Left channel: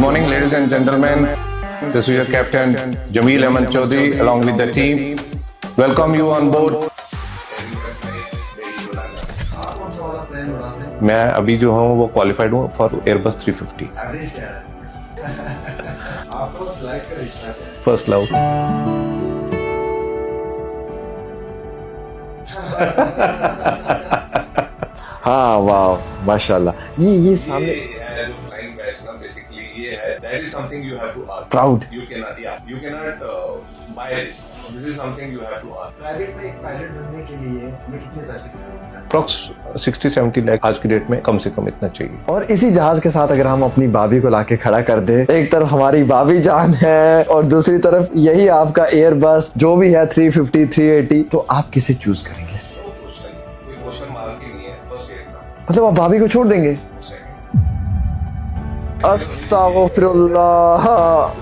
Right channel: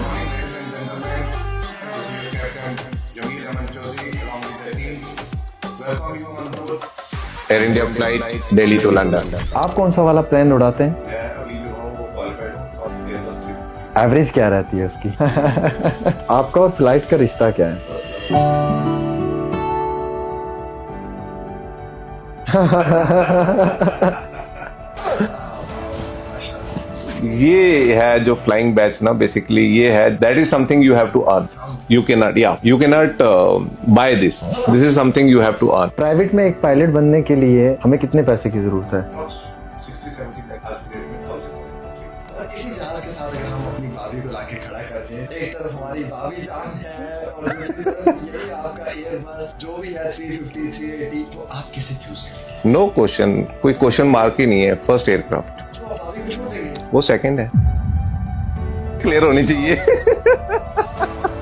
morning, ladies and gentlemen. This is your captain Jameel Ahmed Chaudhary along with the team. Welcome you on board Air India flight Delhi to London. आप कौन सा वाला plane उड़ाते हैं? मैं अभी जो हूँ वो क्वालिफाइड हूँ फॉर एयरबस 350. एवरेज क्या रहती है उसकी? आपका और फ्लाइट का रिश्ता क्या है? First love. हाँ वाह माशाल्लाह. ये है जो फ्लाइंग बैच ना, बेसिकली ये है, that is something you have to earn. Proud. You can not buy this is something you have to earn. Private में एक पायलट बनने के लिए हमें कितने पैसे की जरूरत है? अप्रॉक्स 60-70 लाख आज की डेट में कम से कम इतना चाहिए. और इसी जहाज के साथ अगर हम अपनी भाभी को लाके खड़ा कर दे, एक तरफ हमारी भाभी जान है और दूसरी तरफ यही आपका एयरबस जो भी है 350 380, तो आप किसे चूज करेंगे? नो क्वेश्चन, कोई क्वेश्चन मार्क ही नहीं है. First aircraft. मतलब आप भाभी को छोड़ देंगे? वो सेकंड है. क्लियर होनी चाहिए.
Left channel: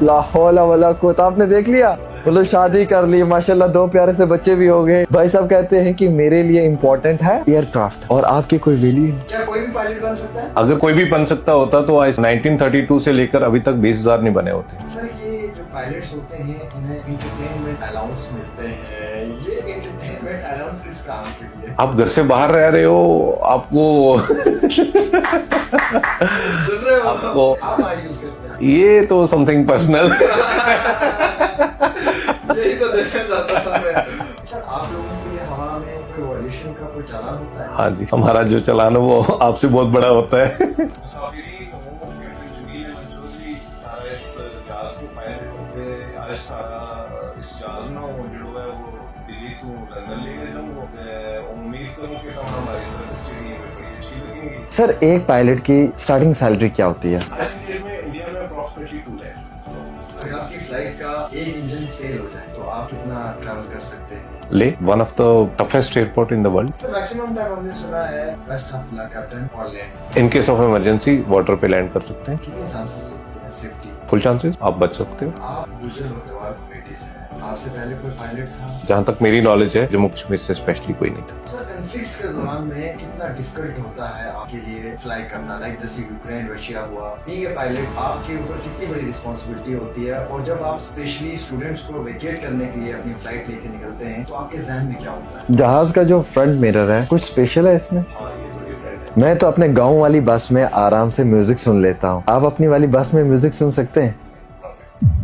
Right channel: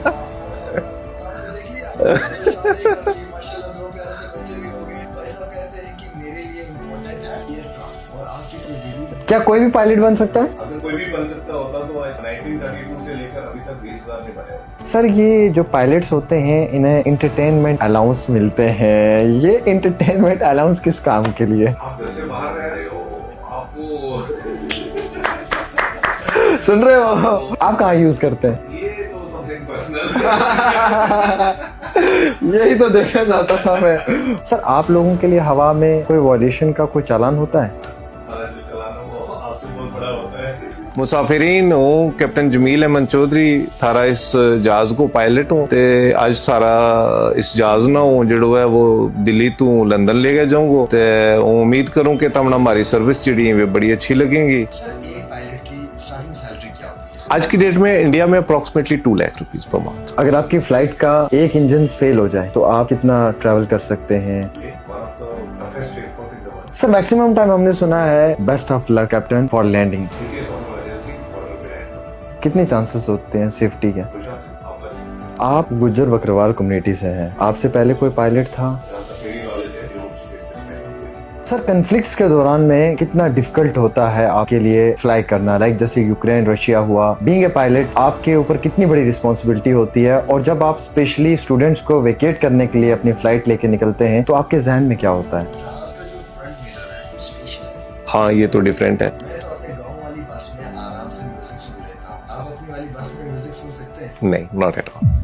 ला हौला वला कुव्वत. आपने देख लिया, मतलब शादी कर ली माशाल्लाह, 2 प्यारे से बच्चे भी हो गए. भाई साहब कहते हैं कि मेरे लिए इम्पोर्टेंट है एयरक्राफ्ट और आपकी कोई वैल्यू. क्या कोई भी पायलट बन सकता है? अगर कोई भी बन सकता होता तो आज 1932 से लेकर अभी तक 20,000 नहीं बने होते. सर ये जो पायलट्स होते हैं इन्हें एंटरटेनमेंट अलाउंस मिलते हैं. ये एंटरटेनमेंट अलाउंस किस काम के लिए? आप घर से बाहर रह रहे हो, आपको सुन रहे हो आप कहाँ यूज करते हैं? ये तो समथिंग पर्सनल. यही तो देखना चाहता था मैं. सर आप लोगों के लिए हवा में कोई वॉल्यूशन का कोई चालान होता है? हाँ जी, हमारा जो चालान है वो आपसे बहुत बड़ा होता है. मुसाफिरीन हूँ कैप्टन जमील अहमद चौधरी. थारा इस जहाज को पायलट हूँ ते आज सारा इस जहाज ना हूँ जो है वो दिल्ली तो लंदन ले गया जाऊंगा. ते उम्मीद करूँ कि तमना हमारी सर्विस जी है बड़ी अच्छी लगेगी. सर एक पायलट की स्टार्टिंग सैलरी क्या होती है आज की डेट में इंडिया में approximately 2 lakh rupees per month. अगर आपकी फ्लाइट का एक इंजन फेल हो जाए तो आप कितना ट्रैवल कर सकते हैं? ले one of the toughest airport in the world. Sir maximum time हमने सुना है best of luck captain for landing. In case of emergency water पे लैंड कर सकते हैं. कितने चांसेस होते हैं सेफ्टी के? फुल चांसेस, आप बच सकते हो. आप गुज्जर बकरवाल कम्युनिटी से हैं, आपसे पहले कोई पायलट था? जहाँ तक मेरी नॉलेज है जम्मू कश्मीर से स्पेशली कोई नहीं था. सर कन्फ्लिक्ट्स के दौरान में कितना डिफिकल्ट होता है आपके लिए फ्लाई करना? लाइक जैसे यूक्रेन रशिया हुआ, बीइंग ए पायलट आपके ऊपर कितनी बड़ी रिस्पॉन्सिबिलिटी होती है? और जब आप स्पेशली स्टूडेंट्स को वेकेट करने के लिए अपनी फ्लाइट लेके निकलते हैं तो आपके जहन में क्या होता है? जहाज का जो फ्रंट मिरर है कुछ स्पेशल है इसमें? हाँ ये तो डिफरेंट है. मैं तो अपने गाँव वाली बस में आराम से म्यूजिक सुन लेता हूँ. आप अपनी वाली बस में म्यूजिक सुन सकते हैं? नहीं, not at all.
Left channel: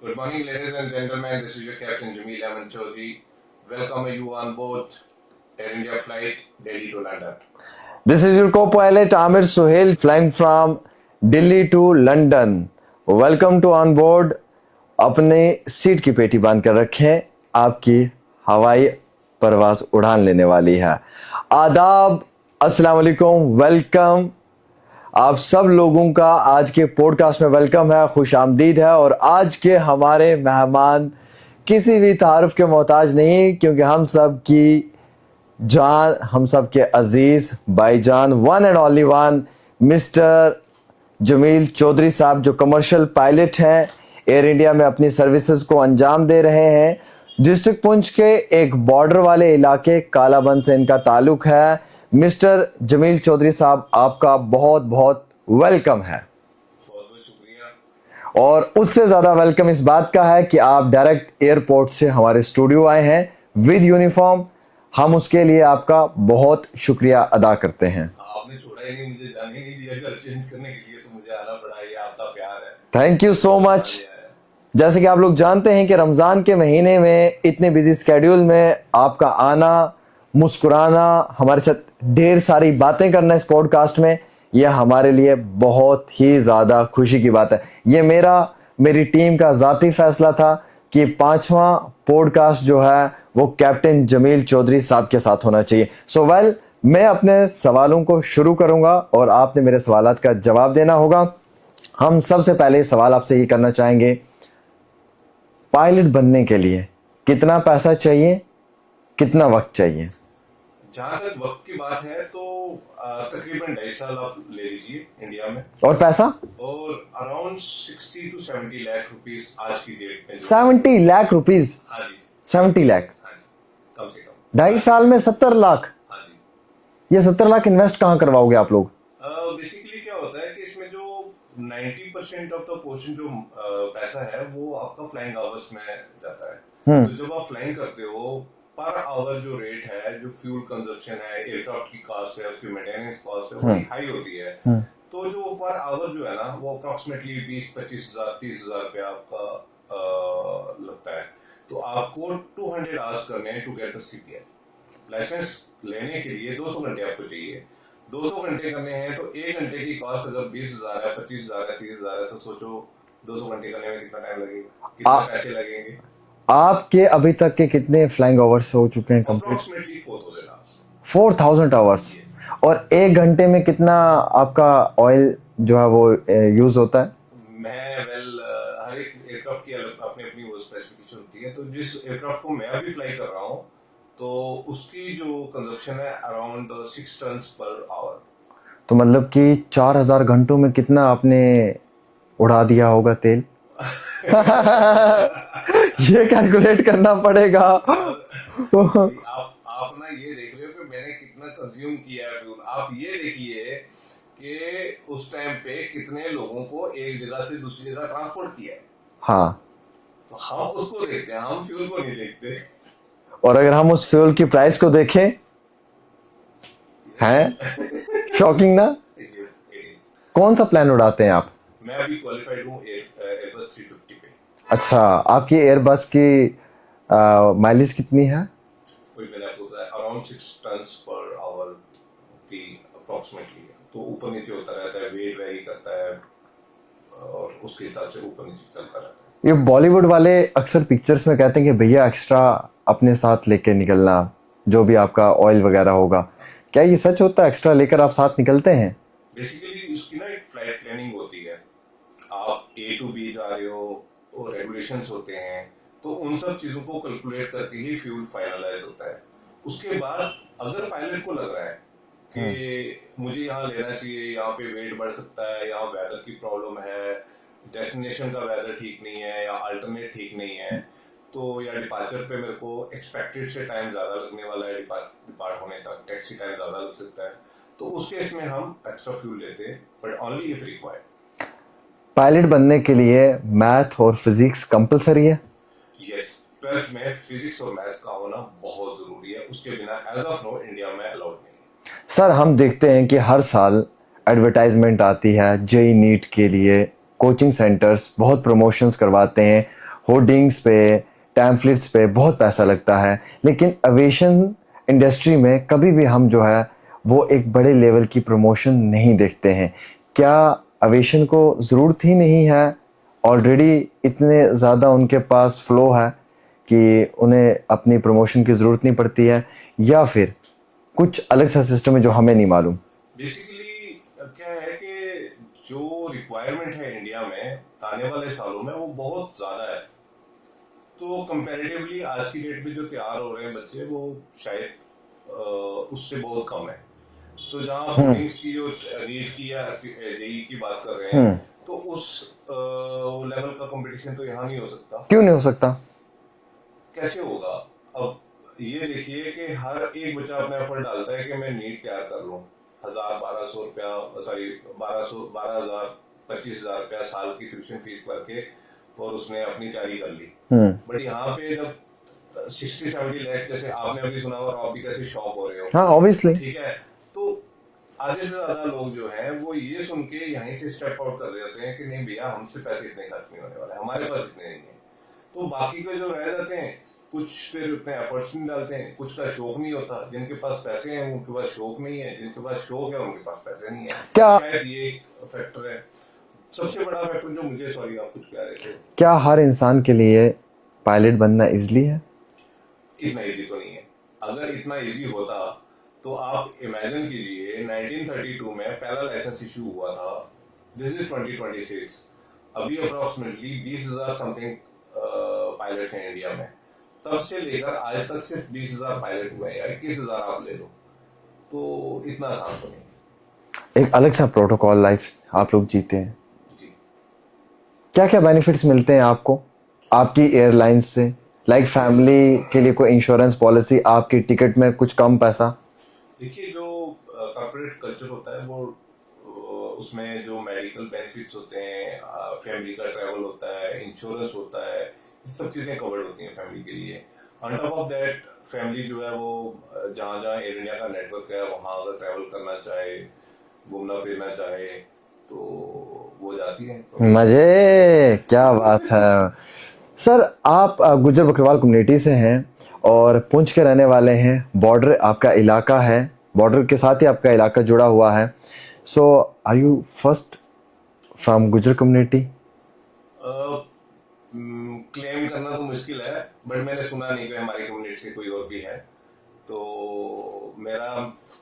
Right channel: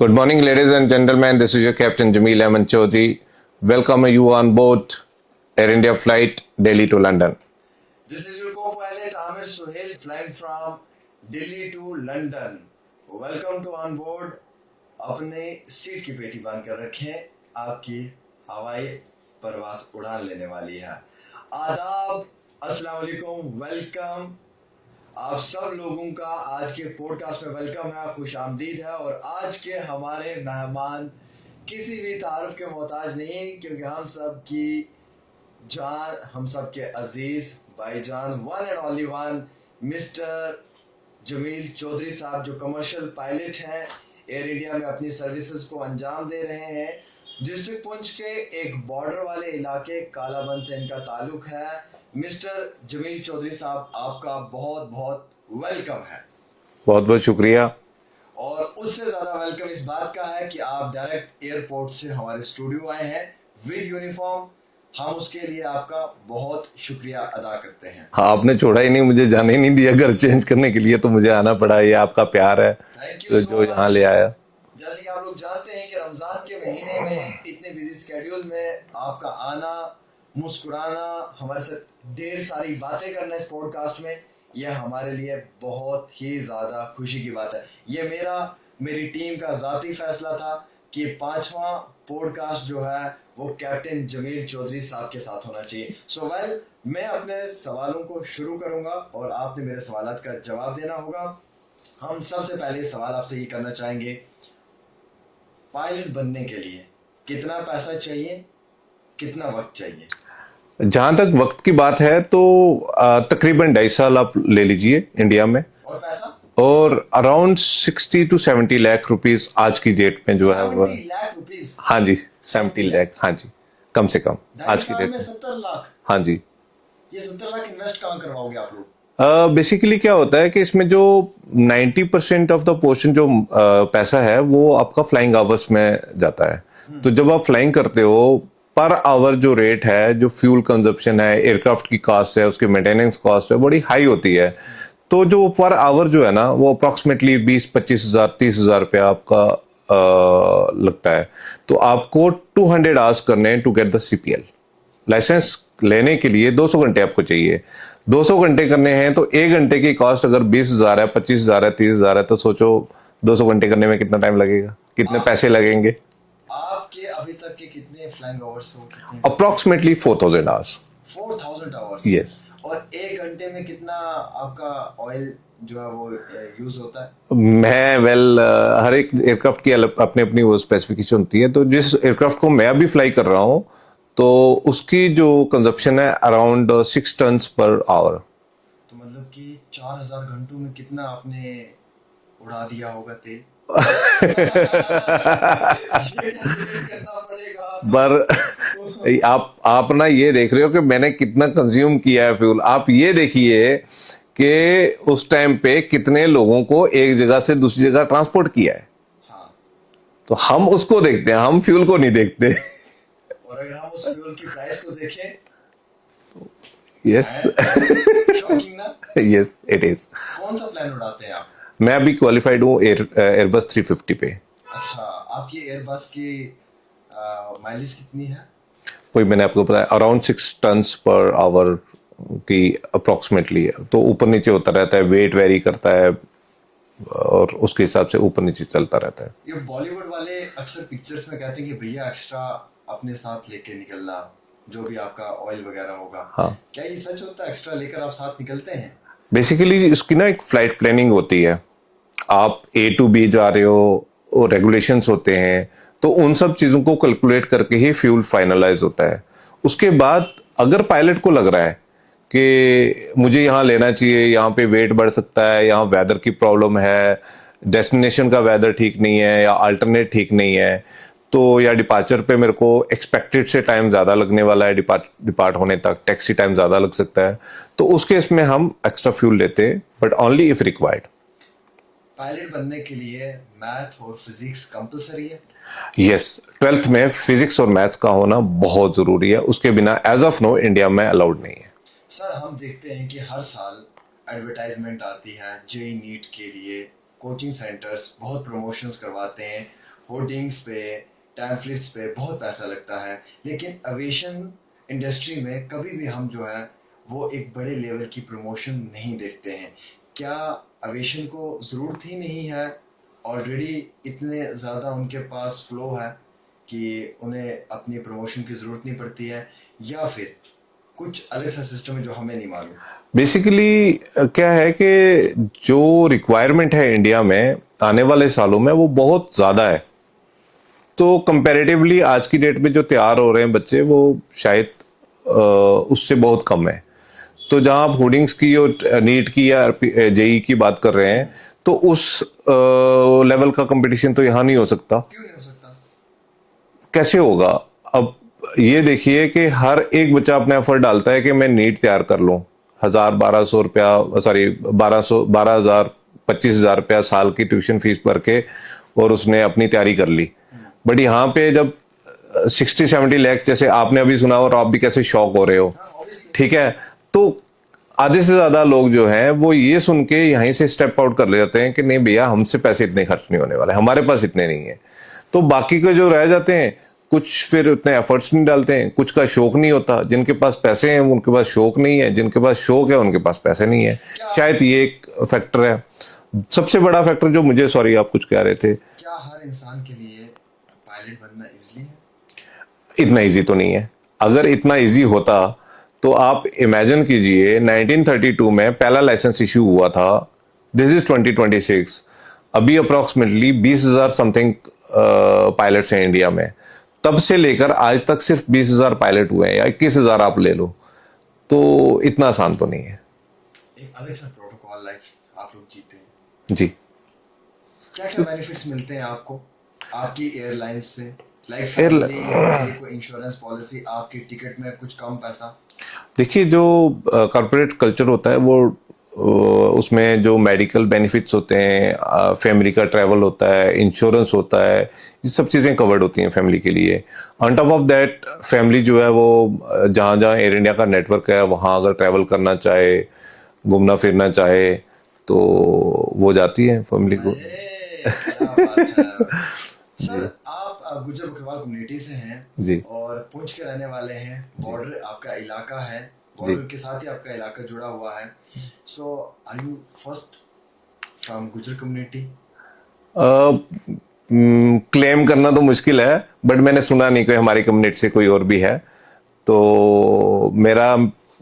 Good morning, ladies and gentlemen. This is your captain Jameel Ahmed Chaudhary. Welcome you on board Air India flight Delhi to London. This is your co-pilot Amir Suhail flying from Delhi to London. Welcome to on board. अपने seat की पेटी बांध कर रखें, आपकी हवाई परवाज उड़ान लेने वाली है. आदाब, अस्सलाम वालेकुम, वेलकम. आप सब लोगों का आज के पॉडकास्ट में वेलकम है, खुश आमदीद है. और आज के हमारे मेहमान किसी भी तारुफ के मोहताज नहीं, क्योंकि हम सब की जान, हम सब के अजीज भाईजान, one and only one mister Jamil Chaudhary sahab, जो कमर्शियल पायलट हैं, एयर इंडिया में अपनी सर्विसेज को अंजाम दे रहे हैं. डिस्ट्रिक्ट पुंछ के एक बॉर्डर वाले इलाके कालाबंद से इनका ताल्लुक है. मिस्टर जमील चौधरी साहब, आपका बहुत बहुत वेलकम है. बहुत बहुत शुक्रिया. और उससे ज्यादा वेलकम इस बात का है कि आप डायरेक्ट एयरपोर्ट से हमारे स्टूडियो आए हैं विद यूनिफॉर्म. हम उसके लिए आपका बहुत शुक्रिया अदा करते हैं. हाँ, आपने छोड़ा ही नहीं, मुझे जाने ही नहीं दिया घर चेंज करने के लिए, तो मुझे आना पड़ा. ये आपका प्यार है. Thank you so much. ले आया. जैसे कि आप लोग जानते हैं कि रमजान के महीने में इतने बिजी स्केड्यूल में आपका आना, मुस्कुराना, हमारे साथ ढेर सारी बातें करना इस पॉडकास्ट में, यह हमारे लिए बहुत ही ज़्यादा खुशी की बात है. ये मेरी टीम का ज़ाती फैसला था कि 5वां पॉडकास्ट जो है वो कैप्टन जमील चौधरी साहब के साथ होना चाहिए. सो मैं अपने सवालों को शुरू करूंगा और आपने मेरे सवालात का जवाब देना होगा. हम सबसे पहले सवाल आपसे ये करना चाहेंगे, पायलट बनने के लिए कितना पैसा चाहिए, कितना वक्त चाहिए? जहां तक वक्त की बात है तो तकरीबन 2.5 साल आप ले लीजिए इंडिया में. और पैसा? और अराउंड 60 to 70 लाख रुपीस आज की डेट में जो 70 लाख रुपीस? हाँ जी, 70 लाख. हाँ जी. कम से कम 2.5 आज की साल डेट में 70 लाख? हाँ जी। ये 70 लाख इन्वेस्ट कहाँ करवाओगे आप लोग? बेसिकली क्या होता है कि इसमें जो 90% ऑफ द पोर्शन जो पैसा है वो आपका फ्लाइंग आवर्स में जाता है। तो जब आप फ्लाइंग करते हो पर आवर जो रेट है, जो फ्यूल कंजप्शन है, एयरक्राफ्ट की कॉस्ट है, उसकी मेंटेनेंस कॉस्ट है, बड़ी हाई होती है। तो जो पर आवर जो है ना वो अप्रोक्सीमेटली 20-25 हज़ार 30 हज़ार रुपया आपका लगता है। तो आपको 200 आवर्स करने हैं to get the CPL license. लेने के लिए 200 घंटे आपको चाहिए। 200 घंटे करने हैं तो 1 घंटे की कॉस्ट अगर 20 हज़ार है, 25 हज़ार है, 30 हज़ार है, तो सोचो 200 घंटे करने में कितना टाइम लगेगा, कितने पैसे लगेंगे। आपके अभी तक के कितने फ्लाइंग आवर्स हो चुके हैं? Approximately 4000 hours. 4000 आवर्स? Yes. और 1 घंटे में कितना आपका ऑयल जो है वो यूज होता है? मैं हर एक एयरक्राफ्ट की अपनी अपनी वो स्पेसिफिकेशन होती है। तो जिस एयरक्राफ्ट को मैं अभी फ्लाई कर रहा हूँ तो उसकी जो कंजप्शन है अराउंड 6 टन्स पर आवर। तो मतलब कि 4000 घंटों में कितना आपने उड़ा दिया होगा तेल? ये कैलकुलेट करना पड़ेगा। पर आप ना ये देख रहे हो कि मैंने कितना कंज्यूम किया है फ्यूल। आप ये देखिए कि उस टाइम पे कितने लोगों को एक जगह से दूसरी जगह ट्रांसपोर्ट किया है। हाँ। तो हम उसको देखते हैं, हम फ्यूल को नहीं देखते। और अगर हम उस फ्यूल की प्राइस को देखें, यस शॉकिंग ना? Yes it is. कौन सा प्लान उड़ाते हैं आप? मैं अभी क्वालिफाइड हूँ एयरबस 350 पे। अच्छा, आपकी एयरबस की माइलेज कितनी है? कोई मैंने आपको बताया अराउंड 6 टन्स पर आवर की अप्रोक्सीमेटली है। तो ऊपर नीचे होता रहता है, वेट वेरी करता है और उसके हिसाब से ऊपर नीचे चलता रहता है। ये बॉलीवुड वाले अक्सर पिक्चर्स में कहते हैं कि भैया एक्स्ट्रा अपने साथ लेके निकलना, जो भी आपका ऑयल वगैरह होगा। हाँ। क्या ये सच होता है? एक्स्ट्रा लेकर आप साथ निकलते हैं? बेसिकली इसकी ना एक फ्लाइट प्लानिंग होती है। आप A to B जा रहे हो और रेगुलेशंस होते हैं, तो उन सब चीज़ों को कैलकुलेट करके ही फ्यूल फाइनलाइज होता है। उसके बाद अगर पायलट को लग रहा है कि मुझे यहाँ लेना चाहिए, यहाँ पे वेट बढ़ सकता है, यहाँ वेदर की प्रॉब्लम है, डेस्टिनेशन का वेदर ठीक नहीं है या अल्टरनेट ठीक नहीं है, तो या डिपार्चर पे मेरे को एक्सपेक्टेड से टाइम ज़्यादा लगने वाला है, डिपार्ट होने तक टैक्सी टाइम ज़्यादा लग सकता है, तो उस केस में हम एक्स्ट्रा फ्यूल लेते हैं, but only if required. Pilot बनने के लिए मैथ और फिजिक्स कंपलसरी है? यस, 12th में फिजिक्स और मैथ्स का होना बहुत ज़रूरी है। उसके बिना एज ऑफ नो इंडिया में अलाउड नहीं है। सर, हम देखते हैं कि हर साल एडवर्टाइजमेंट आती है जेई नीट के लिए। कोचिंग सेंटर्स बहुत प्रमोशंस करवाते हैं, होर्डिंग्स पे, टैम्पलेट्स पे बहुत पैसा लगता है, लेकिन एविएशन इंडस्ट्री में कभी भी हम जो है वो एक बड़े लेवल की प्रमोशन नहीं देखते हैं। क्या एविएशन को ज़रूरत ही नहीं है? ऑलरेडी इतने ज़्यादा उनके पास फ्लो है कि उन्हें अपनी प्रमोशन की ज़रूरत नहीं पड़ती है, या फिर कुछ अलग सा सिस्टम है जो हमें नहीं मालूम? बेसिकली क्या है कि जो रिक्वायरमेंट है इंडिया में आने वाले सालों में वो बहुत ज़्यादा है। तो कंपैरेटिवली आज की डेट में जो तैयार हो रहे हैं बच्चे वो शायद उससे बहुत कम है। तो जहां आप होर्डिंग्स की और नीट की या जेई की बात कर रहे हैं, तो उस लेवल का कंपटीशन तो यहाँ नहीं हो सकता। क्यों नहीं हो सकता? कैसे होगा? अब ये देखिए कि हर एक बच्चा अपना एफर्ट डालता है कि मैं नीट तैयार कर लूं। 1000-1200 रुपया, सॉरी 12,000 25,000 रुपया साल की ट्यूशन फीस भर के और उसने अपनी तैयारी कर ली। बट यहाँ पे जब 60-70 लाख, जैसे आपने अभी सुना और आप भी कैसे शॉक हो रहे हो। हाँ, ऑब्वियसली। ठीक है, तो आधे से ज्यादा लोग जो हैं वो ये सुन के यहीं से स्टेप आउट कर लेते हैं कि नहीं भैया, हमसे पैसे इतने खर्च नहीं होने वाले, हमारे पास इतने नहीं है। तो बाकी के जो रह जाते हैं, कुछ फिर उतने एफर्ट्स नहीं डालते हैं, कुछ का शौक नहीं होता। जिनके पास पैसे हैं उनके पास शौक नहीं है, जिनके पास शौक है उनके पास पैसे नहीं है। शायद ये एक फैक्टर है, सबसे बड़ा फैक्टर जो मुझे। सॉरी, आप कुछ कह रहे थे। क्या हर इंसान के लिए पायलट बनना इजली है? इतना इजी तो नहीं है। अगर इतना इजी होता तो आप इमेजिन कीजिए 1932 में पहला लाइसेंस इश्यू हुआ था। This is 2026। अभी अप्रोक्सीमेटली 20,000 समथिंग पायलट्स हैं इंडिया में। तब से लेकर आज तक सिर्फ 20,000 पायलट हुए हैं, या 21,000 आप ले लो, तो इतना आसान तो नहीं है। एक अलग सा प्रोटोकॉल लाइफ आप लोग जीते हैं जी। क्या क्या बेनिफिट्स मिलते हैं आपको आपकी एयरलाइंस से? लाइक फैमिली के लिए कोई इंश्योरेंस पॉलिसी, आपकी टिकट में कुछ कम पैसा? देखिए, जो कॉर्पोरेट कल्चर होता है वो उसमें जो मेडिकल बेनिफिट्स होते हैं, फैमिली का ट्रैवल होता है, इंश्योरेंस होता है, ये सब चीज़ें कवर्ड होती हैं फैमिली के लिए। On top of that family जो है वो जहाँ जहाँ एयर इंडिया का नेटवर्क है वहाँ अगर ट्रैवल करना चाहे, घूमना फिरना चाहे, तो वो जाती है फैमिली। मजे, क्या बात है। सर, आप गुज्जर बकरवाल कम्युनिटी से हैं जी। और पुंछ के रहने वाले हैं। बॉर्डर आपका इलाका है, बॉर्डर के साथ ही आपका इलाका जुड़ा हुआ है। So are you first from Gujjar community? Claim करना तो मुश्किल है, बट मैंने सुना नहीं कि हमारी कम्युनिटी से कोई और भी है। तो मेरा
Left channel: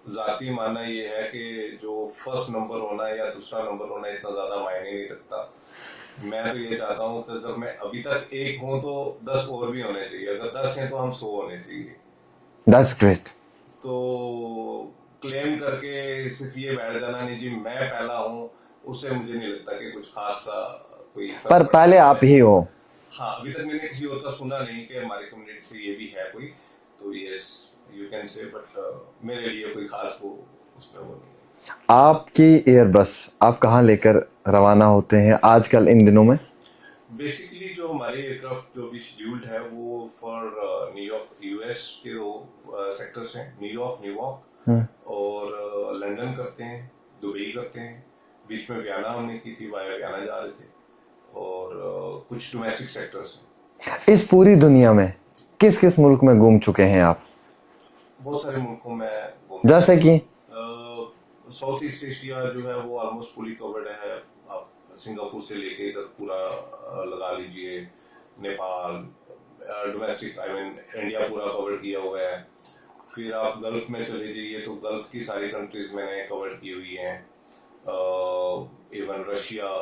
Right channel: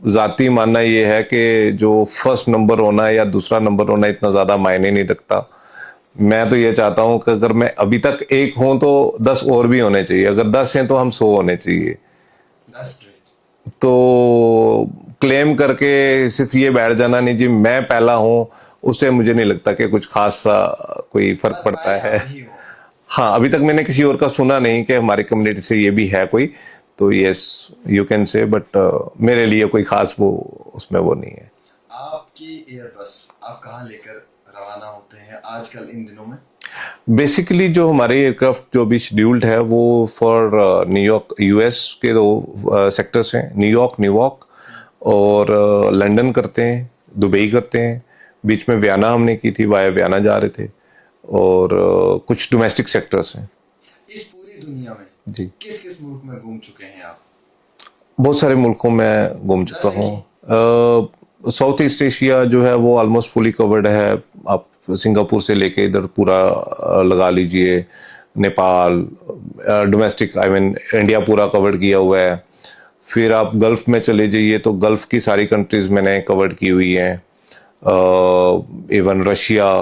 जाती मानना ये है कि जो फर्स्ट नंबर होना या दूसरा नंबर होना इतना ज़्यादा मायने नहीं रखता। मैं तो ये चाहता हूँ कि अगर मैं अभी तक एक हूँ तो 10 और भी होने चाहिए, अगर 10 हैं तो हम 100 होने चाहिए। That's great. तो क्लेम करके सिर्फ ये बैठ जाना नहीं जी मैं पहला हूँ, उससे मुझे नहीं लगता कि कुछ खास सा कोई फर्क पर पड़ता पहले है। आप ही हो। हाँ, अभी तक मैंने किसी और का सुना नहीं कि हमारी कम्युनिटी से ये भी है कोई। तो yes, you can say, but मेरे लिए कोई खास वो उसमें वो नहीं है। आपकी एयरबस आप कहाँ लेकर रवाना होते हैं आजकल इन दिनों में? बेसिकली जो हमारे एयरक्राफ्ट जो भी शेड्यूल्ड है वो फॉर न्यूयॉर्क, यूएस के दो सेक्टर्स हैं, न्यूयॉर्क, न्यूयॉर्क और लंदन करते हैं, दुबई करते हैं। बीच में वियना हमने की थी, वाया वियना जा रहे थे। और कुछ डोमेस्टिक सेक्टर्स हैं। इस पूरी दुनिया में जी। किस किस मुल्क में घूम चुके हैं आप? बहुत सारे मुल्कों में घूम चुका जैसे कि? हूँ। साउथ ईस्ट एशिया जो है वो ऑलमोस्ट फुली कवर्ड है। आप सिंगापुर से लेके इधर पूरा लगा लीजिए, Nepal, domestic I mean India पूरा कवर्ड किया हुआ है। फिर आप गल्फ में चले जाइए तो गल्फ की सारी कंट्रीज मैंने कवर्ड की हुई हैं। इवन रशिया,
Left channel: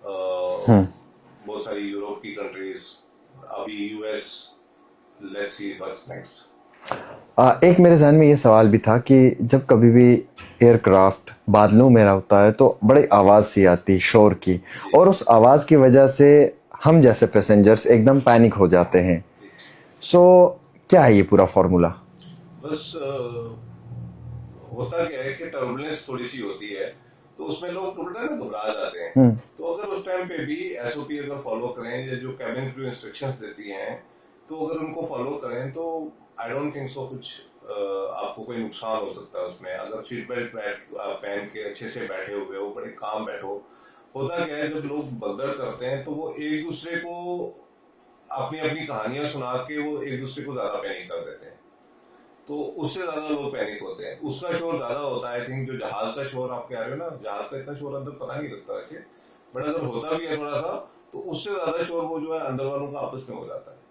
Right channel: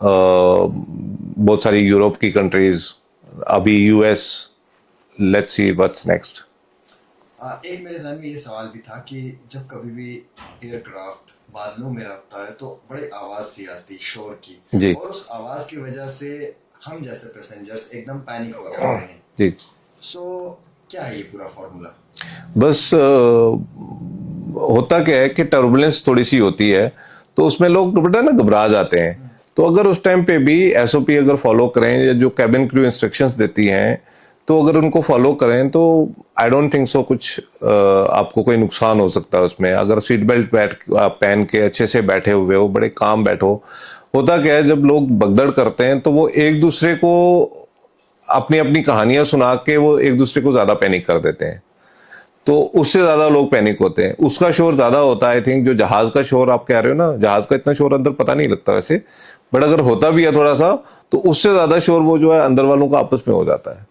बहुत सारी यूरोप की कंट्रीज, अभी US. Let's see what's next. एक मेरे जहन में ये सवाल भी था कि जब कभी भी एयरक्राफ्ट बादलों में होता है तो बड़ी आवाज़ सी आती है, शोर की, जी। और उस आवाज़ की वजह से हम जैसे पैसेंजर्स एकदम पैनिक हो जाते हैं। जी। सो क्या है ये पूरा फॉर्मूला? बस होता क्या है कि टर्बुलेंस थोड़ी सी होती है तो उसमें लोग बेटा ना घबरा जाते हैं। तो अगर उस टाइम पे भी एसओपी अगर फॉलो करें या जो कैबिन क्रू इंस्ट्रक्शंस देती हैं तो अगर उनको फॉलो करें तो आई डोंट थिंक सो कुछ आपको कोई नुकसान हो सकता है उसमें। अगर सीट बेल्ट पहन के अच्छे से बैठे हुए हो, बड़े काम बैठो। होता क्या है जब लोग भगदड़ करते हैं तो वो एक दूसरे को अपनी अपनी कहानियां सुना के वो एक दूसरे को ज्यादा पैनिक कर देते हैं। तो उससे ज्यादा लोग पैनिक होते हैं, उसका शोर ज्यादा होता है। आई थिंक जो जहाज का शोर आप कह रहे हो ना, जहाज का इतना शोर अंदर पता नहीं लगता वैसे, बट अगर होता भी है थोड़ा सा तो उससे ज्यादा शोर वो जो है अंदर वालों का आपस में हो जाता है।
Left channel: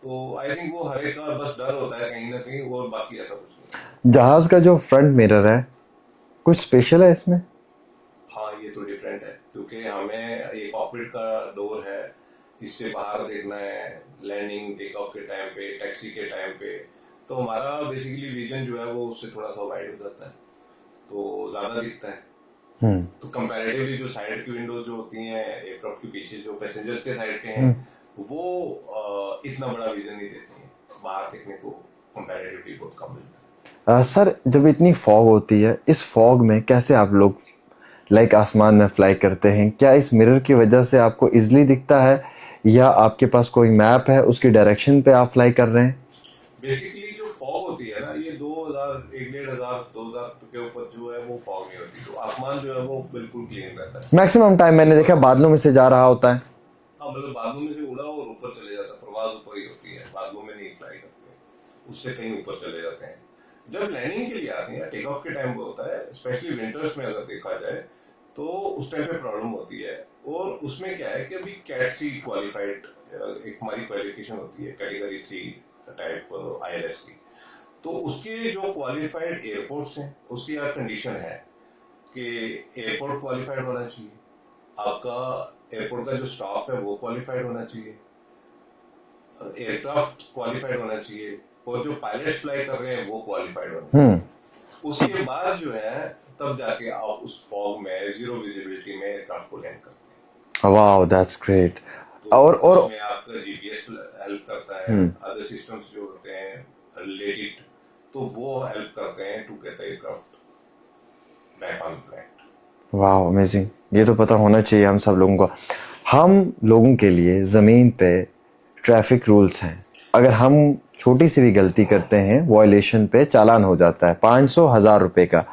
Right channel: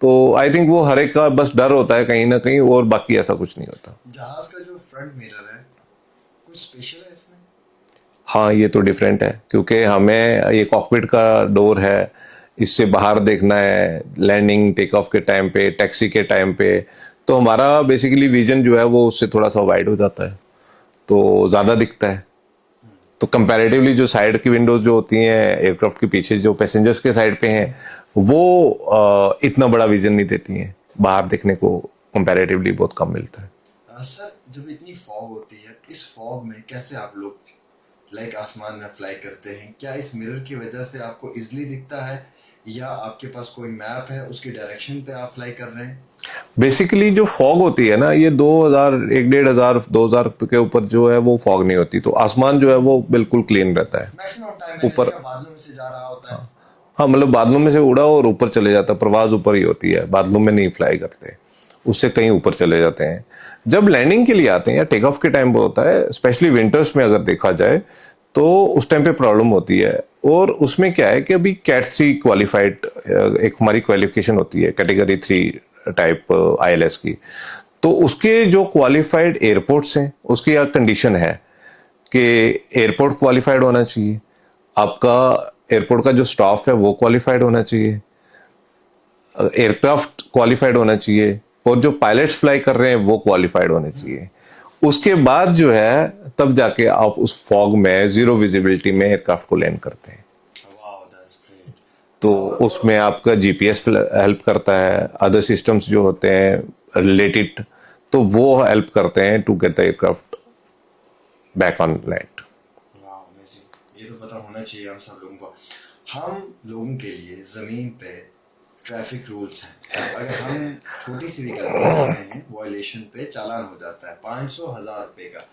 तो आई थिंक वो हर एक का बस डर होता है कहीं ना कहीं, और बाकी ऐसा कुछ नहीं होता। जहाज का जो फ्रंट मिरर है कुछ स्पेशल है इसमें? हाँ, ये तो डिफरेंट है क्योंकि हमें ये कॉकपिट का डोर है, इससे बाहर देखना है लैंडिंग टेक ऑफ के टाइम पे, टैक्सी के टाइम पे। तो हमारा बेसिकली विजन जो है वो उससे थोड़ा सा वाइड हो जाता है, तो ज़्यादा दिखता है। तो कंपैरेटिवली जो साइड की विंडोज जो होती हैं एयरक्राफ्ट के पीछे जो पैसेंजर्स के साइड पे हैं वो इतना बड़ा विजन नहीं देती हैं, बाहर देखने को कंपैरेटिवली बहुत कम मिलता है। सर, जब इतनी फॉग होती है, इस फॉग में कैसे आप लोग लाइक आसमान में फ्लाई करते हैं? क्या इस मिरर की वजह से आपको इजीली दिखता है या आपके पास कोई मैप है उसकी डायरेक्शन पे आप फ्लाई कर रहे हैं? बेसिकली जो फॉग होती है ना, ये 2000, 1500, 2000 के ऊपर जो है वो फॉग नहीं होती, तो आसमान जो है वो बिल्कुल क्लीन रहता है। मैक्सिमम टाइम मैंने देखा बादलों में से जा रहा होता है। हाँ, मतलब बादलों में से उड़ा और ऊपर चले जाता है, प्रवास ऊपर ही होती है, बादलों में नहीं फ्लाई करते, उससे कहीं ऊपर चले जाते हैं। जब लैंडिंग के लिए आते हैं या टेक ऑफ के टाइम पे होता है, स्पेशली विंटर्स में अगर देखा जाए तो उस टाइम पे प्रॉब्लम होती है। और उसमें क्या है कि अभी कैट 3 क्वालिफाइड एक हमारी क्वालिफिकेशन होती है, कैटेगरी 3 टाइप आईएलएस की। तो उसके जो क्वालिफाइड एयरपोर्ट्स हैं उसकी यह कंडीशन है कि एयरपोर्ट क्वालिफाइड होना चाहिए, आपका एयरपोर्ट का जो स्टाफ है वो क्वालिफाइड होना चाहिए, एयरक्राफ्ट क्वालिफाइड होना चाहिए, और जो पायलट्स फ्लाई कर रहे हैं वो क्वालिफाइड होने चाहिए। उसके बाद जो है तब जाके आप उस फॉग में जीरो विजिबिलिटी में एयरक्राफ्ट को लैंड करते हैं। Wow, that's great. तो उसमें आपका जीपीएस हेल्प करता है, अदर सिस्टम्स जो होते हैं रिलेटेड, तो वो हेल्प करते हैं to get the aircraft back on land. वाह अमेजिंग, ये तो पता होना चाहिए हम सब लोगों को। हम लोगों के लिए ज़मीन पे ट्रैफिक रूल्स हैं, अगर हम छोटी सी भी गलती करते हैं वायलेशन पे चालान हो जाता है 500,000 रुपए का।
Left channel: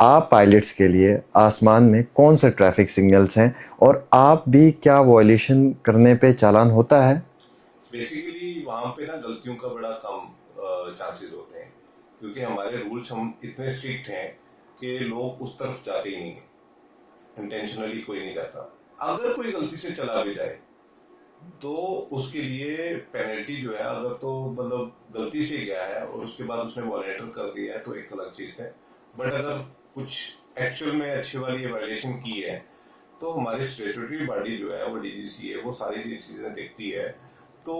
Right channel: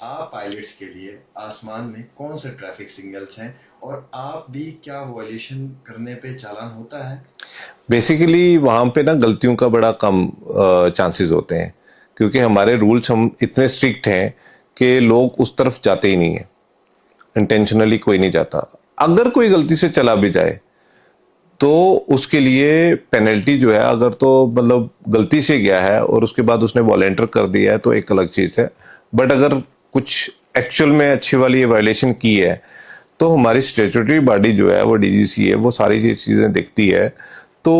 आप पायलट्स के लिए आसमान में कौन से ट्रैफिक सिग्नल्स हैं और आप भी क्या वायलेशन करने पे चालान होता है? बेसिकली वहाँ पे ना गलतियों का बड़ा कम चांसेस होते हैं, क्योंकि हमारे रूल्स हम इतने स्ट्रिक्ट हैं कि लोग उस तरफ जाते ही नहीं है, इंटेंशनली कोई नहीं जाता। अगर कोई गलती से चला भी जाए तो उसके लिए पेनल्टी जो है, अगर तो मतलब गलती से गया है और उसके बाद उसने वॉलेंटियर कर दिया है तो एक अलग चीज़ है, बट अगर कुछ एक्चुअल में अच्छी वाली ये वायलेशन की है तो हमारी स्टैट्यूटरी बॉडी जो है वो डीजीसी है, वो सारी चीज़ें देखती है, तो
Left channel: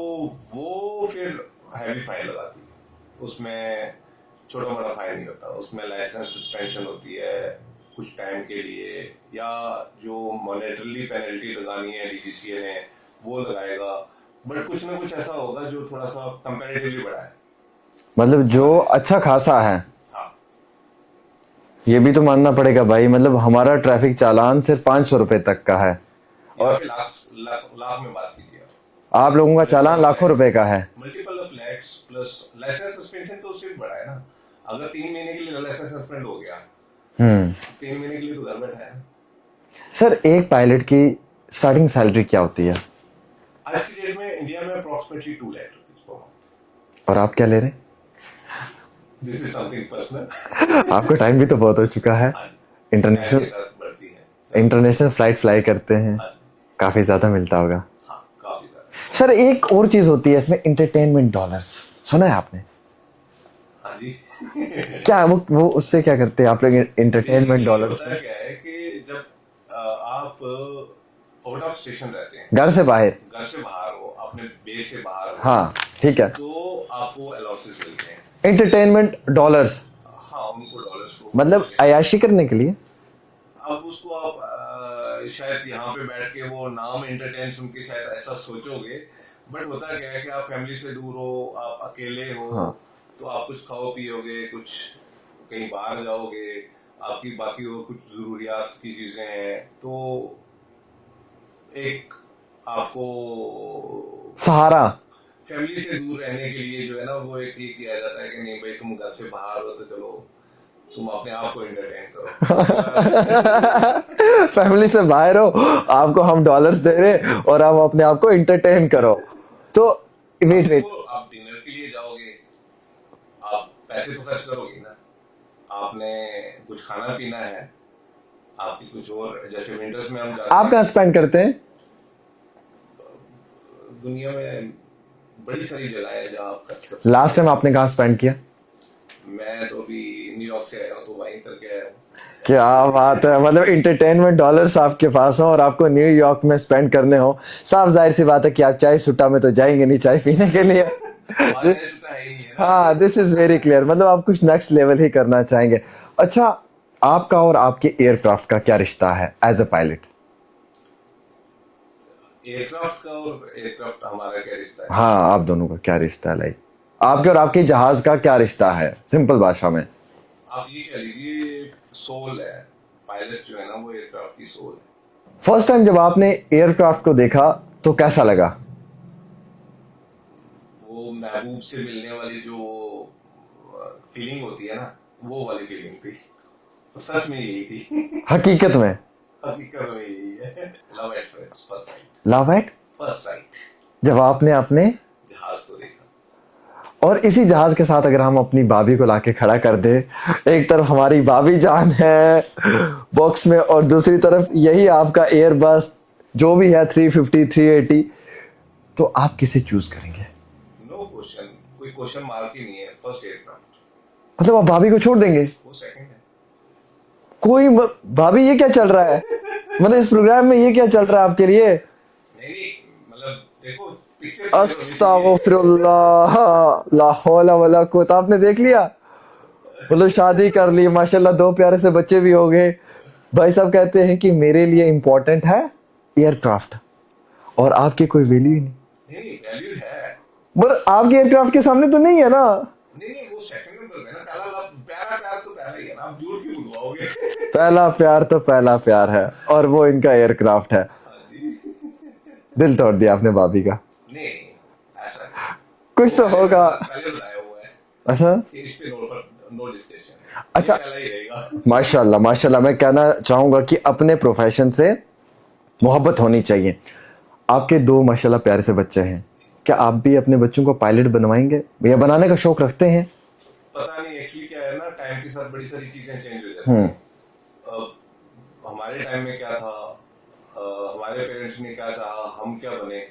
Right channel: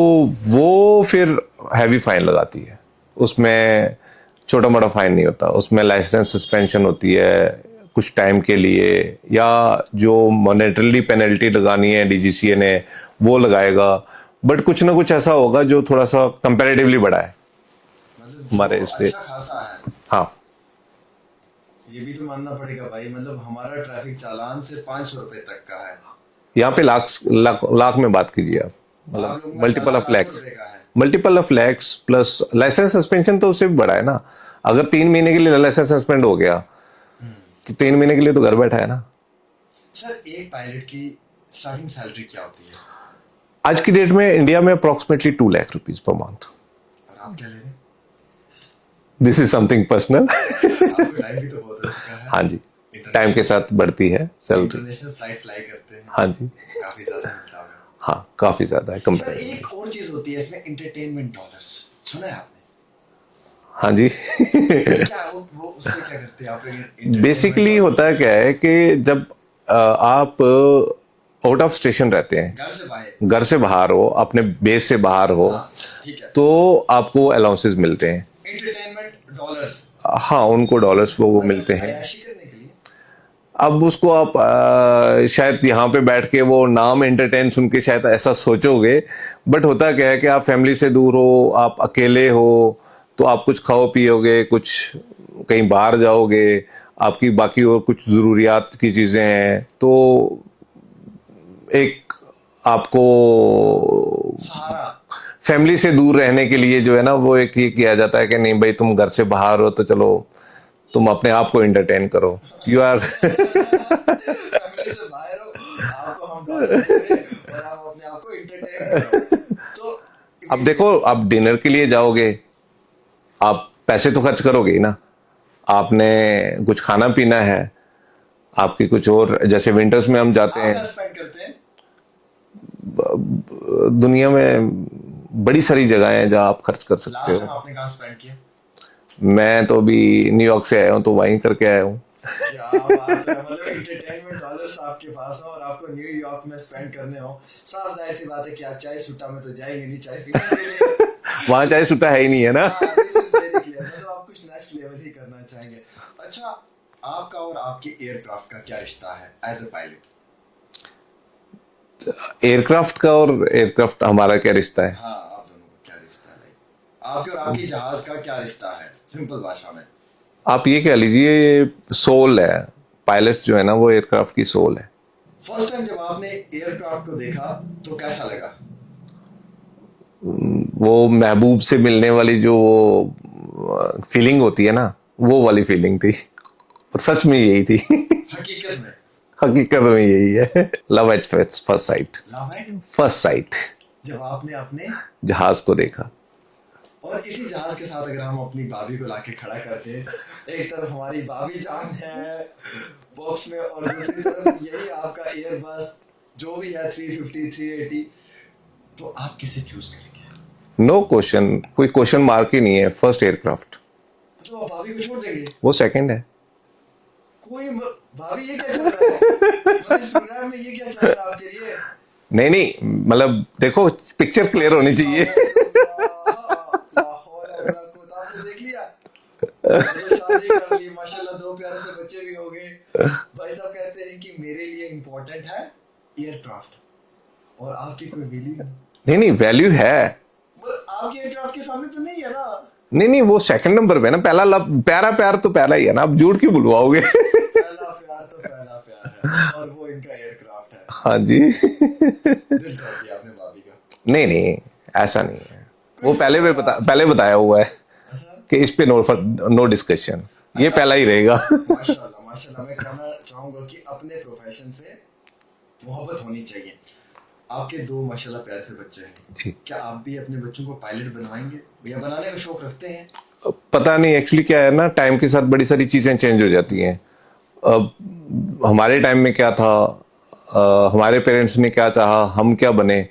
वो फिर हैवी फाइन लगाती है। उसमें छोटा मोटा फाइन नहीं होता, उसमें लाइसेंस सस्पेंशन होती है कुछ टाइम के लिए, या जो मॉनेटरीली पेनल्टी लगानी है डीजीसीए ने वो लगाएगा, बट कुछ ना कुछ ऐसा होगा जो थोड़ा सा कंपैरेटिवली बड़ा है, मतलब जो हमारे से। अच्छा खासा है। हाँ, ये भी तो मानना पड़ेगा भाई, मतलब हमारा ट्रैफिक चालान सिर्फ 500 रुपए तक का है। यहाँ पे लाख में बात कीजिए आप लोगों का चालान लाखों रुपए का है। Multiple of lakhs plus license suspension तो उससे भी बड़ा है ना। अगर 3 महीने के लिए लाइसेंस सस्पेंड हो गया तो 3 महीने के लिए तो घर बैठा है ना। सर एक पायलट की स्टार्टिंग सैलरी क्या होती है? आज की डेट में इंडिया में approximately 2 lakh rupees per month. और आप क्या ले रहे हैं? This is something personal. आपको टाइम भी तो बहुत हो चुका है। हाँ जी, टाइम के साथ बढ़ती है सर। इंटरनेशनल फ्लाइट फ्लाई करते हैं। हाँ जी, काफी ज्यादा मिलता होगा। हाँ काफी ज्यादा है। सर एक और चीज होती है इसमें, एंटरटेनमेंट डॉलर्स, सुना है आपने? हाँ जी। क्या वो उससे क्या करते हैं आप लोग? बेसिकली होता है क्या है कि जब आप आउट ऑफ स्टेशन रहते हैं, घर से बाहर हो, अपने बेस से बाहर हो, हाँ ठीक है, तो आपको अलाउंसेस मिलते हैं, एंटरटेनमेंट डॉलर्स। हाँ उनको डॉलर्स वो मतलब मिलते हैं अयाशी करने के लिए। अब उसको आप शायद यहाँ पे बैठ के वो नाम एंटरटेन सुन के शायद ऐसा सोचोगे, बट होता क्या है कि आप फैमिली से दूर हो, आप अकेले हो, तो आप कुछ खाओ पियोगे, कुछ कहीं बाहर जाओगे, आपकी बाकी और कुछ ज़रूरियात की चीज़ें हैं, तो एक आपको सहारा फैमिली से दूर रहने के लिए जो है ना वो एक ये किया जाता है कि नहीं भाई तुम घर से बाहर हो तो चलो तुम अपने आप को एंटरटेन करो। यू आर फैमिली से बाहर हो, आपको हम डॉलर्स दे रहे और आप अपने आप को एंटरटेन करो। तो अब देखो, आप डिनर के लिए जाओगे, आप पैसे तो खर्च करोगे ही ना, आपने कुछ खाना पीना है, आपकी कुछ और, जैसे विंटर्स में हम जाते आप हैं, कहाँ स्पेंड करते हैं? दुनिया में बड़ी सारी जगह हैं जहाँ आप खर्च कर सकते हो। लास्ट टाइम आपने कहाँ स्पेंड किया? मैं तो अभी न्यूयॉर्क से आया हूँ, तो वहीं करके आया हूँ। क्या बात है, मतलब एंटरटेनमेंट डॉलर्स आपके पास हो और आपको न्यूयॉर्क में स्पेंड करने हो। साफ जाहिर सी बात है कि आप चाय सुट्टा में तो जाएंगे नहीं चाय पीने के लिए। वहां चाय सुट्टा है ही नहीं है ना। हाँ, दिस इज वेरी क्लियर, मतलब आप कुछ नेक्स्ट लेवल ही करना चाहेंगे। अच्छा, आपका और आपके एयरक्राफ्ट का क्या रिश्ता है एज अ पायलट? एयरक्राफ्ट का और एयरक्राफ्ट हमारा क्या रिश्ता है? हाँ, आप दोनों का क्या रिश्ता है? लाइक आपके और आपके जहाज का क्या रिश्ता है, सिंपल भाषा में? आप ये कह लीजिए सोल है, पायलट जो है ना वो एयरक्राफ्ट की सोल है। फर्स्ट टाइम जब आपने एयरक्राफ्ट को देखा तो कैसा लगा? वो महबूब से मिलने वाली जो फीलिंग होती है ना, वो वाली फीलिंग थी, और सच में यही थी। हकीकत में? हकीकत में यही है, love at first sight. Love at first sight, जब आपने अपने जहाज को देखा। और इसी जहाज के साथ अगर हम अपनी भाभी को लाके खड़ा कर दे, एक तरफ हमारी भाभी जान है बॉक्स में और दूसरी तरफ यही आपका एयरबस जो भी है 350 380, तो आप किसे चूज करेंगे? नो क्वेश्चन, कोई क्वेश्चन मार्क ही नहीं है, फर्स्ट एयरक्राफ्ट। मतलब आप भाभी को छोड़ देंगे? वो सेकंड है। भाभी ये क्या चल रहा है? मतलब इस प्रोग्राम में ये क्या चल रहा है आपके लिए? नहीं, मतलब देखो पिक्चर क्लियर होनी चाहिए। अस्तगफिरुल्लाह, ला हौला वला कुव्वता। आपने देख लिया, मतलब शादी कर ली माशाल्लाह, 2 प्यारे से बच्चे भी हो गए। भाई साहब कहते हैं कि मेरे लिए इंपॉर्टेंट है एयरक्राफ्ट, और आपकी कोई वैल्यू ही नहीं। नहीं नहीं, वैल्यू है, पर आपके एयरक्राफ्ट के सामने तो नहीं है ना। नहीं नहीं, वो सेकंड नंबर पे ना, पहला लव, प्यारा प्यार तो पहला ही है ना, आप झूठ क्यों बुलवाओगे? पहला प्यार तो पहला प्यार है, और वो इनका एयरक्राफ्ट है। हाँ जी। दिल तोड़ दिया आपने भाभी का। नहीं नहीं, ऐसा नहीं है। कुछ वो तो पहले भी होगा। पहले बताया हुआ है अच्छा, कि इस पे नो डिस्कशन, ये पहला ही रहेगा। माशाल्लाह माशाल्लाह। मैं कहना चाहूंगा कि अपने प्रोफेशन से मोहब्बत होनी चाहिए। आपके 2 माशाल्लाह प्यारे से बच्चे हैं, जी। क्या आप भी अपने बच्चों को पायलट बनवाएंगे या बनाने का शौक रखते हैं? पता नहीं, एक्चुअली क्या है ना, टाइम के साथ बड़ी सारी चीजें चेंज हो जाती हैं। अब हमारे टाइम में क्या था, हमारे पेरेंट्स ने क्या चाहा, हम क्या बने,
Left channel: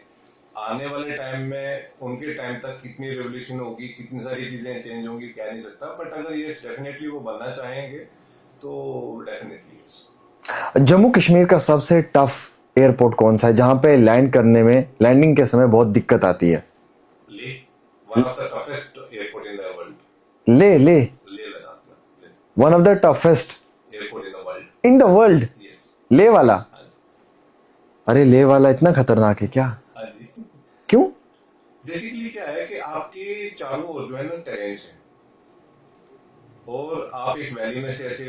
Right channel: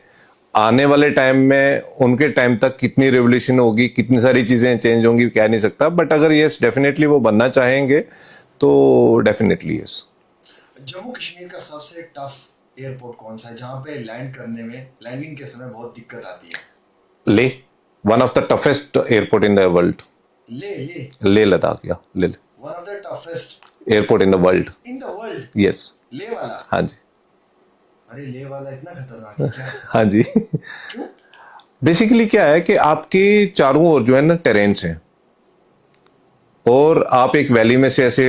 आने वाले टाइम में उनके टाइम तक कितनी रेवोल्यूशन होगी, कितनी सारी चीजें चेंज होंगी, कह नहीं सकता। बट अगर यस, डेफिनेटली वो बनना चाहेंगे तो डेफिनेटली यस। जम्मू कश्मीर का सबसे टफ एयरपोर्ट कौन सा है, जहां पे लैंड करने में, लैंडिंग के समय बहुत दिक्कत आती है? ले, one of the toughest airport in the world. ले ले ले लद्दाख, या ले one of the toughest airport in the world. In the world? Yes. ले वाला? हाँ जी। अरे ले वाला इतना खतरनाक है क्या? हाँ जी। क्यों? बेसिकली क्या है कि आपके चारों ओर जो है ना टेरेन्स हैं, और आप एक वैली में से ऐसे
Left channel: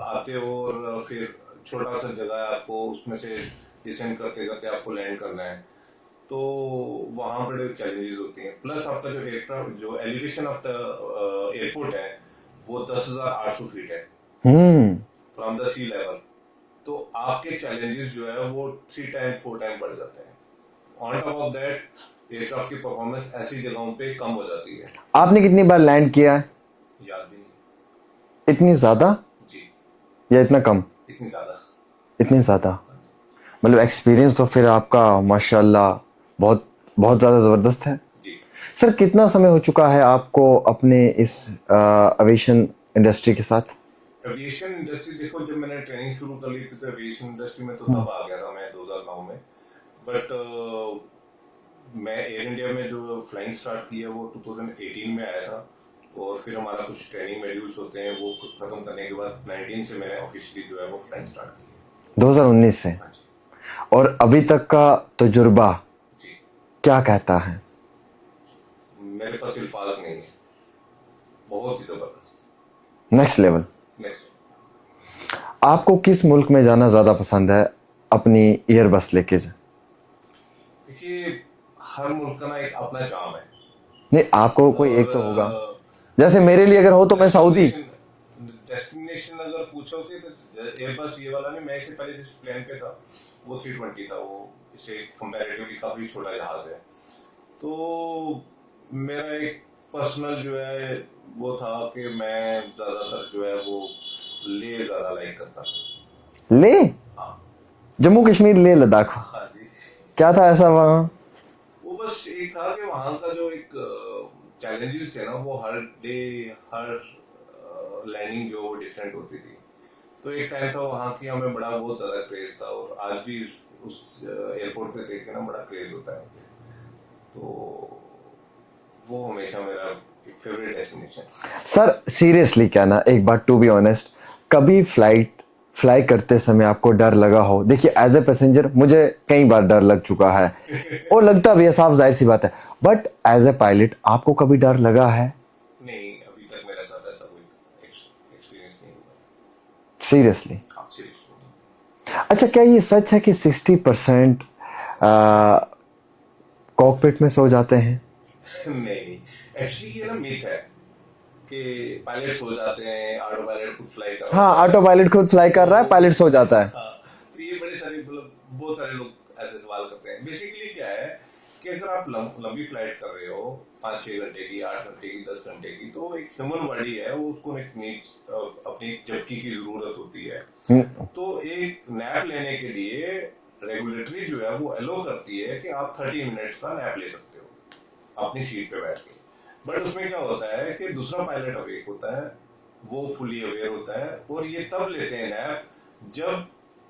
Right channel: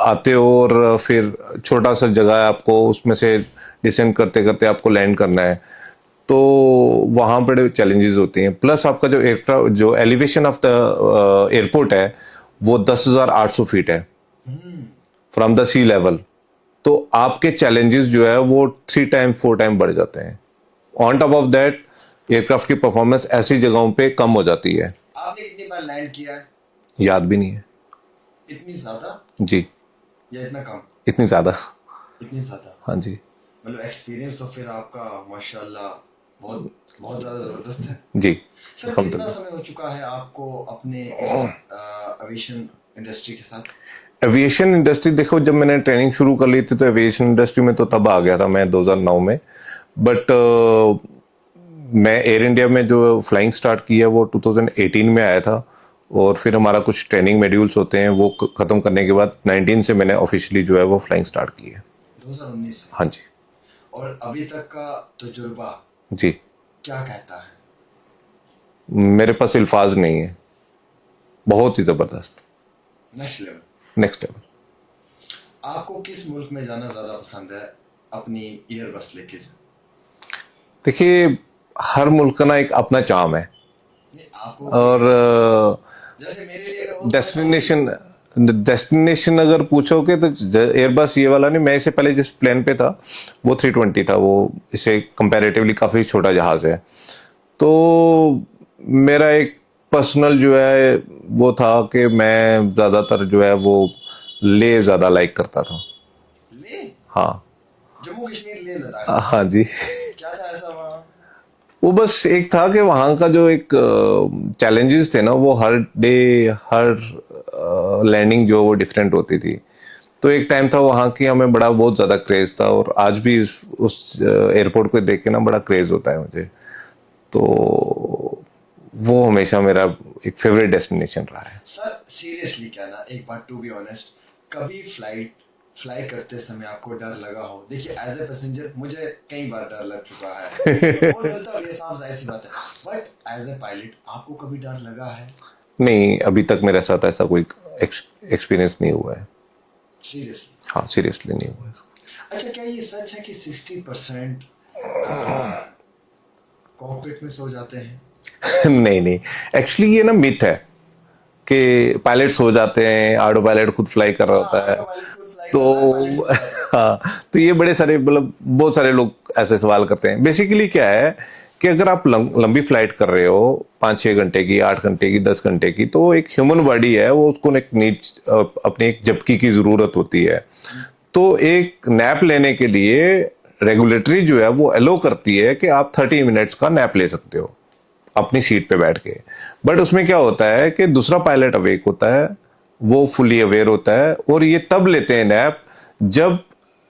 आते हो, और फिर छोटा सा जगह है आपको, उसमें से डिसेंड करते करते आपको लैंड करना है, तो वहाँ बड़े चैलेंजेस होती हैं। प्लस आपका जो एयरक्राफ्ट, जो एलिवेशन ऑफ द एयरपोर्ट है, वो 10,800 फीट है फ्रॉम द सी लेवल। तो आपके चैलेंजेस जो है वो 3 टाइम 4 टाइम बढ़ जाते हैं। On top of that, aircraft की परफॉर्मेंस ऐसी जगहों पे कम हो जाती है। आपने कितनी बार लैंड किया है? याद भी नहीं है इतनी ज्यादा जी। या इतना कम? इतनी ज्यादा। इतनी ज्यादा। हाँ जी। मतलब एक्सपीरियंस तो फिर आपका माशाल्लाह बहुत बहुत ज्यादा जबरदस्त है। जी। सर कितना समय हो चुका है आपको अपने इस एविएशन इंडस्ट्री के साथ? एविएशन इंडस्ट्री, देखो, जब मैंने ट्रेनिंग शुरू कर ली थी तो एविएशन इंडस्ट्री में तो तब आ गया था मैं 2009 में। बट मैं एयर इंडिया में जो फ्लाइंग स्टार्ट की है वो 2018 में आया था, और फिर हमारा कुछ ट्रेनिंग मॉड्यूल्स होते हैं, वो खत्म करने के बाद 19 से मैंने ऑफिशियली जो है वो फ्लाइंग स्टार्ट की है। 2019 से? हाँ जी। और अभी तक का तजुर्बा जी। क्या कहता है? मेरे पास अल्फाज नहीं है, बहुत ही जबरदस्त, नेक्स्ट लेवल। Next level. आपको किस मुल्क में जाना ज्यादा पसंद है अपनी एयर बस लेके? देखिए, हर मुल्क का ना एक अपना चार्म है, नहीं आपको कोई और एक तो होगा। जैसे मेरे लिए अगर हो तो मैं सऊदी। डेस्टिनेशन अगर पूछोगे तो एयरबस ये वाला नहीं, मैं इससे पहले जिस प्लेन पे था वो 320 था, वो इसे कंपैरेटिवली काफ़ी छोटा जहाज़ है। तो मेरा एक पर्सनल जो है वो था कि मैं ज़्यादातर जो है वो ले ज़्यादा लाइक करता था। ले? हाँ। जम्मू कश्मीर, ले लद्दाख? हाँ जी। क्या था ऐसा वहाँ? वो बस एक था कि वहाँ का जो एक चैलेंजेस थे ना, वो हर डे, हर लैंडिंग जो वो डिफरेंट होती थी। तो एक टाइम था वहाँ की हमें बड़ा बहुत ज़्यादा क्रेज़ था, और आज भी उस एयरपोर्ट को देख के ना बड़ा क्रेज़ होता है मुझे। तो वो हमेशा मेरा एक फेवरेट डेस्टिनेशन रहा है। सर सीरियसली कहना, एक बार टू बी ऑनेस्ट, कभी फ्लाई करते समय आपको डर लगा हो? देखिए एज ए पैसेंजर मुझे कई बार डर लग चुका है और लगता भी है, साफ जाहिर सी बात है। बट एज ए पायलट आपको कभी डर लगा है? नहीं, अभी तक मेरे साथ ऐसा कोई एक्सपीरियंस नहीं हुआ है। सीरियसली? हाँ, सीरियसली नहीं हुआ है। अच्छा, क्या ये सच है कि 60% कॉकपिट में सो जाते हैं? नहीं नहीं, एक्चुअली ये ना मिथ है कि पायलट सो जाते हैं, ऑटो पायलट खुद फ्लाई कर रहा हाँ, होता है। ऑटो पायलट खुद फ्लाई कर रहा है, पायलट सो जाता है। हाँ, तो ये बड़े सारे, मतलब बहुत सारे लोग ऐसे सवाल करते हैं। बेसिकली क्या है कि अगर आप लंबी फ्लाइट कर रहे हो 5-6 घंटे की, 8 घंटे की, 10 घंटे की, तो एक ह्यूमन बॉडी है, वो उसको एक अपनी एक झपकी की जरूरत होती है। तो एक नैप लेने के लिए रेगुलेटरी जो है वो अलो करती है कि आप 30 मिनट्स का नैप ले सकते हो अपनी सीट पे बैठ के। बट उसमें क्या होता है कि दूसरा पायलट अवेक होता है, वो फुली अवेयर होता है, और ये तब लेते हैं नैप जब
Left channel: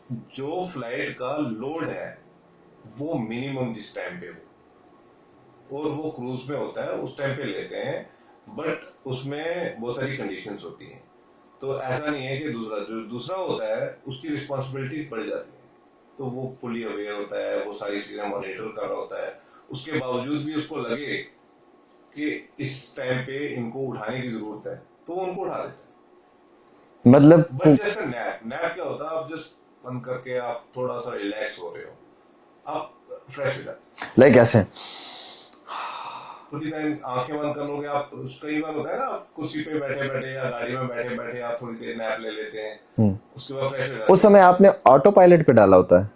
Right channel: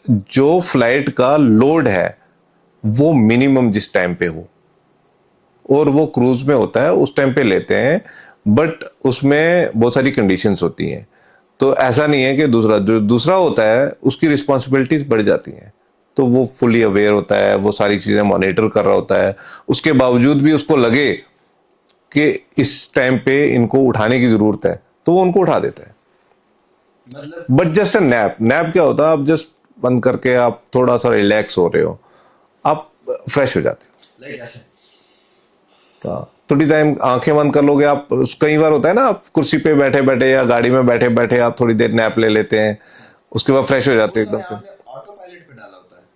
जो फ्लाइट का लोड है वो मिनिमम जिस टाइम पे हो, और वो क्रूज में होता है उस टाइम पे लेते हैं। बट उसमें बहुत सारी कंडीशंस होती हैं, तो ऐसा नहीं है कि दूसरा जो दूसरा होता है उसकी रिस्पॉन्सिबिलिटीज बढ़ जाती हैं। तो वो फुली अवेयर होता है, वो सारी चीज़ें मॉनिटर कर रहा होता है। उसके बावजूद भी उसको लगे कि इस टाइम पे इनको उठाने की ज़रूरत है तो वो उनको उठा देता है। मतलब but just a nap, nap क्या होता है, आप जस्ट बंद करके आप थोड़ा सा रिलैक्स हो रहे हो, आप फ्रेश हो जाते लाइक ऐसे हो। थोड़ी टाइम आंखें बंद कर लोगे आप, कई बार होता है ना, आप कुर्सी पे बैठे बैठे या गाड़ी में बैठे बैठे आप थोड़ी देर नैप ले लेते हैं, उसके बाद फ्रेश हो जाते उस हैं। समय आपने ऑटो पायलट पे डाला होता है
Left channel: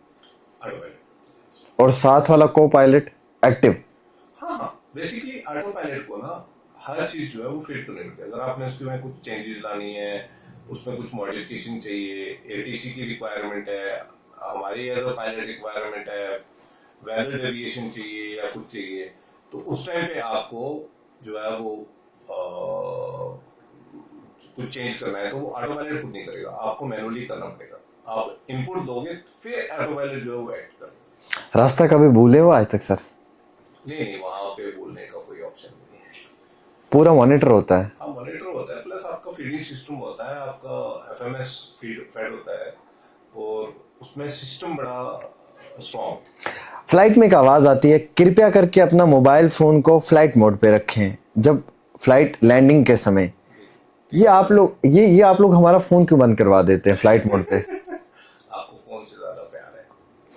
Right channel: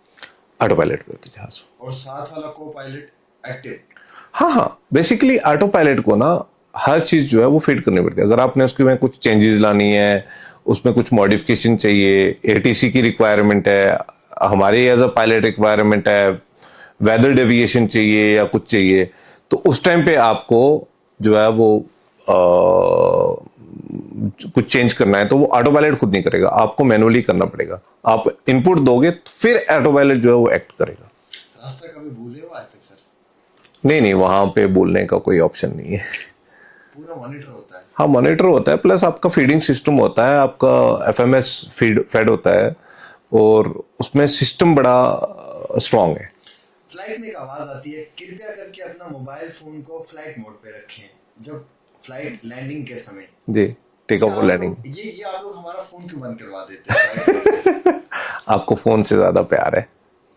ऑटो पायलट पे होते जहाज। और साथ वाला को पायलट एक्टिव। हाँ हाँ, बेसिकली ऑटो पायलट को ना हर चीज जो है वो फिट करनी पड़ती है। अगर आपने उसके में कुछ चेंजेस लानी है, उसमें कुछ मॉडिफिकेशन चाहिए, एटीसी की रिक्वायरमेंट है, हमारे एज अ पायलट रिक्वायरमेंट है, वेदर डेविएशन चाहिए या कुछ चाहिए, तो उस टाइम पे आपको जो है वो कुछ चेंज करना है तो वो ऑटो पायलट खुद नहीं करेगा, आपको मैनुअली करना पड़ेगा। आप इनपुट दोगे फिर ऑटो पायलट जो है वो एक्ट करेगा। रास्ता कभी भूले हो आज तक सर? नहीं नहीं, वहां पे बोलने का कोई ऑप्शन नहीं है। पूरा मॉनिटर होता है। हाँ, मॉनिटर होता है, प्लस आपका फीडिंग सिस्टम होता है, आपका एफएमएस फेड होता है, और उसमें सिस्टम बड़ा स्ट्रांग है। फ्लाइट में एक आवाज आती है, कृपया करके अपना मोबाइल फोन को फ्लाइट मोड पे रखें जब फ्लाइट लैंडिंग के समय। जी, टेक ये ऑफ आप लैंडिंग। लोग ये आप लोग हमारा फोन क्यों बंद करवा देते हैं फ्लाइट मोड पे? आपको फोन से ज्यादा प्यार है।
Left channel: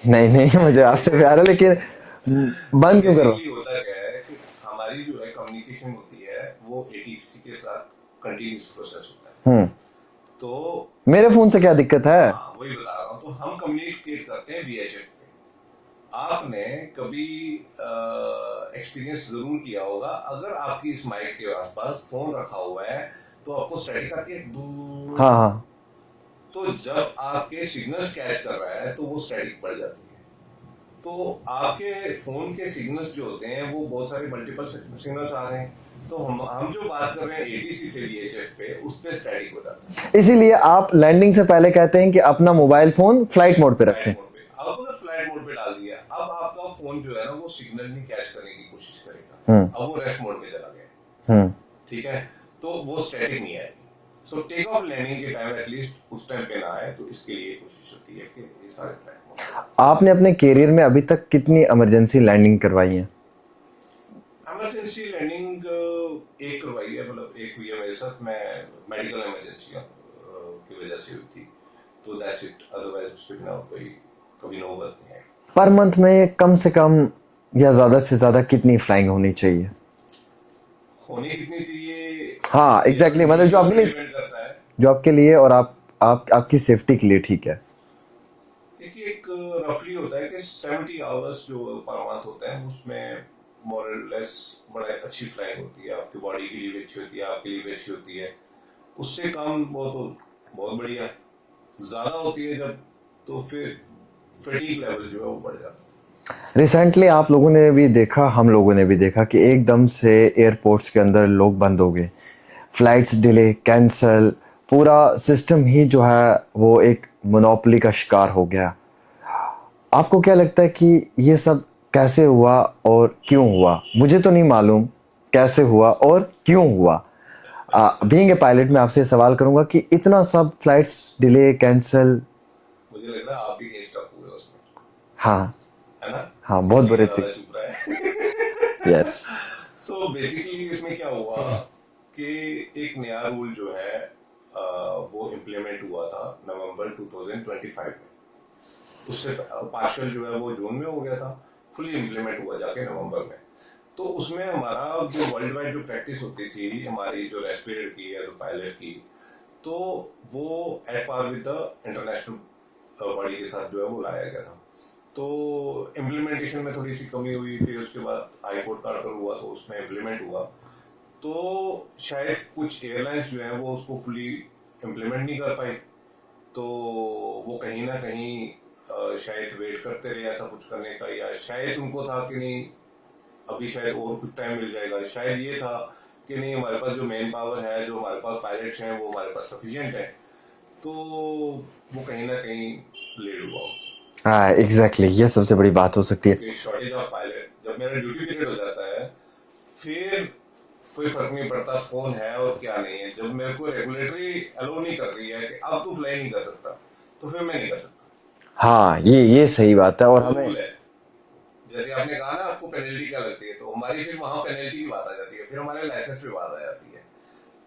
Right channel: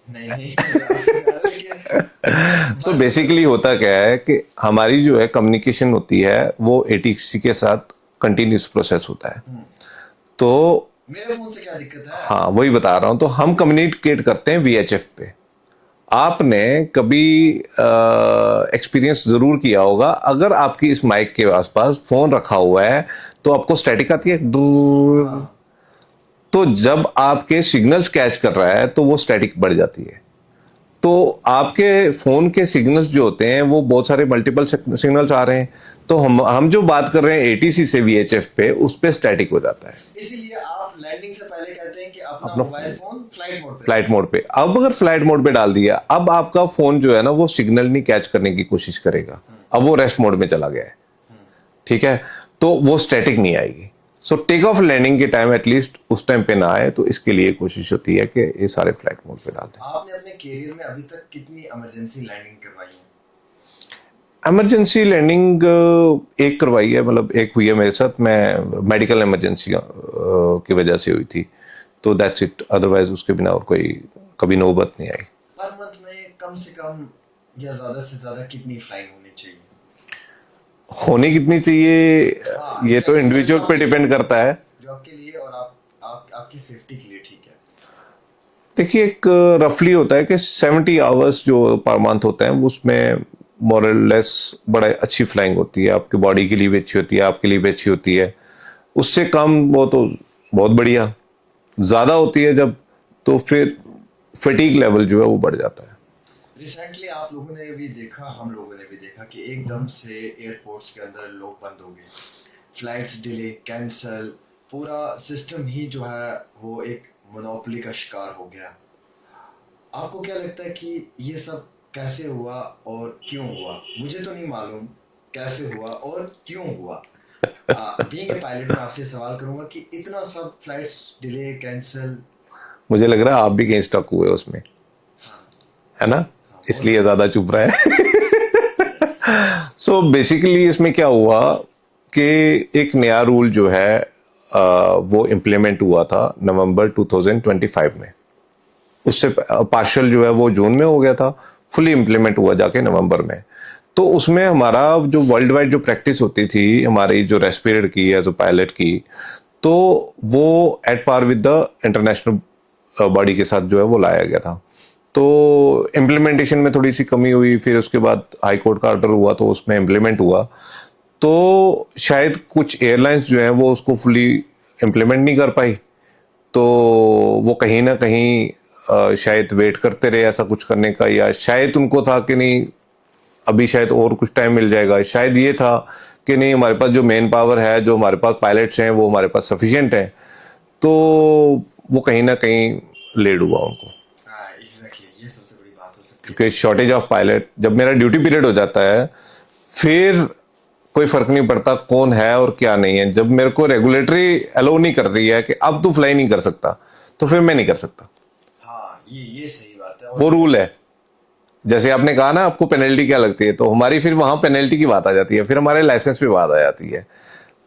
नहीं नहीं, मुझे आपसे प्यार है, लेकिन तो बंद बेसिकली होता क्या है कि हमारी जो है कम्युनिकेशन होती है वो एटीसी के साथ कंटिन्यूस प्रोसेस होता है। तो मेरे फोन से क्या दिक्कत है? हाँ, वही बता रहा हूँ। तो हम कम्युनिकेट करते हैं वीएचएफ पे। आपने कभी एक्सपीरियंस जरूर किया होगा, अगर आपकी इस माइक के आसपास फोन रखा हुआ है तो आपको स्टैटिक आती है, हाँ हाँ। तो जब आपके सिग्नल्स कैच कर रहा है तो वो स्टैटिक बढ़ जाती है। तो आपके फोन के सिग्नल्स जो होते हैं वो बहुत सारे मल्टीपल सिग्नल्स आ रहे हैं, तो हम जो बात कर रहे हैं एटीसी से वीएचएफ पे, उस पे स्टैटिक हो जाता है। इसीलिए आप लैंडिंग से पहले कहते हैं कि अपना मोबाइल फोन फ्लाइट मोड पे रखें। फ्लाइट मोड पे, अब अगर फ्लाइट मोड पे डाल दिया, अब आपका फोन जो है ना वो सिग्नल नहीं कैच करने की कोशिश करेगा, अब वो रेस्ट मोड में चला गया है। ठीक है, तो वो स्टैटिक नहीं आएगी। सो टेक ऑफ लैंडिंग के टाइम एटलीस्ट उस टाइम पे ना आए, तो इसके लिए कोशिश होती है कि ये सारे फ्लाइट मोड पे डाल। आपने अपने कैरियर में अभी तक कितनी इमरजेंसी लैंडिंग करवाई है? इमरजेंसी लैंडिंग एक करवाई है, मतलब एक हुई है मेरे साथ, मैं मेडिकल इमरजेंसी की वजह से हुई थी, तो दैट्स इट। अदरवाइज उसके बिना और कोई कभी नौबत नहीं आई। पर मंथ में कम से कम या ज्यादा से ज्यादा कितनी फ्लाइंग होनी चाहिए? होनी कितनी चाहिए, हाँ, ये तो exactly, मतलब जो इंडिविजुअल पे आपके- डिपेंड करता है। जो आपके लिए और आपकी सेफ्टी के लिए ठीक है। देखिए, एक रफली होता है कि 70 आवर्स जो पर मंथ होते हैं उसमें मोरलेस बड़ा अच्छी फ्लाइंग होती है, आपकी बॉडी के लिए भी अच्छी होती है, आपके लिए भी अच्छी होती है। उससे कम वो तो बहुत बढ़िया, ज़्यादा होती है जब, तो फिर फटीग लेवल जो है वो बढ़ जाता है। रिसेंटली आप लोगों ने भी देखा, हम लोगों ने भी देखा कि एकदम से एयरपोर्ट्स के अंदर लोग बंद हो गए, फ्लाइट्स डिले, कैंसल, पूरा सिस्टम ही जो है वो एक मोनोपोली का शिकार हो गया। आपको क्या लगता है कि ये सब कैसे हुआ और क्यों हुआ? मुझे तो नहीं मालूम कैसे हुआ और क्यों हुआ। बीइंग ए पायलट मैं आपसे सवाल करूंगा कि इतना सब फ्लाइट्स डिले, कैंसल। मुझे लग रहा है आप भी कहीं स्टक हुए उसमें, हाँ है ना? हाँ, बहुत इसलिए बड़े ज़्यादा चुप रहा है। यस। सो बेसिकली इसमें क्या हुआ कि एक नया रूल जो है वो इम्प्लीमेंट हुआ था नवंबर 2025 में। उससे पार्शियल जो है वो जून में हो गया था, फुली इम्प्लीमेंट हुआ जाके नवंबर में। तो उसमें हमारा जो वर्ल्ड वाइड जो प्रैक्टिस होती थी हमारी जो रेस्ट पीरियड की एज अ पायलट की, तो वो at par with the international body के साथ जो है वो लाया गया था। तो इम्प्लीमेंटेशन में थोड़ी सी कमी हुई, फिर उसके बाद हाई कोर्ट का ऑर्डर हुआ तो उसमें इम्प्लीमेंट हुआ। तो शायद कुछ एयरलाइंस जो हैं वो उसको फुली इम्प्लीमेंट नहीं कर पाई, तो वो कहीं ना कहीं शायद वेट करते रहे ऐसा कुछ करने का, या शायद उनको था कि नहीं अभी शायद और कुछ टाइम मिल जाएगा, शायद ये था कि नहीं हमारे पास जो मेन पावर है, जो हमारे पास पायलट्स हैं वो हमारे पास सफिशिएंट है, तो वो कहीं ना कहीं लेट हुआ उनको। हाँ एग्जैक्टली, ये सबसे बड़ी बात हो सकती है कि शॉर्टेज ऑफ पायलट, जब मेरा ड्यूटी पीरियड हो जाता है फिर कोई फर्क नहीं पड़ता कौन है और क्या नहीं है। जब मेरे को रेगुलेटरी अलाउ नहीं कर रही है कि अब तू फ्लाई नहीं कर सकता, तो फिर मैं नहीं कर सकता। हाँ, ये सही बात है। और वो रूल है। जैसे आपने कहा ना आपको पेनल्टी क्या लगती है, तो हमारी फिर वहां पेनल्टी की बात आ जाती है, फिर हमारे लाइसेंस पे बात आ जाती है,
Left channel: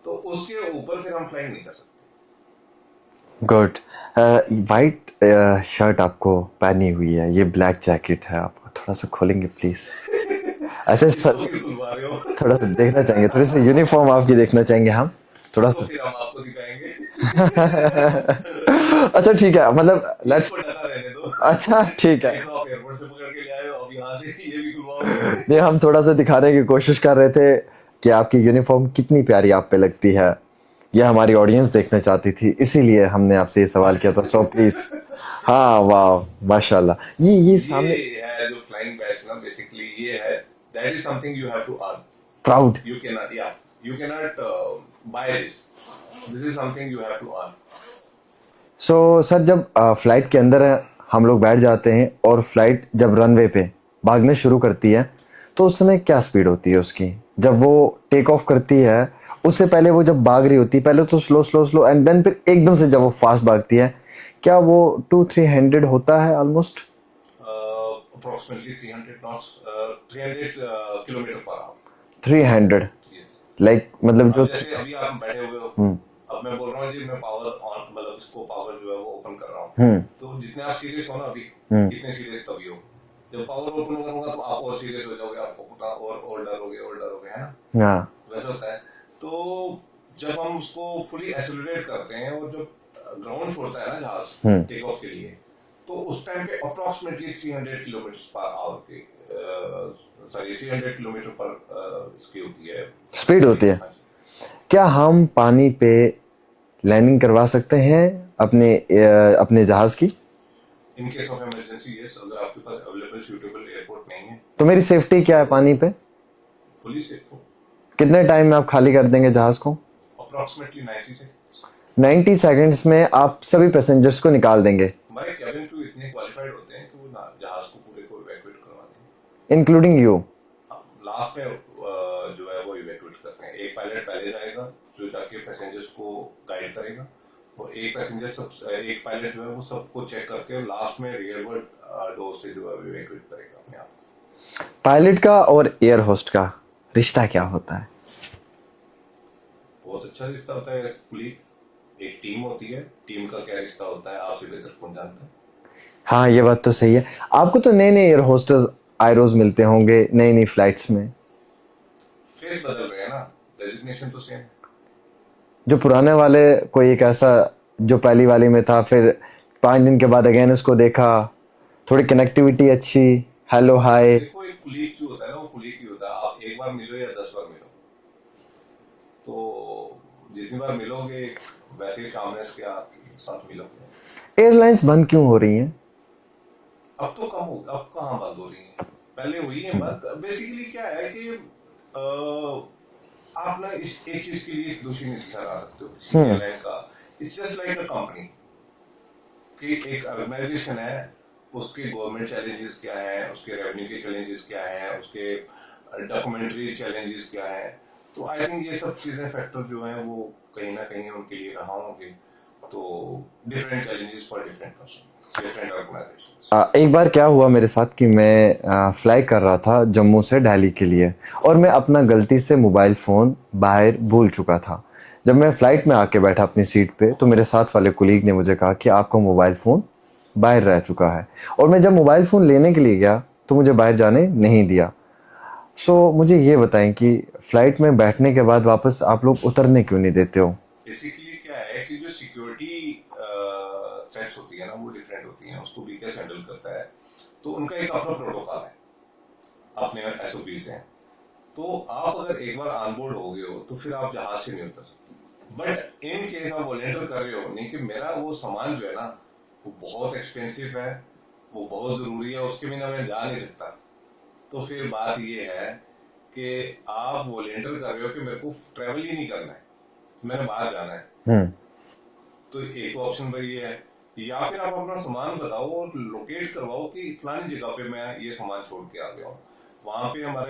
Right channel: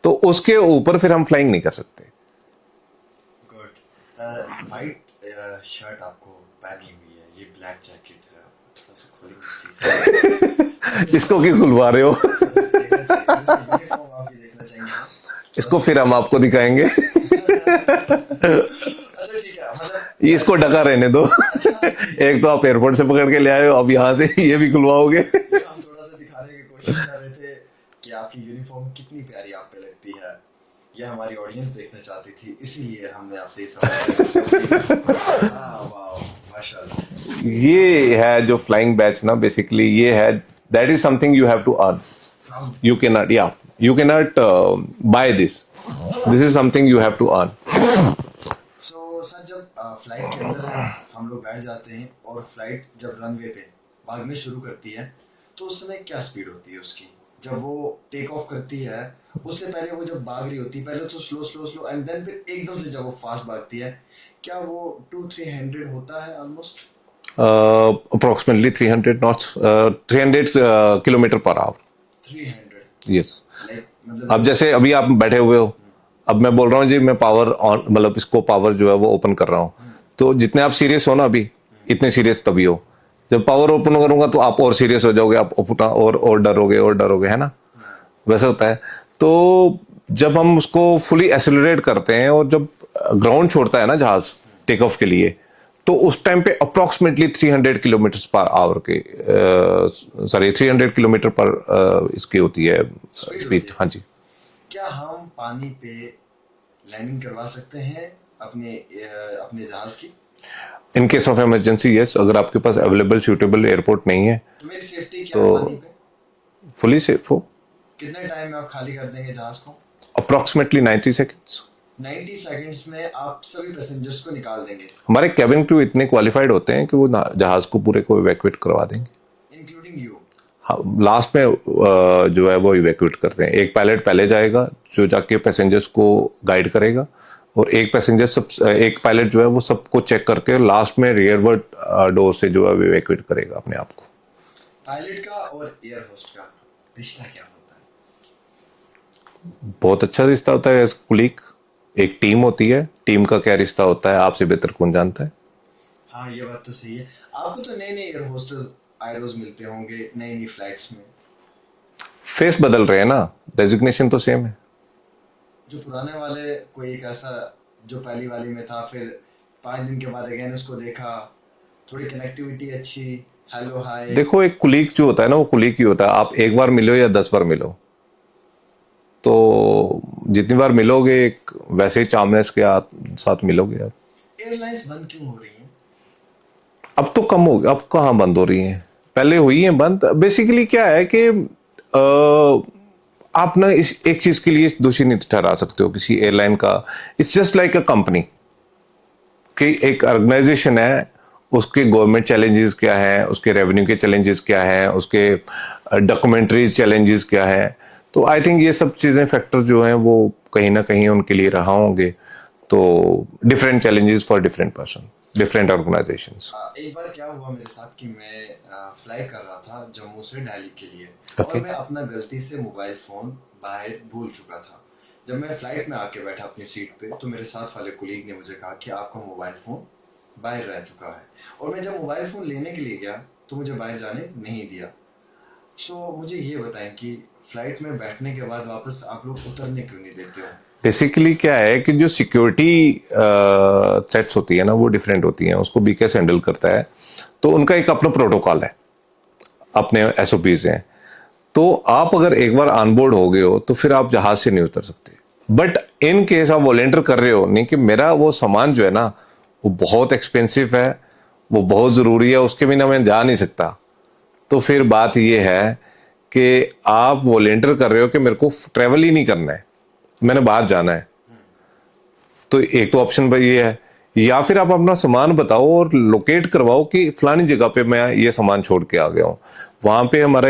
तो उसके ऊपर फिर हम फ्लाइंग नहीं कर सकते। गुड। वाइट शर्ट आपको पहनी हुई है, ये ब्लैक जैकेट है, आप थोड़ा सा खोलेंगे प्लीज? ऐसे इसको क्यों खुलवा रहे हो? थोड़ा सा देखना चाहेंगे, थोड़ी सी यूनिफॉर्म आपकी देखना चाहेंगे हम थोड़ा इसको फिर हम आपको दिखाएंगे। अच्छा ठीक है, मतलब इसको ढका रहने दो। अच्छा ठीक है। एक तो आप एयरपोर्ट से पकड़ के ले आए हो, अब यहाँ से ये भी खुलवाओगे? नहीं, हम थोड़ा सा दिखाने की कोशिश कर रहे थे कि आपकी यूनिफॉर्म कितनी प्यारी आप पे लगती है। यह हमारी ऑडियंस देखना चाहती थी, इसीलिए हमने आपसे ये सवाल किया था। So please. हाँ वाह, माशाल्लाह। ये है जो फ्लाइंग बैच ना, बेसिकली ये है, that is something you have to earn. Proud. You cannot buy this. This is something you have to earn. So sir, जब फ्लाइट के अंदर हम लोग बैठ जाते हैं और फ्लाइट जब रनवे पे भागने शुरू करती है, तो उस समय क्या स्पीड होती है उसकी? जब वो टेक ऑफ करती है उससे पहले वो जब भाग रही होती है, पहले तो slow slow slow and then फिर एकदम से जब वो फास्ट भागती है, क्या वो 200-300 होता है almost? Approximately 300 knots, 300 kilometre per hour. 300? Yes. Like मतलब अब जैसे अभी आप बैठे हुए हो, अब मैं बोल रहा हूँ जी, मैं पावर ऑन, मतलब इसको पावर जो है वो ओपन कर रहा हूँ, तो जितने आप सीरियस हो ना अभी, इतने सीरियस तभी हो। जब पावर ओपन करूंगा तो आप और सीरियस हो जाओगे, आप अपना और डरोगे, है ना? हाँ। वैसा होता है। तो जब हम उसको फुली एक्सेलरेट करते हैं और जब ग्राउंड छोड़ता है ना जहाज टेक ऑफ के लिए, तो उस टाइम पे अप्रोक्सीमेटली 300 किलोमीटर पर आवर के 300 किलोमीटर पर इसकी होती है, स्पीड होती है। हाँ जी। क्या हम पानी पे लैंडिंग करवा सकते हैं अपने जहाज की? इन केस ऑफ इमरजेंसी यस, अगर आपके पास अवेलेबल सूटेबल एयरपोर्ट नहीं है तो मेरी सेफ्टी क्या है पानी पे? फुली सेफ हो। कितने टाइम में आप खाली कर देंगे जहाज को? Approximately 90 seconds. 90 सेकंड्स में आप सभी पैसेंजर्स को निकाल देंगे? हमारे कैबिन क्रू इतने क्वालिफाइड होते हैं कि वो जहाज को पूरे को इवैक्यूएट करवा देंगे, इंक्लूडिंग यू? हाँ, लास्ट में जो है वो इवैक्यूएट करते हैं। एक पायलट पहले जाएगा जो जाके पैसेंजर्स को गाइड करेगा, और एक पायलट जो है वो सबको चेक करके लास्ट में रियरवर्ड डोर से जो है वो इवैक्यूएट करेगा अपने आप को। पायलट का और एयर होस्ट का रिश्ता क्या होता है? बहुत अच्छा रिश्ता होता है, कुलीग। एक टीम होती है, टीम का क्या रिश्ता होता है आपसे बेहतर कौन जानता है। हाँ, ये बात तो सही है। आपको तो नए नए एयर होस्टर्स आयरोज मिलते होंगे नई नई फ्लाइट्स में। फेस बदल रहे हैं ना, डेजिग्नेशन तो सेम है। जो पुराने वाले, कोई एक ऐसा जो पहली वाली में था, फिर 5 दिन के बाद अगेन उसको देखा, थोड़ी कनेक्टिविटी अच्छी, हेलो हाय। देखो, एक कुलीग जो होता है ना, वो कुलीग ही होता है। आप एक बार मिलो या 10 बार मिलो, तो जितनी बार मिलोगे एक वैसे ही चामनेस के साथ मिलोगे आप। एयरलाइंस बंद क्यों हो रही हैं? अब तो कम हो गया, अब कहाँ बंद हो रही हैं, पहले हुई हैं बंद। बेसिकली क्या है कि आप ना इस एक चीज के लिए दोषी नहीं ठहरा सकते हो किसी एयरलाइन का। It's just like a company कि एक ऑर्गेनाइजेशन है, उसके गवर्नमेंट चैलेंजेस क्या है, उसके रेवेन्यू के चैलेंजेस क्या है, उसके डॉक्यूमेंट्री चैलेंजेस क्या है। तो आई थिंक ये सब चीज़ें फैक्टर जो हैं वो कहीं ना कहीं उनके लिए रहा होंगे। तो different challenges for different person, different organisations. एक बार क्या हुआ मेरे साथ कि मैं फ्लाई कर रहा था जम्मू से दिल्ली के लिए, और मैं अपना गलती से मोबाइल फ़ोन बाहर भूल चुका था। जब मैं फ़्लाइट में आके बैठा अपनी सीट पे, तो मेरे साथ वाले कुलीग ने मुझे कहा कि आपका मोबाइल फ़ोन बाहर रह चुका है। और मैं जब मोबाइल फ़ोन लेने के लिए गया तो मुझे बाहर जाने नहीं दिया। सो मुझे ये बताएं कि फ़्लाइट में बैठने के बाद वापस आप लोग उतरने क्यों नहीं देते हो? बेसिकली क्या है कि जो सिक्योरिटी थ्रेट्स होती है ना, वो डिफरेंट होती हैं, उसको बीकेएस हैंडल करता है। तो उनका एक अपना प्रोटोकॉल है, अपने एसओपीज हैं। तो आप अगर एक बार ऑनबोर्ड हो गए हो तो फिर आप जहाज से नहीं उतर सकते। बट इन केस आप वॉलेंटियर कर रहे हो, नहीं कि मेरा वो सामान जो है ना वो बहुत एक्सपेंसिव है, वो बहुत ज़रूरी है, उसके बिना मैं जा नहीं सकता, तो फिर बात ये है कि आप वॉलेंटियर कर रहे हो कि मेरे को ट्रैवल ही नहीं करना है, मैंने बाहर जाना है। तो एक तो ऑप्शन भाई ये है, या फिर आप अपना सामान बताओ और लोकेट करवाओ कि फलानी जगह पे मैं ये सामान छोड़ के आ गया हूँ। वहां पे हमारा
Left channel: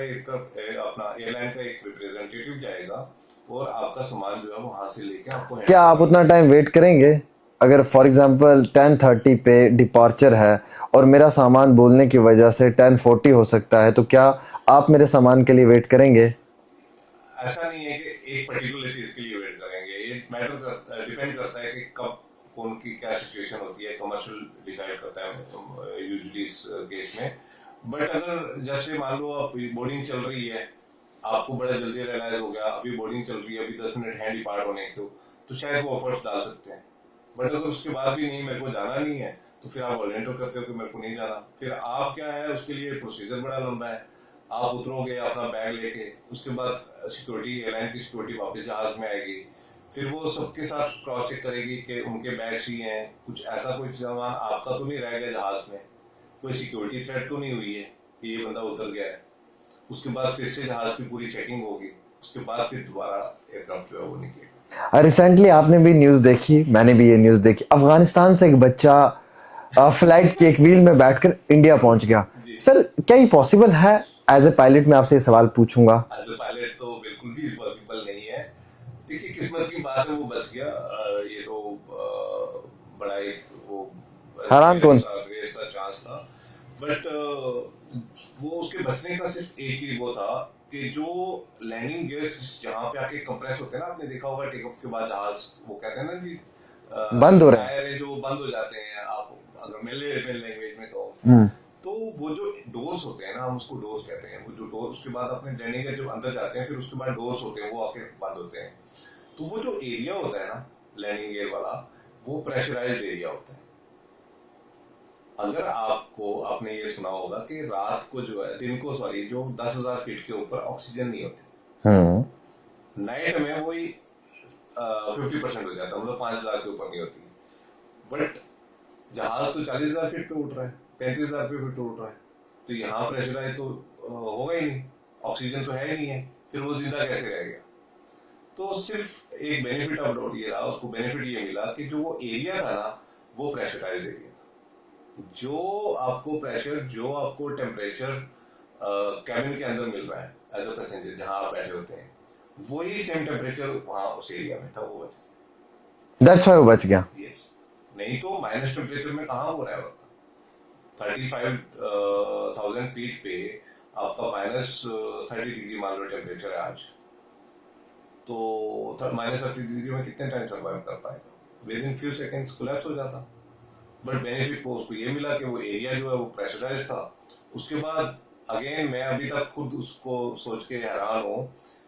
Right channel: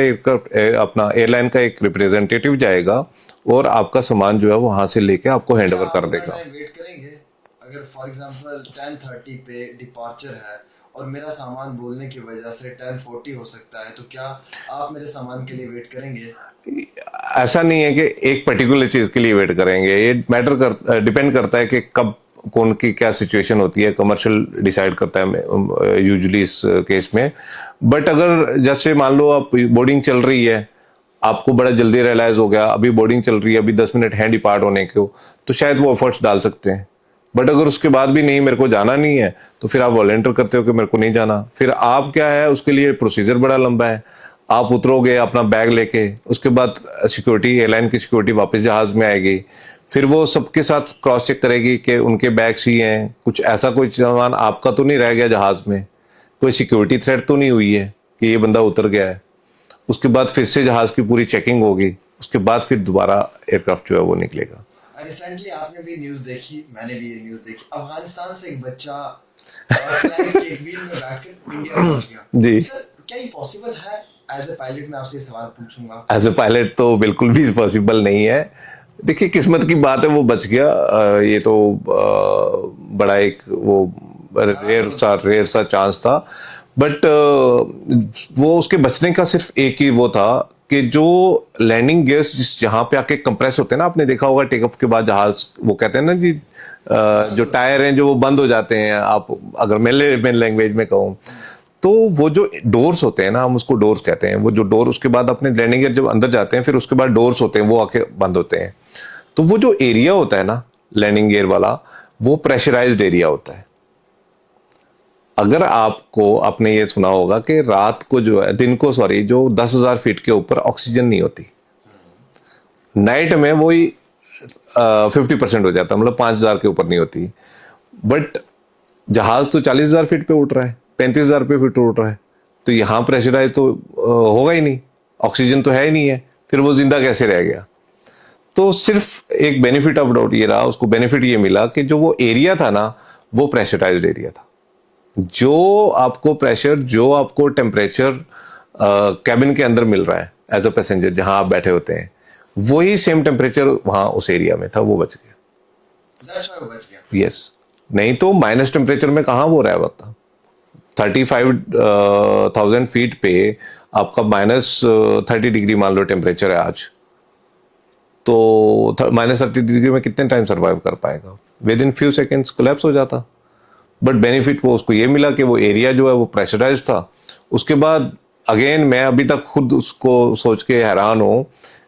अपना एयरलाइन का एक रिप्रेजेंटेटिव जाएगा और आपका सामान जो है वहां से लेके आपको हैंड क्या ओवर आप कर उतना देगा। टाइम वेट करेंगे? अगर फॉर एग्जांपल 10:30 पे डिपार्चर है और मेरा सामान बोलने की वजह से 10:40 हो सकता है, तो क्या आप मेरे सामान के लिए वेट करेंगे? ऐसा नहीं है कि एक पर्टिकुलर चीज के लिए वेट करेंगे, ये डिपेंड करता है कि कब कौन की क्या सिचुएशन होती है, कमर्शियल डिसाइड करता है यूजुअली इस केस में। बट अगर जैसे मान लो आप बोर्डिंग चल रही है, आपको बड़ा जल्दी रियलाइज हो गया अभी बोर्डिंग चल रही है, अभी 10 मिनट हैं डिपार्ट होने को, तो शायद वो एफर्ट्स डाल सकते हैं। बट अगर उसके बाद भी नहीं, मेरे को जाना नहीं है, तो फिर आप वॉलंटियर करते हो कि मेरे को नहीं जाना। फिर आप क्या है, उसके लिए प्रोसीजर बड़ा लंबा है। आप उतरोगे अपना बैग लेके, उसके बाद सिक्योरिटी, एयरलाइन की सिक्योरिटी वापस जहाज में आएगी, फिर वो सबके साथ क्रॉस चेक करेगी कि उनके बैग्स ही हैं, कुछ ऐसा कोई सामान आपका तो नहीं रह गया जहाज में, कोई सिक्योरिटी थ्रेट तो नहीं हुई है कि ये बंदा उतर गया है। उसके बाद फिर से जहाज की पूरी चेकिंग होगी, उसके बाद फिर दोबारा एयरक्राफ्ट जो है वो निकलेगा। रिसेंटली आपने भी न्यूज़ देखी, मैंने भी ये न्यूज़ देखी, अफगानिस्तान से एक बच्चा फ्लाइट के एक व्हील में बैठकर इंडिया पहुंच गया। जी सर, क्या ये पॉसिबल है? एज ए पायलट मैं आपसे ये सवाल पूछूंगा। एज ए पायलट तो बिल्कुल भी पॉसिबल नहीं है। देखिए, किस्मत की बात है, वो बच गया। ये तो बड़ा एक वो रेयर सा चांस था। बट वो उसके बचने का सिर्फ एक ही वो था कि जो लैंडिंग गियर्स जिस जहां पे आके कंप्रेस होते हैं ना, आपने देखा होगा टेक ऑफ के बाद जहाज, वो कहते हैं ना जी, जो टायर हैं जो वो बंद हो जाते हैं, आप अगर मेन लैंग्वेज में कहूँ तो वो जो डोर्स होते हैं ना, हम उसको डोर्स कहते हैं, वो जो डोर उसके बाद अपने लैंडिंग गियर जब अंदर जाते हैं, फिर उसके बाद डोर्स होते हैं, वो आके बंद होते हैं। तो वो जो एरिया होता है ना लैंडिंग गियर वाला, वो प्रेशराइज्ड एरिया होता है। अगर आपको, आपने ये सुना होगा कि रात को जो है, दिन को सॉरी, जो 10,000 फीट के ऊपर ऑक्सीजन नहीं होती, नाइट में वही 50% हो जाता है, मतलब 5,000 के ऊपर नहीं होती। बट जहाज तो 40,000 फीट पे उठ रहा है, 35,000 पे फीट उठ रहा है, तो यहाँ प्रेशराइज तो होगा ही नहीं, ऑक्सीजन तो है ही नहीं है, फिर वो जिंदा कैसे रह गया? तो सिर्फ एक बेनिफिट ऑफ डाउट ये रहा, उसको बेनिफिट ये मिला कि जो वो एरिया था ना, वो प्रेशराइज्ड एरिया था। जो आपको प्रेशर, जो आपको टेम्परेचर कैबिन के अंदर मिल रहा है एज अ पैसेंजर, जहां आप बैठे होते हैं, वही सेम टेम्परेचर वहां उस एरिया में था, वो बच गया। दैट्स व्हाई वो बच गया। यस, नहीं तो माइनस टेम्परेचर में कहाँ वो रह पाता। 35,000 फीट पे आपका -30 डिग्री मान लो टेम्परेचर है आज, तो -30 डिग्री में कितने टाइम सर्वाइव कर पाएगा? With in few seconds collapse हो जाता। बट बेनिफिट वो उसको ये मिला कि वो एरिया जो है वो प्रेशराइज था। उसके बाद अगेन मैं अभी तक खुद उसको सोच के हैरान हूँ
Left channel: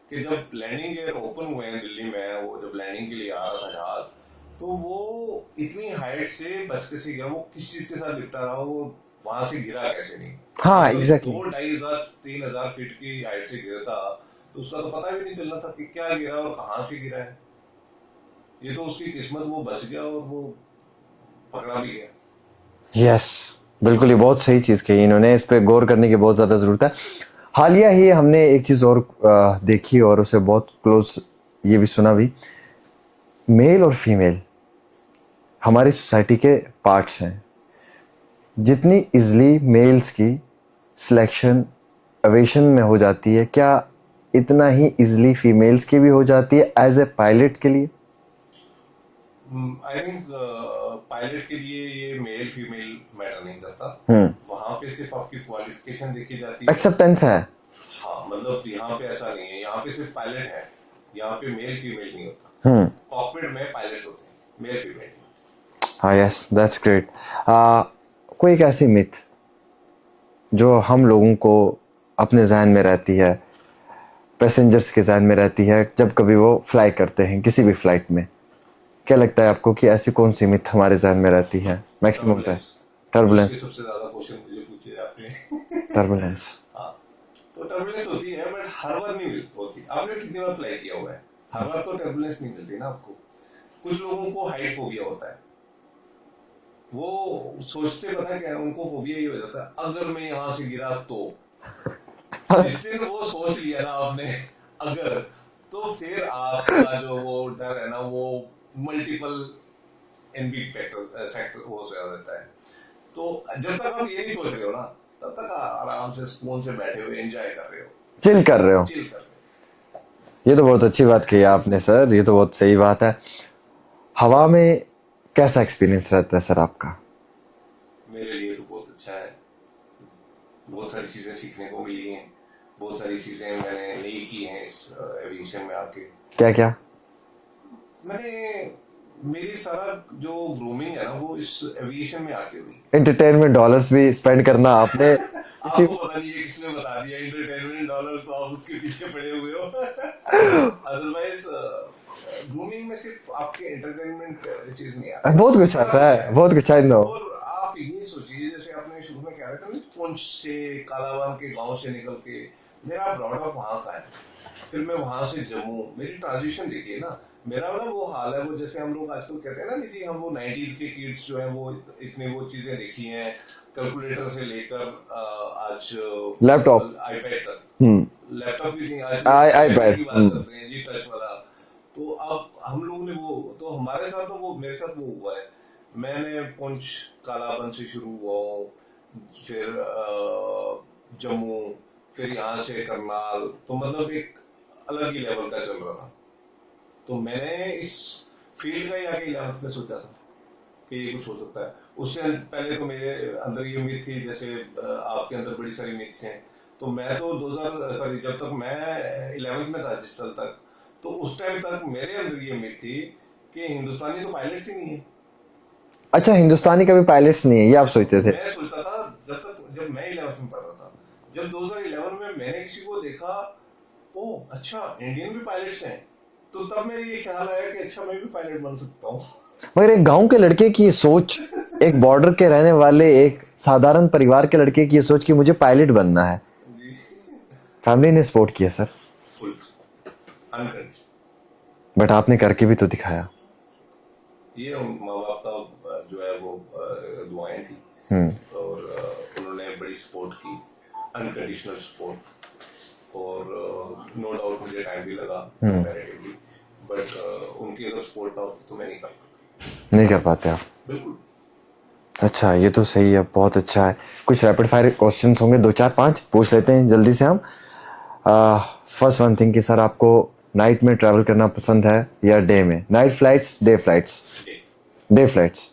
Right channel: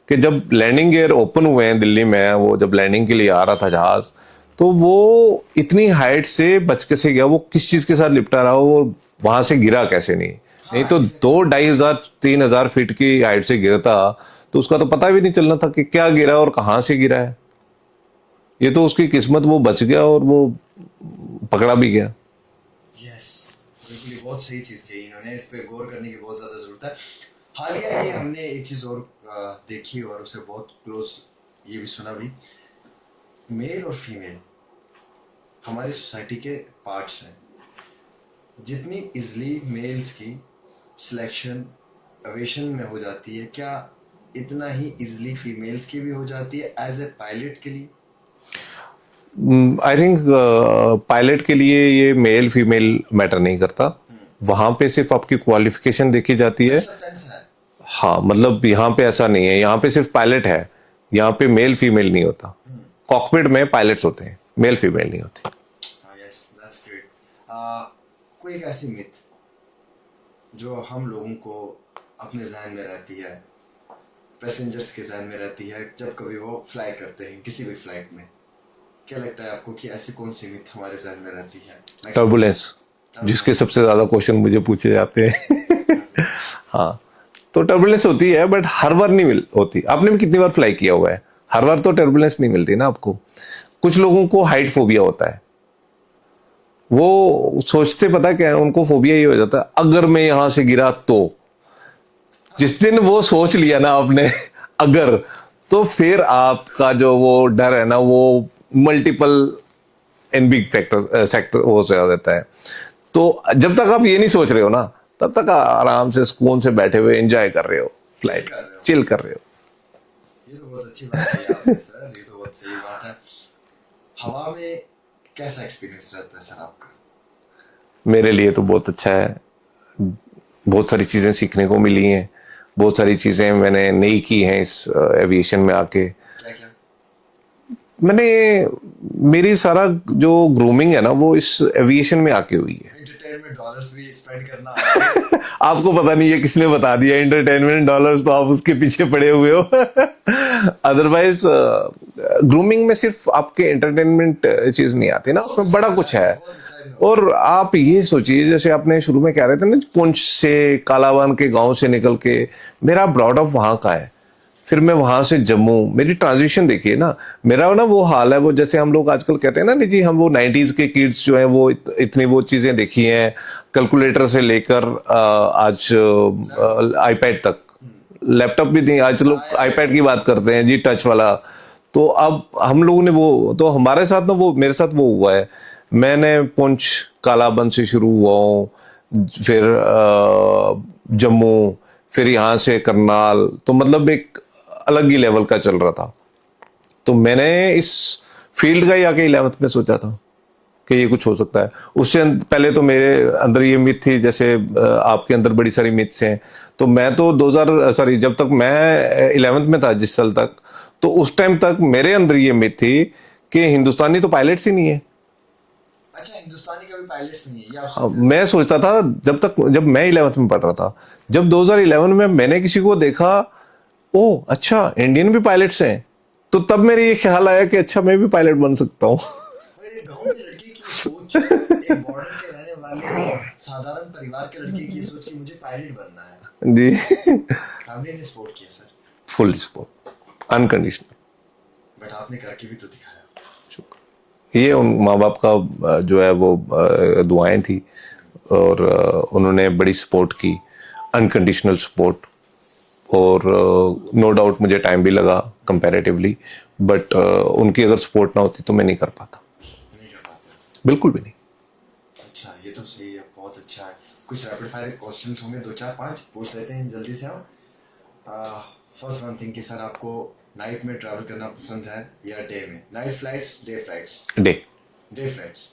कि जब लैंडिंग गियर ओपन हुए हैं दिल्ली में, वो जब लैंडिंग के लिए आ रहा था जहाज, तो वो इतनी हाइट से बच के से गया, वो किस चीज के साथ लिपटा रहा, वो वहां से गिरा कैसे नहीं? हाँ, नहीं तो exactly. 2,500-3,000 फीट की हाइट से गिरता तो उसका तो पता भी नहीं चलना था कि क्या गिरा और कहां से गिरा है। ये तो उसकी किस्मत, वो बच गया और वो पकड़ा भी गया। यस, बिल्कुल, ये बहुत सही चीज़ कही इन्होंने, इस पे गौर करने की बहुत ज़्यादा ज़रूरत है। हालिया ही हमने एक चीज़ और देखी और उसे बहुत क्लोज ये भी सुना भी, मेल और फीमेल हमारी सोसाइटी के पार्ट्स हैं। जितनी इजली मेल्स की सिलेक्शन एविएशन में हो जाती है, क्या इतना ही इजली फीमेल्स की भी हो जाती है एज ए पायलट के लिए? आई थिंक पायलट के लिए ये मेल फीमेल मैटर नहीं करता। वहां पे सिर्फ आपकी क्वालिफिकेशन देखी जाती है। एक्सेप्टेंस है। हाँ, मतलब यहाँ पे ऐसा नहीं है, यहाँ पे सिर्फ पायलट है, यहाँ पे मेल फीमेल नहीं होता। कॉकपिट में पायलट्स होते हैं, मेल फीमेल नहीं होती। हाँ, यस, दैट्स ग्रेट। कोई एक ऐसी मिथ जो हम लोगों को अपने जहन में रहती है, पैसेंजर्स के जहन में रहती है, जब कभी वो फ्लाई करते हैं किसी भी फ्लाइट में, क्या लगता है आपको कि ऐसी कौन सी मिथ हमारे जहन में रहती है? टर्बुलेंस, जिसके सबसे ज्यादा क्वेश्चन मुझे पूछे जाते हैं। टर्बुलेंस। हाँ, तो टर्बुलेंस होती है, बट हर बार नहीं होती। आपने भी कितनी बार फ्लाई किया हुआ है, हर बार तो टर्बुलेंस नहीं मिलती ना आपको। कुछ लोगों को हाइट फोबिया होता है, वो सोचते पता क्या है, उनको फोबिया ये हो जाता है, अगर मैं यहां से गिरा तो। जिस दिन वो सोच लिया ना आपने अगर, तो फिर आपका जो वो डर है ना, वो multiple and big factor sector हो जाता है। तो जब तक आप ये नहीं सोच रहे हो ना, तब तक आराम से सुकून से बैठे हुए एंजॉय कर रहे हो, चिल कर रहे हो। चिल कर रहे हो। ये तो बहुत अच्छी बात कही आपने सर, ये तो बहुत सही बात है। हवा में कैसा एक्सपीरियंस रहता है सर आपका? मेरे लिए तो बहुत अच्छा है। बहुत सारी चीज़ें सीखने को मिली हैं, बहुत सारी चीज़ें मैंने नई की हैं इस एविएशन में आके। क्या क्या? मैंने मेरी सारा जो ग्रूमिंग है ना वो इस एविएशन में आके हुई है। एंटरटेनमेंट डॉलर्स भी स्पेंड करना आपने आपको पता नहीं है किसने बता दिया एंटरटेनमेंट डॉलर्स, तो आप उसके पीछे पड़े हुए हो। अदरवाइज ग्रूमिंग में सिर्फ आपके एंटरटेनमेंट चीज नहीं आती ना, बहुत कुछ बड़ा आता कुछ है, है। बहुत कुछ है। और आप ये सोचिए, जैसे आपने शुरू में कह रहे थे ना, पुंछ से कालावन के गांव से निकल के, मेरा ब्रॉड अप वहां का है, फिर मैं वहां से जम्मू, मेरी ट्रांजिशन देखिए ना। मेरा ना वो हाल है, वो जैसे हम लोग आजकल कहते हैं ना, नहीं जी हम वो 90s के किड्स जो हैं वो इतनी वो चीजें देखी हैं, कैलकुलेटर से लेकर आज लैपटॉप, आईपैड तक। लैपटॉप भी नहीं, आज लोग आईपैड iPad, की बात करते हैं जी, टच वाला। तो अब हम लोगों ने वो, तो हमारे साथ ना वो, मेरे साथ वो हुआ है। मैंने पुंछ कालाबन से शुरू हुआ हूँ, फिर जम्मू, फिर यहाँ से करनाल, तो मतलब एक अलग ही लेवल का चल रहा था। तो मैंने इस फील्ड का ही आके 11th में सोचा था कि ये कुछ हो सकता है। उससे पहले तो मेरे अंदर ये मिथ थी, जैसे आपके अंदर बड़ी सारी मिथ्स हैं। तो मैं तो 2000 सॉरी जब तक मैं 11th में था, जिस साल तक, तो उस टाइम तक मेरे अंदर ये मिथ थी कि हिंदुस्तानी तो पायलट्स ही नहीं है। अच्छा, हिंदुस्तानी का भी पायलट्स नहीं है ये आप सोचते थे? मैं सोचता था जब मैं 11th में पढ़ रहा था, जब 2011 में मैंने किसी को देखा, ओ अच्छा इंडियन भी पायलट्स हैं, तो तब मेरे ये ख्याल आया कि अच्छा मैं भी पायलट बन सकता हूँ। मगर एक गांव के लड़के की ये सोच, एक बॉर्डर के रहने वाले एक साधारण परिवार के लड़के की ये सोच कि मुझे पायलट बनना है, जी। फैमिली ने सपोर्ट किया sir? Full support, unconditional. But आपने करके भी तो दिखाया। ये उन माँ बाप का जो है वो दुआएं थी, और उन्होंने बड़ी सपोर्ट की, अनकंडीशनल सपोर्ट। और नो डाउट मुझे टाइम भी लगा कंपैरेटिवली, बट उनकी अगर सपोर्ट ना होती तो मैं नहीं कर पाता। नहीं कर पाते आप? बिल्कुल भी नहीं। अच्छा, ये तो सही है, बहुत अच्छा है। कुछ रैपिड फायर क्वेश्चंस होंगे, 2 4 5 पूछ लेते हैं जल्दी से हम। फर्स्ट वन थिंग कि सर आपको नाइट में ट्रैवल करना पसंद है या डे में? Night flights, day flights? Day. Day flights.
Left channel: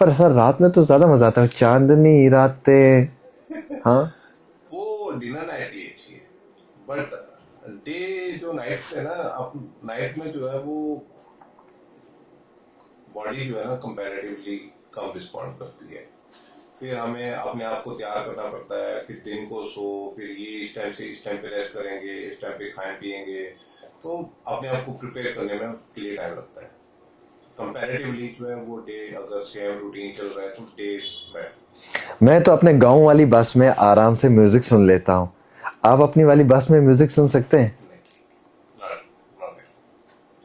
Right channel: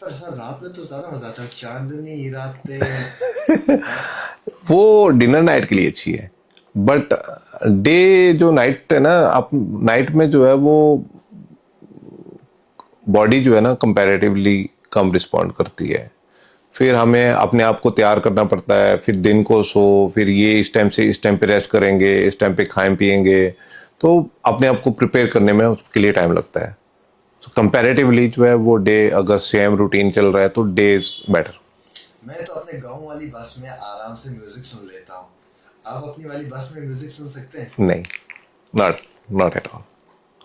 पर सर रात में तो ज्यादा मजा आता है, चांदनी रातें। हाँ। वो डिनर नाइट के लिए अच्छी है, बट डे जो नाइट है ना, आप नाइट में जो है वो बॉडी जो है ना कंपैरेटिवली कम रिस्पॉन्ड करती है। फिर हमें अपने आप को तैयार करना पड़ता है, फिर दिन को सो, फिर ये इस टाइम से इस टाइम पे रेस्ट करेंगे, इस टाइम पे खाएं पिएंगे, तो अपने आप को प्रिपेयर करने में उसके लिए टाइम लगता है। तो कंपैरेटिवली जो है वो डे, अगर सेम रूटीन चल रहा है तो डे इज बेटर। मैं तो अपने गांव वाली बस में आराम से म्यूजिक सुन लेता हूँ। आप अपनी वाली बस में म्यूजिक सुन सकते हैं? नहीं, नॉट नॉट एट ऑल।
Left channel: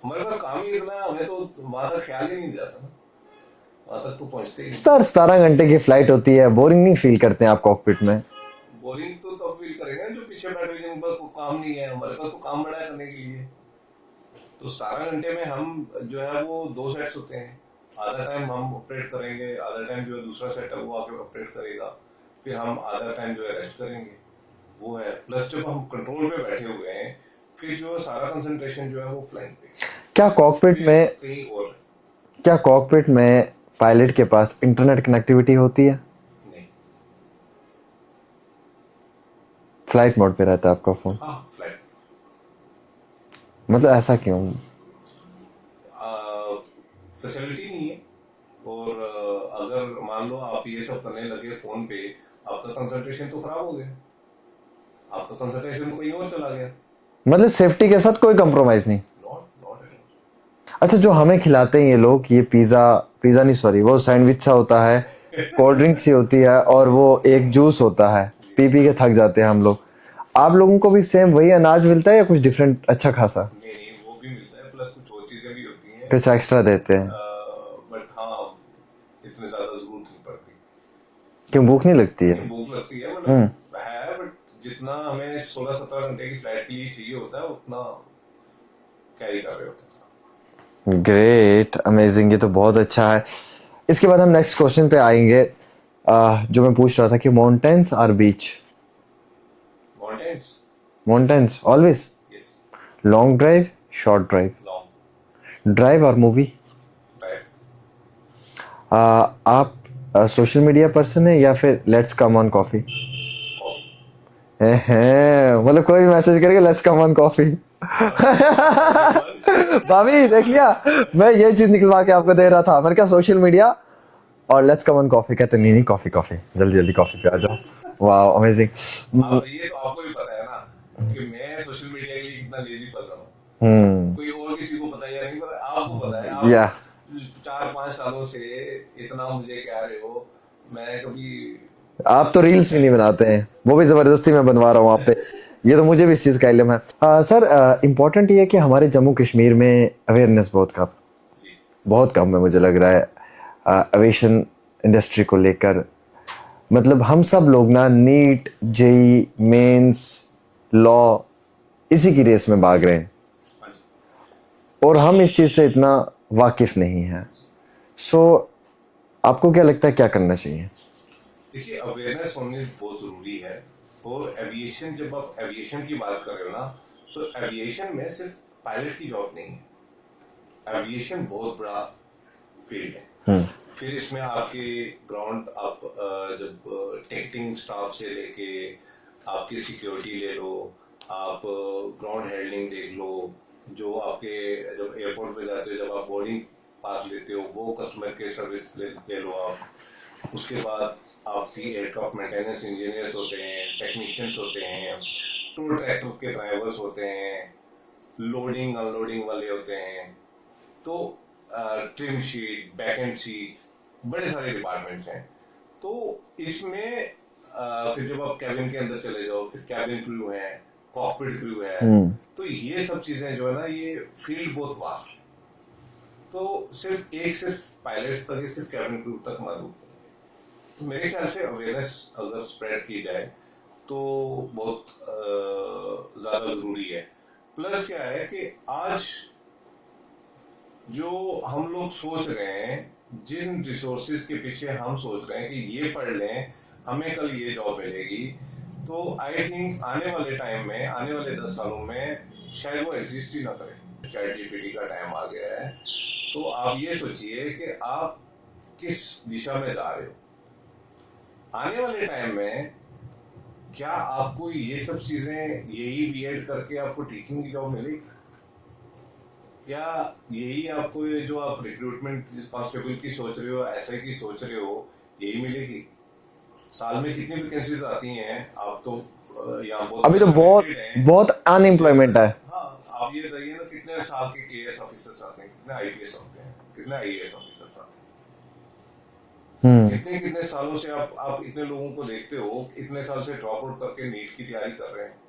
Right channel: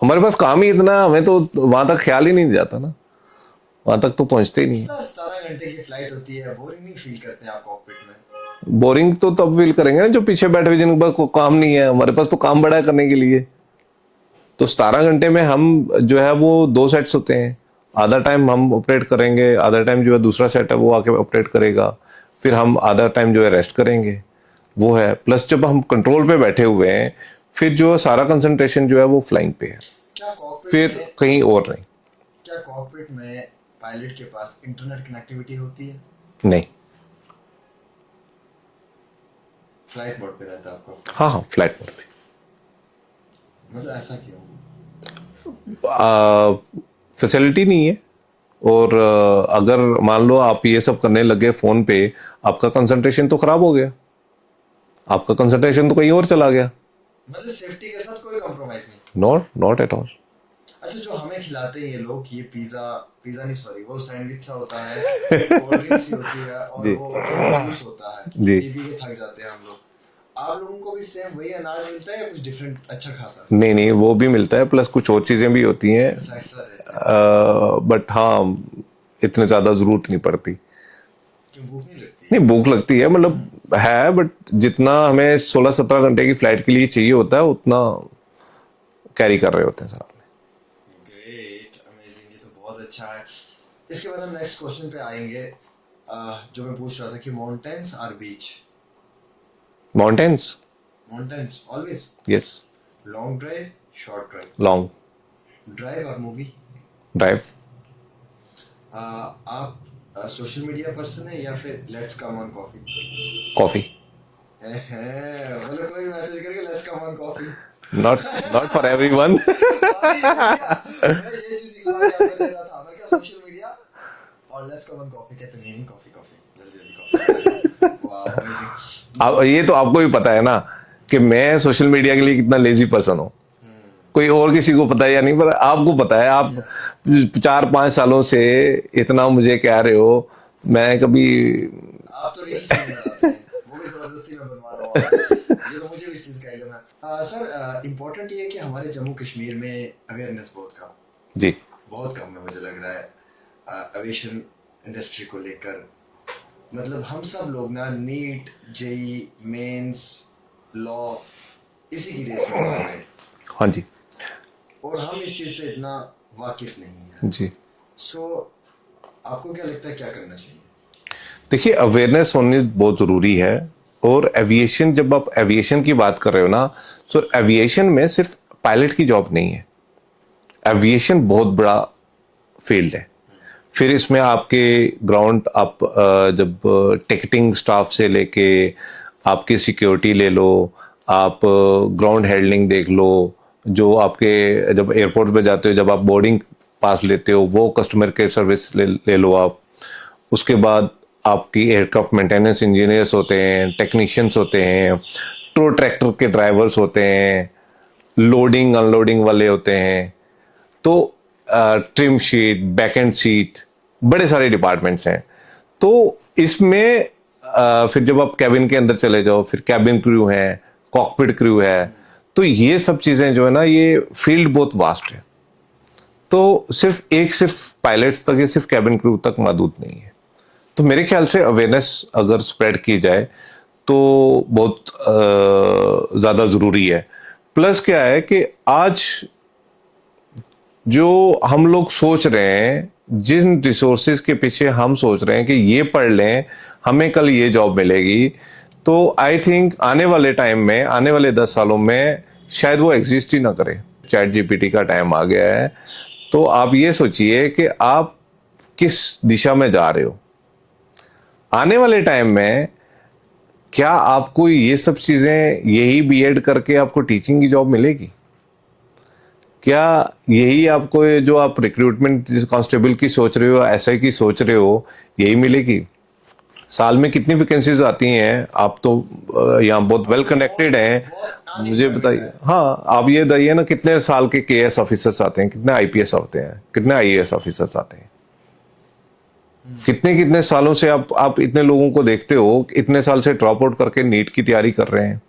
हमारे पास काम ही इतना, हमें तो वहां तक ख्याल ही नहीं जाता ना, वहां तक तो पहुंचते ही नहीं। 17 17 घंटे की फ्लाइट होती है, बोरिंग नहीं फील करते हैं आप कॉकपिट में? बोरिंग तो तब फील करेंगे ना जो पीछे बैठे हुए, जिनके पास कोई काम नहीं है। हमारे पास तो काम बड़ा है करने के लिए। तो 17 घंटे में हम जो है वो 2 सेट्स होते हैं, आधा टाइम हम ऑपरेट करेंगे, आधा टाइम जो है दूसरा सेट है वो आके ऑपरेट करेगा, फिर हम आधा टाइम जो है रेस्ट करेंगे। वो है, प्लस जब हम कंट्रोल पे बैठे हुए हैं, फिर जो सारा कंसंट्रेशन जो है वो फ्लाइंग पे है, क्या कॉकपिट फिर में कहीं और नहीं। क्या कॉकपिट में पायलट के पास इंटरनेट कनेक्टिविटी होती है? नहीं। फ्लाइट मोड पे रहता है आपका फोन? हाँ हाँ, फ्लाइट मोड पे। मतलब ऐसा क्यों? फैसिलिटी नहीं है। और अगर मान लो आप ये सब करने लगे फोन पे, आपका कंसंट्रेशन तो खराब हो गया, आपका कंसंट्रेशन तो कहीं और चला गया। मतलब सेफ्टी के साथ कोई कंप्रोमाइज नहीं? Not not at all. अच्छा, जो हमें खिलाते हैं ये लोग, ये पिज्जा, पिज्जा नहीं सॉरी, वो सैंडविच सा होता है, कोल्ड ड्रिंक सी होती है, और वो एक जूस होता है, जी। पी पी के थक जाते हैं हम लोग। आप लोगों को भी सेम वही अनाज मिलता है या कुछ डिफरेंट अच्छा खासा? नहीं नहीं, वो भी मिलता है, प्लस कुछ और चीजें भी होती हैं, कुछ एक्स्ट्रा देते हैं? बट हाँ, इतने ज्यादा जरूरत नहीं पड़ती। क्यों, भूख नहीं लगती है? नहीं, भूख लगती है, मतलब है, बट जितना हमें 16 17 घंटे की फ्लाइट के लिए चाहिए होता है उतना कैरी कर रहे होते हैं साथ में। ग्रेट, अमेजिंग, ये तो बहुत अच्छा है। इसके बाद हम नेक्स्ट क्वेश्चन पे आएंगे, जो मैं पूछ रहा था कि माउंटेन्स और beach? Mountains. Mountains always. Yes. Long drive, short drive? Long drive और मूवी? ड्राइव। आप सोशल मीडिया पर्सन है या फिर let's come on coffee? Coffee. मतलब कोई मैसेज करेगा let's come on coffee? Not for everyone. भाभी देख लिया, मैं ये चीज निकलवा के आपको दे रहा था। मैंने कहा सोशल मीडिया और लेट्स कम ऑन कॉफी, कहते नहीं नहीं कॉफी कॉफी, जल्दी जल्दी कॉफी करा दो। Wow amazing. अब ये तो आपको भी पता है ना कि मैं सोशल मीडिया के लिए कितना लेजी पर्सन हूँ। कोई और किसी को पता है या नहीं पता, आपको पता है। आप Yeah. 4-5 सालों से इतना मुझे कह रहे हो, मैं कभी आप तो रील्स भी नहीं बनाते हैं, वो भी जबरदस्ती मैं बनवा रहा हूँ आप पे। ये तो मुझे भी इस चीज का इल्म है। सर इम्पोर्टेंट ये है कि हमारे जम्मू कश्मीर में अवेयरनेस जी बहुत कम है मुझे लग रहा है एविएशन इंडस्ट्री को लेकर। मतलब हम सब लोग ना नीट जेई मेंस लॉ इसी की रेस में भाग रहे हैं हाँ जी और हम इस चीज से इतना वाकिफ नहीं है। जी। सो आपको क्या लगता है क्या करना चाहिए? देखिए, अवेयरनेस होनी बहुत ज़रूरी है। और एविएशन, जब आप एविएशन की बात कर रहे हो ना, तो एविएशन में सिर्फ पायलट की जॉब नहीं है। एविएशन बहुत बड़ा फील्ड है। फिर इसमें आपके ग्राउंड, आप जब टिकटिंग स्टाफ से लेके आपकी सिक्योरिटी ले लो, आप ग्राउंड हैंडलिंग देख लो, जो आपके जब एयरपोर्ट पे जाते हो, जब आप बोर्डिंग पास लेते हो, वो कस्टमर केयर सर्विस ले लो आप। उसके बाद आपकी एयरक्राफ्ट मेंटेनेंस इंजीनियर्स होते हैं, टेक्नीशियंस होते हैं, टो ट्रैक्टर के ड्राइवर्स होते हैं, लोडिंग अनलोडिंग वाले होते हैं। तो trim sheet, back and seat, बड़े सारे डिपार्टमेंट्स हैं। तो इसमें फिर जब आप कैबिन के अंदर चले जाओ, फिर कैबिन क्रू है, कॉकपिट क्रू है। तो ये सब चीजें जो है ना, ये फील्ड बहुत वास्ट है। तो सिर्फ पायलट्स तक या सिर्फ कैबिन क्रू तक महदूद नहीं है। तो मेरे ख्याल से अवेयरनेस अगर स्प्रेड की जाए तो बहुत ज़्यादा ज़रूरी है। प्लस क्या है कि आज जो हम लोग सोच रहे हैं, जिन रिसोर्सेज के पीछे हम सोच रहे हैं कि ये पढ़ लें हमें कल ये जॉब मिलेगी, तो आई थिंक आने वाले टाइम में, आने वाले 10 सालों में शायद वो एग्जिस्ट ही ना करे। चैट जीपीटी का टाइम आ गया है। तो आप ये सोचिए कि आप किस दिशा में जा रहे हो। आने वाले टाइम में क्या आपको ये सब चीजें, यही बीएड करके आपको टीचिंग की जॉब मिलेगी? क्या यही आपको ये जो आप रिक्रूटमेंट कांस्टेबल की सोच रहे हो, एसआई की सोच रहे हो, यही मिलेगी? साल में कितनी वैकेंसीज आती हैं? आप तो यहाँ बहुत वेल कनेक्टेड हैं, बहुत अनएम्प्लॉयमेंट है। हाँ, आप ये बताइए ना, कितने साल के केएस ऑफिसर्स आते हैं, कितने आईपीएस आते हैं, कितने आईएएस ऑफिसर्स आते हैं? कितने कितने सालों से आप इतने लोगों को देखते हो, इतने साल से ड्रॉप आउट करके नीट की तैयारी कर रहे हैं।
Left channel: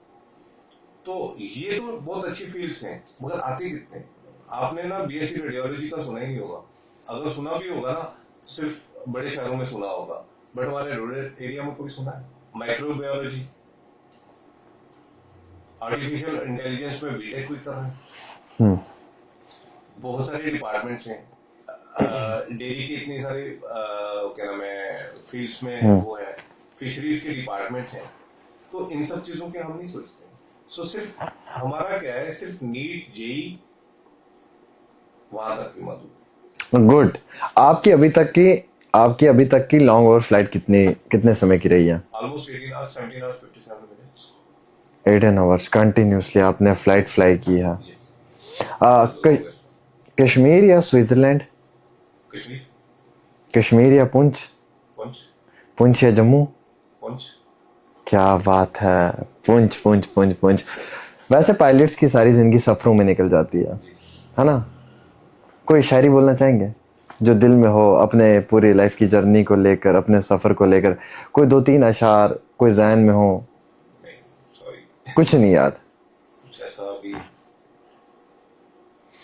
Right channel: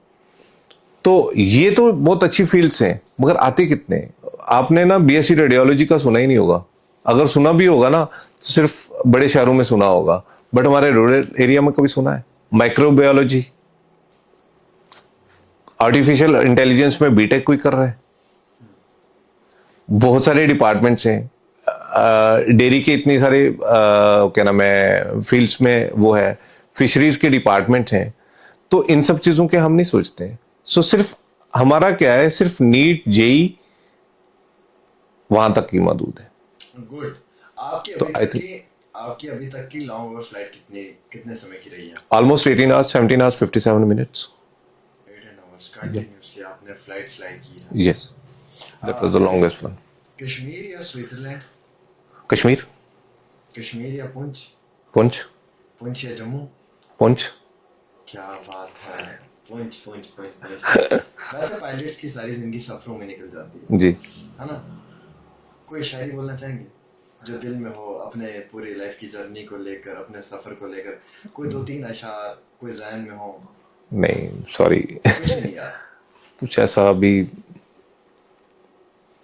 तो ये तो बहुत अच्छी फील्ड्स हैं, मगर आते कितने? आपने ना बीएससी रेडियोलॉजी का सुना ही नहीं होगा। अगर सुना भी होगा ना, तो सिर्फ बड़े शहरों में सुना होगा, बट हमारे रूरल एरिया में कभी सुना है? माइक्रोबायोलॉजी, आर्टिफिशियल इंटेलिजेंस में बीटेक कोई कर रहा है? बहुत सारे डिपार्टमेंट्स हैं। डेयरी के इतनी सारे क्या नाम है फील्ड्स में वो है, फिशरीज के डिपार्टमेंट हैं। तो इन सब चीजों के हम नहीं सोचते। सो सिर्फ हमारा क्या है, सिर्फ नीट जेई वहां तक की महदूद है। गुड। आपकी अभी तक की लॉन्ग ओवर फ्लाइट कितने समय की रही है? Almost 18 hours, 17 hours 57 minutes. 18 hours continuously आपने फ्लाइट फ्लाई की है? Yes, that was the longest one. Kashmir या स्विट्जरलैंड? कश्मीर। कश्मीर या पुंछ? पुंछ। पुंछ या जम्मू? पुंछ। क्या बात है, पुंछ पुंछ पुंछ पुंछ। वैसे पायलट्स की सारी जिंदगी सफरों में निकल जाती है जी, है ना? कोई शायरी बोलना चाहेंगे जो दिल में हो, अपने पूरी लाइफ की जर्नी को लेकर, अपने सफर को लेकर? कोई 2-3 अशार कोई ज़हन में हो? नहीं, सॉरी, कुछ नहीं याद? कुछ ऐसा अभी।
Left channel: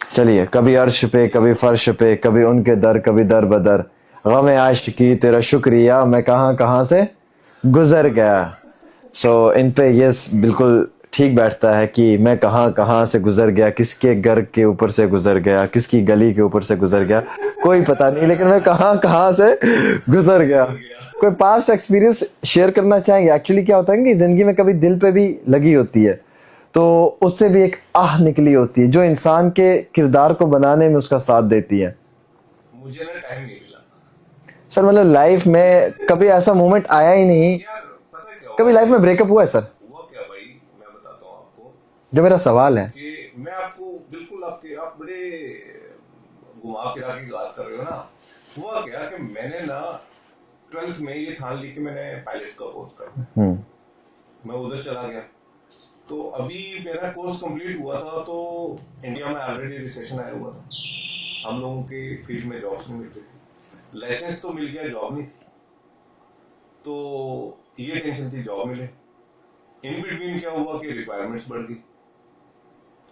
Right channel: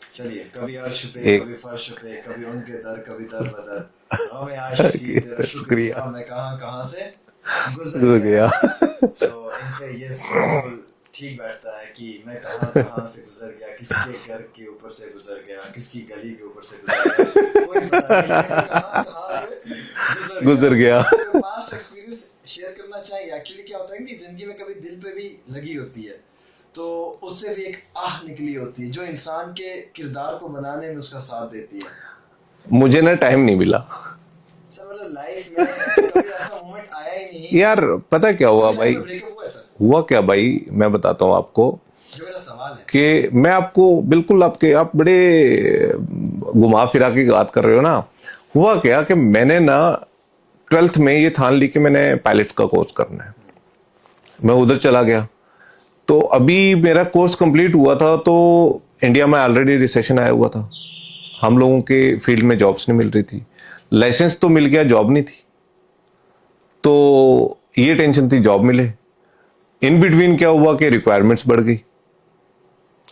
चलिए, कभी अर्श पे, कभी फर्श पे, कभी उनके दर, कभी दर बदर, गम आशिकी तेरा शुक्रिया, मैं कहां कहां से गुजर गया। सो इन पे ये बिल्कुल ठीक बैठता है कि मैं कहां कहां से गुजर गया, किसके घर के ऊपर से गुजर गया, किसकी गली के ऊपर से गुजर गया, कोई पता नहीं, लेकिन मैं कहां कहां से गुजर गया। कोई पास्ट एक्सपीरियंस शेयर करना चाहेंगे? एक्चुअली क्या होता है कि जिंदगी में कभी दिल पे भी लगी होती है, तो उससे भी एक आह निकली होती है जो इंसान के किरदार को बनाने में उसका साथ देती है। मुझे ना टाइम नहीं मिला। सर मतलब लाइफ में कभी ऐसा मोमेंट आया ही नहीं, यार पता है क्या हुआ कभी लाइफ भाई, में ब्रेकअप हुआ है सर? हुआ क्या भाई, मैं बताता हूँ आपको जो मेरा सवाल है। कि मैं आपको बिल्कुल आप बड़े घुमा फिरा के बात कर रहे हो ना। हुआ क्या कि मैंने ना 12th में ये ठान ली कि मैंने पायलट का कोर्स करना है। मैं उधर चला गया, तो अभी मेरा कोर्स कंप्लीट हुआ था तो इंडिया में ऑलरेडी रिसेशन आया हुआ था, हम लोगों के फील्ड में जॉब्स नहीं मिल रही थी, लाइसेंस तो मिल गया, जॉब नहीं थी। तो ये टेंशन थी जॉब मिले। इन बिटवीन क्या हुआ कि रिक्वायरमेंट्स बढ़ गई,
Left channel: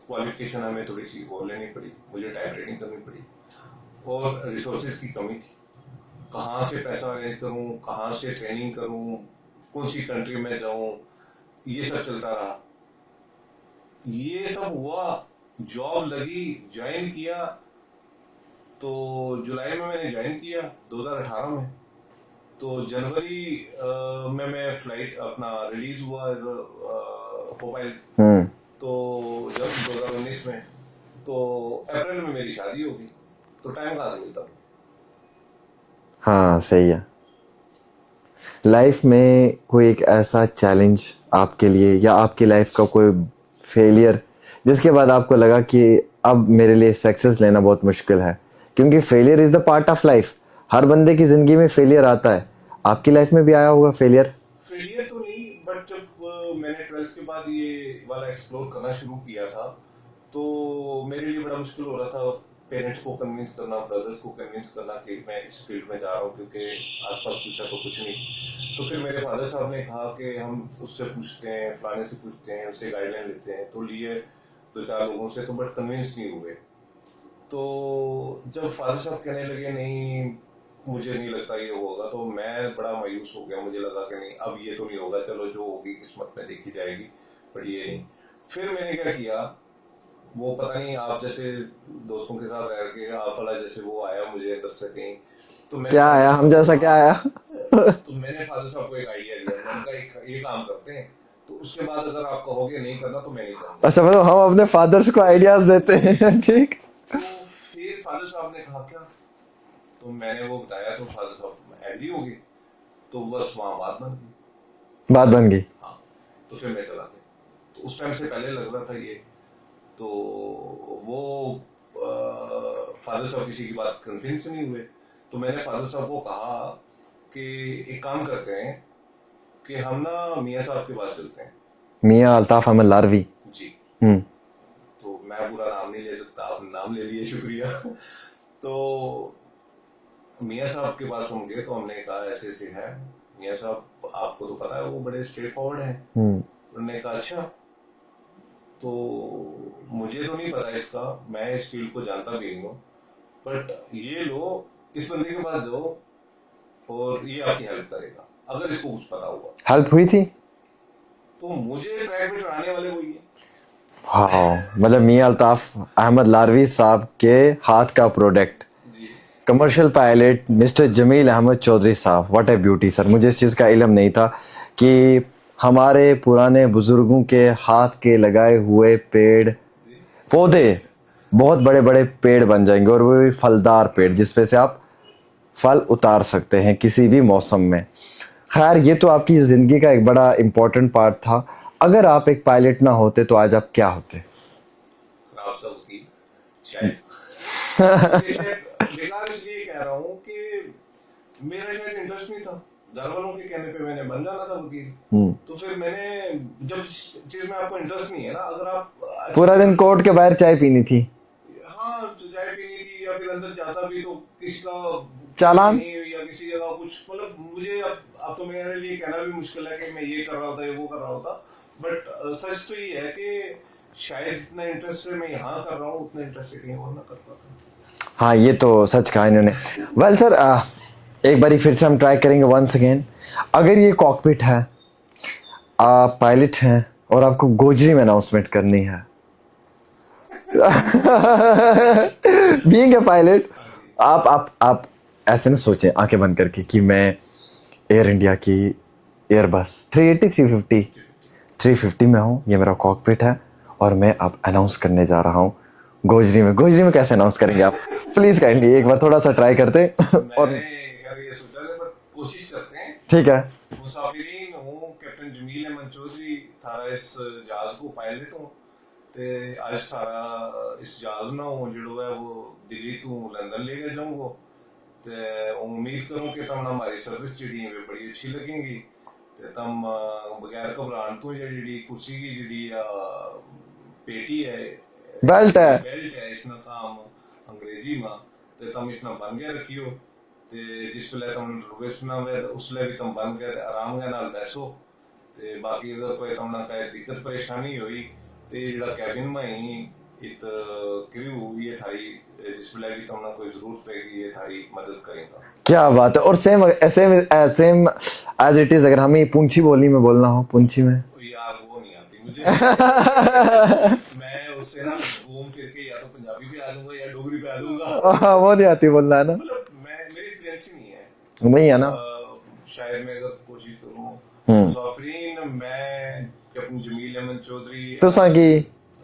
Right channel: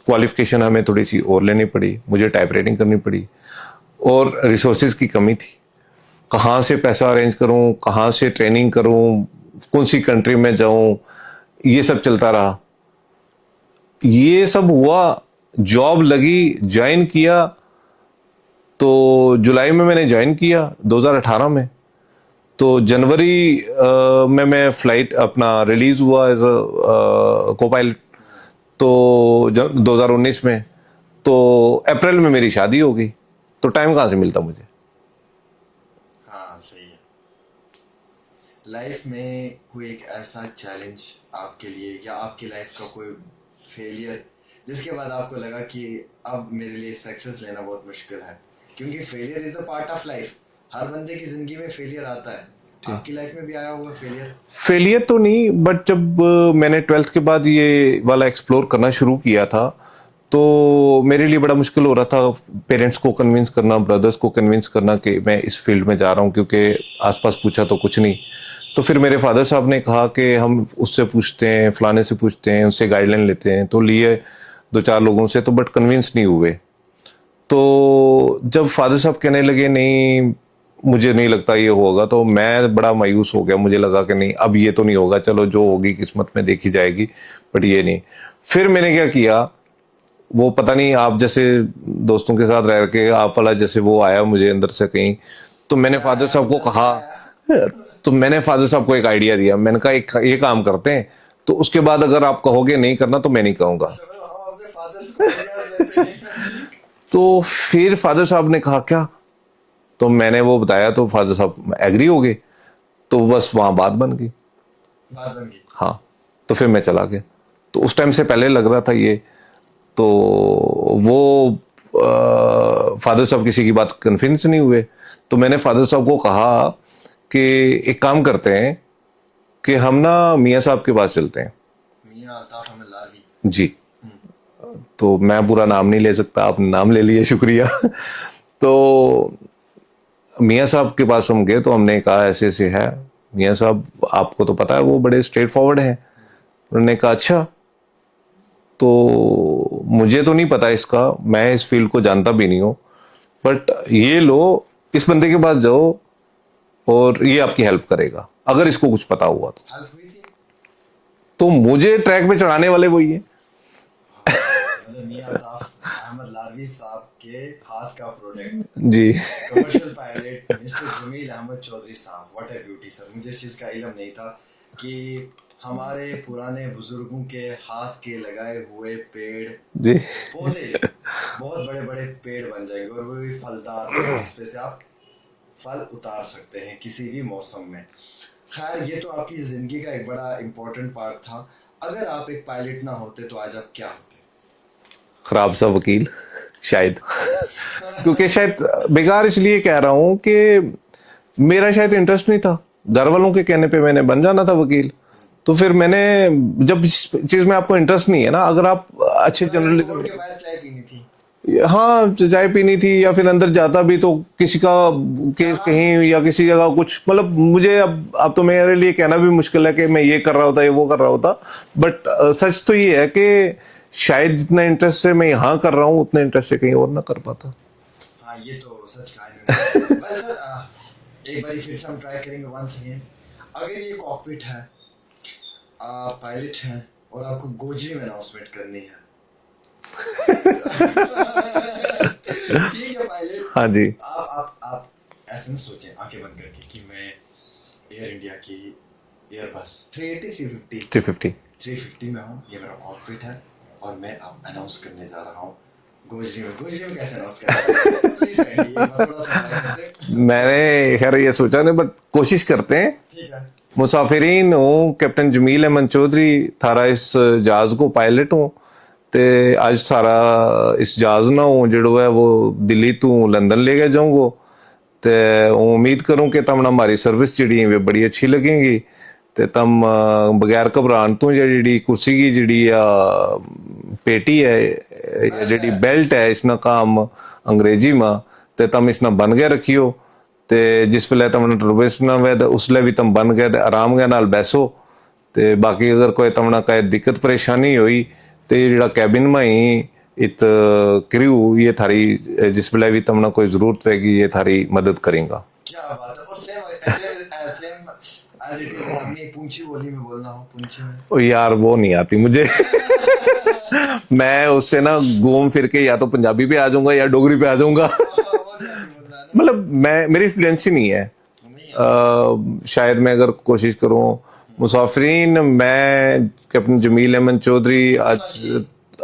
क्वालिफिकेशन हमें थोड़ी सी और लेनी पड़ी, मुझे टाइप राइटिंग करनी पड़ी, और रिसोर्सेज की कमी थी। कहाँ से पैसा अरेंज करूं, कहाँ से ट्रेनिंग करूं, कौन सी कंट्री में जाऊं, ये सब चलता रहा। ये सब हुआ, जॉब लगी, ज्वाइन किया। तो जुलाई में मैंने ज्वाइन किया 2018 में। तो जनवरी में मैं फ्लाइट अपना रिलीज हुआ एज अ को पायलट। तो 2019 में, तो अप्रैल में मेरी शादी हो गई। तो टाइम कहाँ से मिलता मुझे। हाँ सही है। लाइफ में कोई एक ऐसा चैलेंज आपके लिए या आपकी लाइफ का कोई फेलियर जिसके बाद आपको लगा कि अब मेरे लिए सक्सेस लेना बहुत मुश्किल है, क्योंकि failure is the part of life. हर बंदे की जिंदगी में फेलियर आता है। आपकी लाइफ में भी आया होगा फेलियर? फेलियर तो नहीं, बट जब मैंने 12th के बाद ये वाला एक्सप्लोर करना शुरू किया था तो मेरे लिए बड़ा मुश्किल हो रहा था पेरेंट्स को कन्विंस करना, ब्रदर्स को कन्विंस करना कि मैं इस फील्ड में जा रहा हूँ, क्योंकि आसपास पूछा तो कुछ नहीं। तो फिर मेरे फादर साहब ने कहा कि हम उससे पूछते हैं, फलाने से पूछते हैं, उससे गाइडलाइन लेते हैं। तो लिए 2-4 लोगों से, तो बट कन्विंस नहीं हुए। तो जब फादर साहब कहने लगे नहीं मुझे नहीं लगता ये होगा, तो मैं बड़ा मायूस हो गया। मुझे लगा कि नहीं अब ये तो नहीं होगा, चलो जो होगी किस्मत में देखी जाएगी, बट ये नहीं। फिर मैंने क्या किया, वो पता नहीं आप जैसे दोस्तों के साथ रह के आप वाला जैसे वो आया मुझे अंदर से कहीं। तो मैंने क्या फादर आया? साहब हम को जैसा क्या आया? कहा तो मैंने फादर साहब को एक आइडिया दिया। मैंने कहा एक ये काम करते हैं, तो उसके बाद अगर आप कहोगे नहीं करना तो मैं नहीं कहूंगा। अच्छा मतलब हम अपने फादर्स को आइडियाज देते हैं। ठीक। तो फिर फादर साहब ने कहा क्या, तो मैंने वो बताया, तो फादर साहब एग्री हो गए। तो बस वहां बात बन गई। बात बन गई। हाँ, तो फिर मैं चला गया। तो उस टाइम से पहले लग रहा था ये, तो वो फादर साहब किसी की बात कन्विंस नहीं हुए। तो मैंने फादर साहब को कहा कि एक काम करते हैं कि हम ना मियाँ साहब के पास चलते हैं। मियाँ अल्ताफ अहमद लारवी जी। तो मैं पूरा नाम नहीं ले सकता, आपने नाम ले लिया, शुक्रिया। तो मियाँ साहब के पास हम गए, तो हमने कहा ऐसे ऐसे है। मियाँ साहब आपको तो पता है वो बड़े स्ट्रेट फॉरवर्ड हैं। उन्होंने कहा अच्छा, तो मुझे तो नहीं पता इसका, मैं इस फील्ड को जानता भी नहीं हूँ, बट ये लो इस बंदे के पास जाओ और ये आपकी हेल्प करेगा अगर इसको कुछ पता हुआ तो। हेल्प हुई थी? तो मुझे ट्रैक पे चढ़ाने वाले वही है। हाँ मतलब मियाँ अल्ताफ अहमद लारवी साहब के हाथ का प्रोडक्ट, जी। Commercial pilot mister Jamil Ahmed Chaudhry साहब। व्हाट ए ब्यूटी सर, मुझे इस चीज़ का इल्म नहीं था कि हमारे पुराने बुजुर्गों के हाथ के लगाए हुए पेड़ जी। पौधे बहुत बड़े बड़े पेड़ बन जाएंगे, और वो भी फलदार पेड़ जिसपे से आप फल उतार सकते हैं किसी भी मौसम में। खैर ये तो आपकी ज़िंदगी का एक बड़ा इम्पोर्टेंट पार्ट था। अगर आप एक पायलट ना होते तो आज आप क्या होते? खराब सा वकील शायद। क्योंकि शायद बेकार इसलिए कह रहा हूं कि मेरा शायद इंटरेस्ट नहीं था, घर वालों के कहने पे मैंने बन जाना था वकील। तो फिर मैंने, जब इस चीज में आपको इंटरेस्ट नहीं है ना, अगर आप अच्छे पूरा दिन कोर्ट के बाहर चाय पीनी थी। हाँ चाय पीनी थी, या फिर अंदर जाता भी तो किसी का केस चालान? कहीं या किसी जगह कुछ, मतलब मुझे अब तो मेरे लिए कहना भी मुश्किल है कि मैं ये कर रहा होता, ये वो कर रहा होता। बट सच तो ये है कि शायद जितना इंटरेस्ट से मैं यहाँ कर रहा हूँ उतना इंटरेस्ट से कहीं और ना कर पाता। हाँ ये तो सच कहा इन्होंने। वेल सर एक बारी फिर से हम ट्राई करेंगे वंस अगेन। अगर ये कॉकपिट है, आप पायलट हैं और आपको गोजरी में अनाउंसमेंट करनी है। बीइंग ए पायलट, हाँ जी। आप ऐसे ना सोचें आंखें बंद करके कि मैं एयर इंडिया की एयरबस 380 350 में हूँ, ये मेरा कॉकपिट है और मैं अब अनाउंस करने जा रहा हूँ गोजरी में कैसे अनाउंस करेंगे आप? प्लीज काइंडली एक बार थोड़ा सा ट्राई करते। मैंने खैर ये सोचा नहीं, बट कोशिश करते हैं। ठीक है। मुसाफिरीन हूँ कैप्टन जमील अहमद चौधरी, थारा इस जहाज को पायलट हूँ ਤੇ ਅੱਜ ਸਾਰਾ ਇਸ ਜਹਾਜ਼ ਨੂੰ ਜਿਹੜਾ ਹੈ ਉਹ ਦਿੱਲੀ ਤੋਂ लंदन ले गया जाऊंगा। तो उम्मीद करूं कि तमने हमारी सर्विस जी है बड़ी अच्छी लगेगी। तो तम बगैर घबराहट तो जी कुर्सी की जी पेटी है, जी बेल्ट है, इसना काम अंग्रेजी में, तो तम इसना बन गया रखियो। तो जिस वेले तमने टर्बुलेंस ना वे उसले भी तम बन गए आराम के नाल बैसो। तो बाकी अगर कोई तमना कहीं दिक्कत परेशानी हुई तो जो कैबिन में ही इत क्रू ये थारी जिस वेले भी तमना कोई जरूरत रहेगी ये थारी मदद करेगा। क्या बात है। और सेम एज इट इज अगर हमें पुंछी बोली में बोलना हो, पुंछी में? ओ यार वो नहीं आती मुझे। मैं उससे ना घूम फिर के या तो पंजाबी पे आ जाऊंगा या डोगरी पे आ जाऊंगा। वो नहीं आती बोलना है ना, मतलब मेरी फ्लुएंसी नहीं है। नहीं है ना। शायद मैं अगर कोशिश करूं। मुसाफिरीन, मैं कैप्टन जमील अहमद चौधरी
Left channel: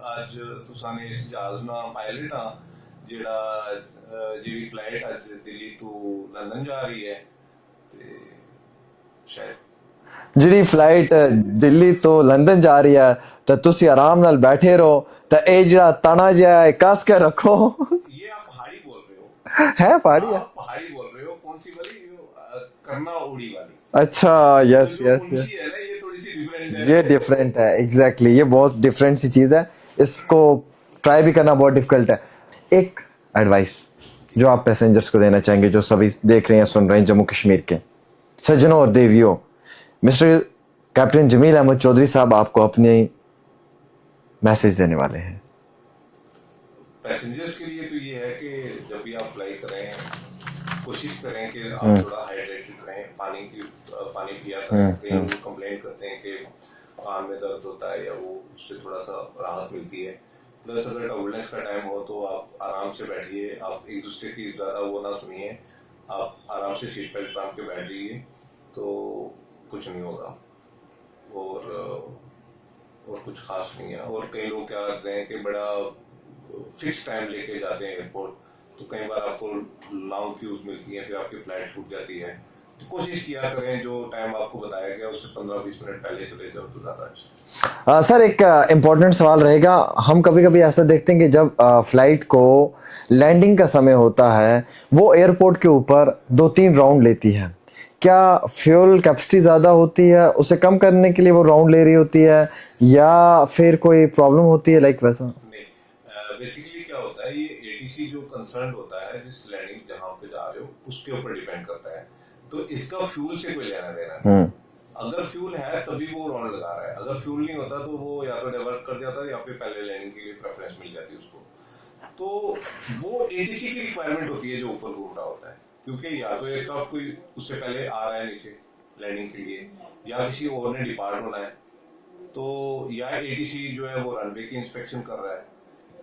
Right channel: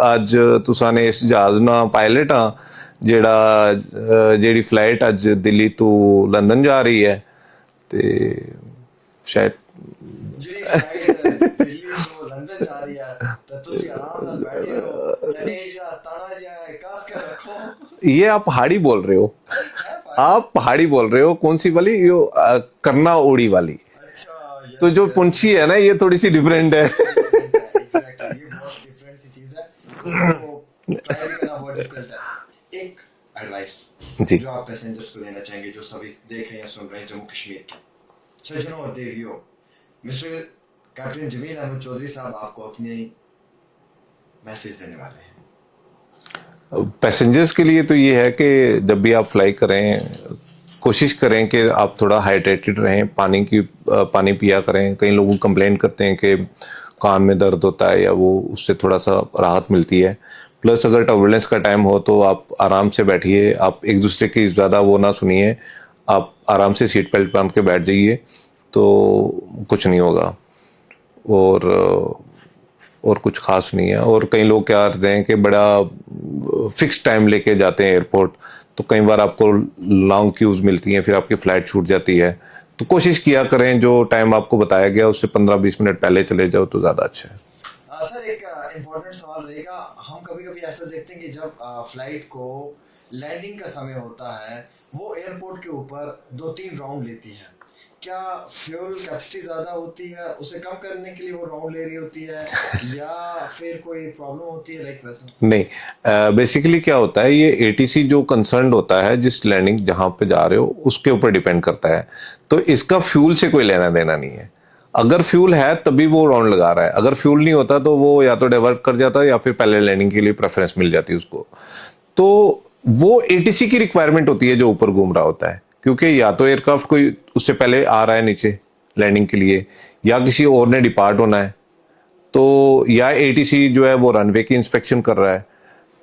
आज तुसा ने इस जहाज ना पायलट हाँ जेड़ी फ्लाइट अज दिल्ली तो लंदन जा रही है। ते शायद जी फ्लाइट दिल्ली तो लंदन जा रही है तो तुसी आराम नाल बैठे रहो। तो ये जरा तना जिहा कस के रखो। ये आप पहाड़ी बोल रहे हो? है पहाड़ी? आप पहाड़ी बोल रहे हो? कौन सी वाली? यो करना ओड़ी वाली। अच्छा यस। तो जो पुंछी है ना ये थोड़ी सी डिफरेंट है। ये डिफरेंट है एग्जैक्टली। ये बहुत डिफरेंट सी चीज है, इसको ट्राई भी करना बहुत डिफिकल्ट है। एक एडवाइस जो आप पैसेंजर्स को देना चाहेंगे जो सभी देख रहे हैं सुन रहे हैं जम्मू कश्मीर के सज्जनों और देवियों, मिस्टर कैप्टन जमील अहमद चौधरी साहब आपको अपने मैसेज देने वाले हैं। पैसेंजर्स के लिए तो ये है कि जब भी आप फ्लाई करें कोशिश करें कि आप थोड़ा हाइड्रेटेड रहें, पानी पिया करें। कई लोग कंप्लेंट करते हैं कि कान में दर्द होता है या वो उससे थोड़ा सा राहत मिलती है। प्लस अगर टर्बुलेंस का टाइम हो तो आप आराम से बैठिए, आप एक दूसरे की ज़्यादा वो ना सुनिए, आप आराम से सीट बेल्ट बांध के बैठ जाइए तो कुछ नहीं होगा। और कुछ खास नहीं है। और कई लोग क्या करते हैं कि बड़ा फिक्स टाइम लेके जाते हैं एयरपोर्ट, तो कई बार आपको लॉन्ग क्यूज़ मिलती हैं, फिर आपकी फ़्लाइट छूट जाती है। तो कोशिश किया करें जो टाइम आपको बताया गया उससे 15-20 मिनट पहले चले जाओ तो ज़्यादा अच्छा है। सर एक इम्पोर्टेंट सवाल रहेगा। हम कभी कभी ऐसा देखते हैं कि जब फ्लाइट को लैंडिंग का समय होता है वो एयरपोर्ट के ऊपर 2-3 राउंड लेती है। क्या फ्यूल कैपेसिटी ज़्यादा होती है, उसे कम करने के लिए वो राउंड ले रही होती है या फिर कोई प्रॉब्लम होती है लाइक वैसा? नहीं, बेसिकली क्या होता है ये एटीसी जो कंसर्न होता है जिस लैंडिंग जहां पे जा रहे हो उसके ऊपर डिपेंड करता है। तो इसका फ्यूल से कोई लेना देना नहीं है। अगर फ्यूल है तभी वो राउंड लगा रहा है, अगर फ्यूल नहीं होता तो वो या तो डाइवर्ट कर जाता है या फिर पहले लैंडिंग के लिए प्रेफरेंस मिल जाती है उसको। तो वो एटीसी की रिक्वायरमेंट होती है जो ऊपर घूम रहा होता है, क्योंकि या तो एयरक्राफ्ट कोई उससे पहले आ रहा है नीचे लैंडिंग के लिए या किसी और ने डिपार्ट होना है, तो या एटीसी जो है वो रनवे की इंस्पेक्शन कर रहा है।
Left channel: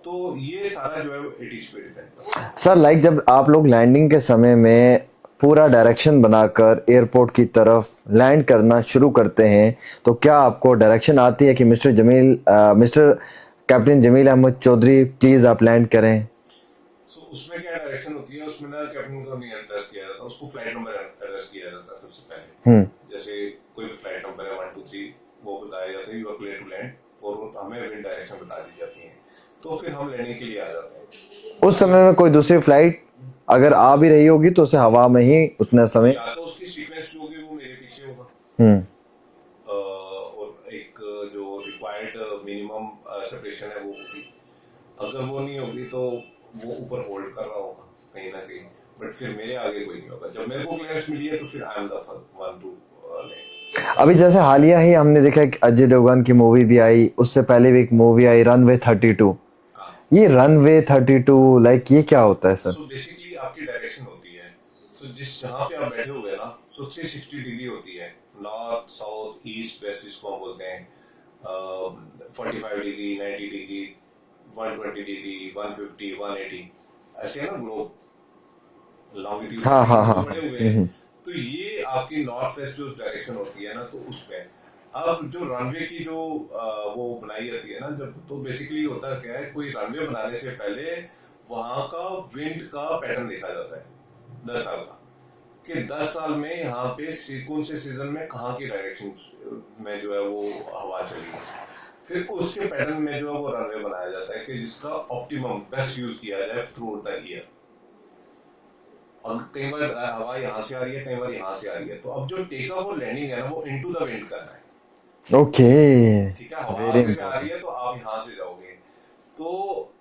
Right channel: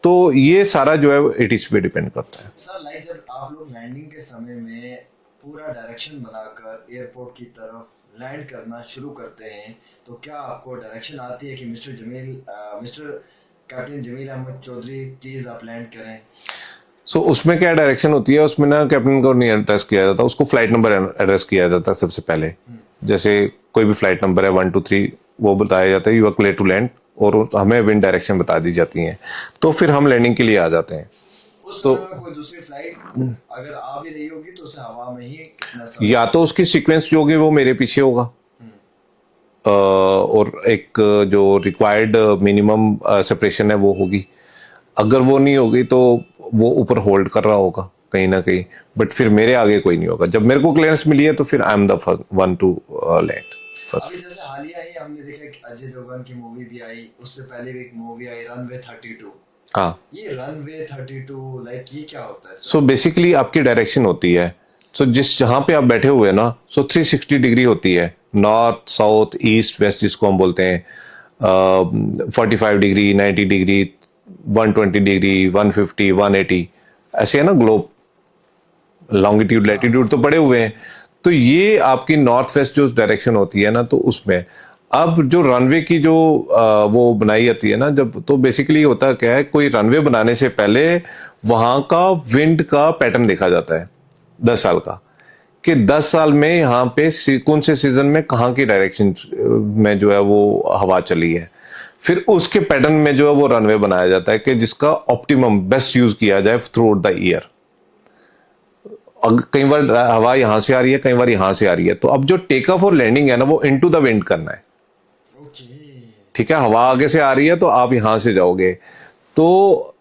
तो ये सारा जो है एटीसी पे डिपेंड करता है। सर लाइक जब आप लोग लैंडिंग के समय में पूरा डायरेक्शन बनाकर एयरपोर्ट की तरफ लैंड करना शुरू करते हैं तो क्या आपको डायरेक्शन आती है कि mister captain Jamil Ahmed Chaudhary please आप लैंड करें? सो उसमें क्या डायरेक्शन होती है, उसमें ना कैप्टन को नहीं एड्रेस किया जाता, उसको फ्लाइट नंबर एड्रेस किया जाता है सबसे पहले। जैसे कोई भी फ्लाइट नंबर है 1 2 3 वो बताया जाता है you are clear to land, और हमें विंड डायरेक्शन बता दी जाती है, तो फिर हम लैंडिंग के लिए आ जाते हैं। उस समय में कोई दूसरी फ्लाइट अगर आ भी रही होगी तो उसे हवा में ही उतना समय, या तो उसकी सीक्वेंस जो होगी वो मेरे पीछे होगा और एक जो रिक्वायर्ड मिनिमम सेपरेशन है वो होगी। अगर वो नहीं होगी तो वो ऊपर होल्ड कर रहा होगा कहीं ना कहीं, बट फिर मेरे आगे कोई नहीं होगा। जब मेरे को क्लियरेंस मिली है तो फिर I am the first one two land. अभी जैसे हालिया ही हमने देखा कि अजय देवगन की मूवी भी आई, उससे पहले भी एक मूवी आई रनवे 32। हाँ, ये रनवे 32 लाइक ये क्या होता है सर? सो बेसिकली आपकी डायरेक्शन होती है। सो जिस जहां पे आप बैठे हुए ना, सो 360 डिग्री होती है, नॉर्थ साउथ ईस्ट वेस्ट जिसको हम बोलते हैं। 45 डिग्री, 90 डिग्री, 120 डिग्री, 150, 180 ऐसे है ना ग्लोब, लॉन्गिट्यूड लैटिट्यूड तो पड़े हुए हैं। तो ये आपकी नॉर्थ वेस्ट जो डायरेक्शन होती है ना, तो उसमें अब जो रनवे की जो वो बनाई जाती है ना, जब तो बेसिकली होता क्या है, कोई रनवे बनाने से पहले वहां का विंड का पैटर्न देखा जाता है 10 साल का, कि 10 साल में यहाँ पे कौन से सीजन में कहाँ की डायरेक्शन में जो है वो हवा चली है। फिर उसके पैटर्न में जो है वो रनवे बनाया जाता है कि जिसका ऑप्टिमम बेस्ट यूज किया जाए थ्रू आउट द ईयर। कई बार हवा यहाँ से आ रही है, कई बार यहाँ से आ रही है, तो अब जो टेक ऑफ और लैंडिंग है ना, वो इनटू द विंड करना है। ओके, ठीक है, हवा आगे से आ रही है तो आप यहां से जाओगे, तो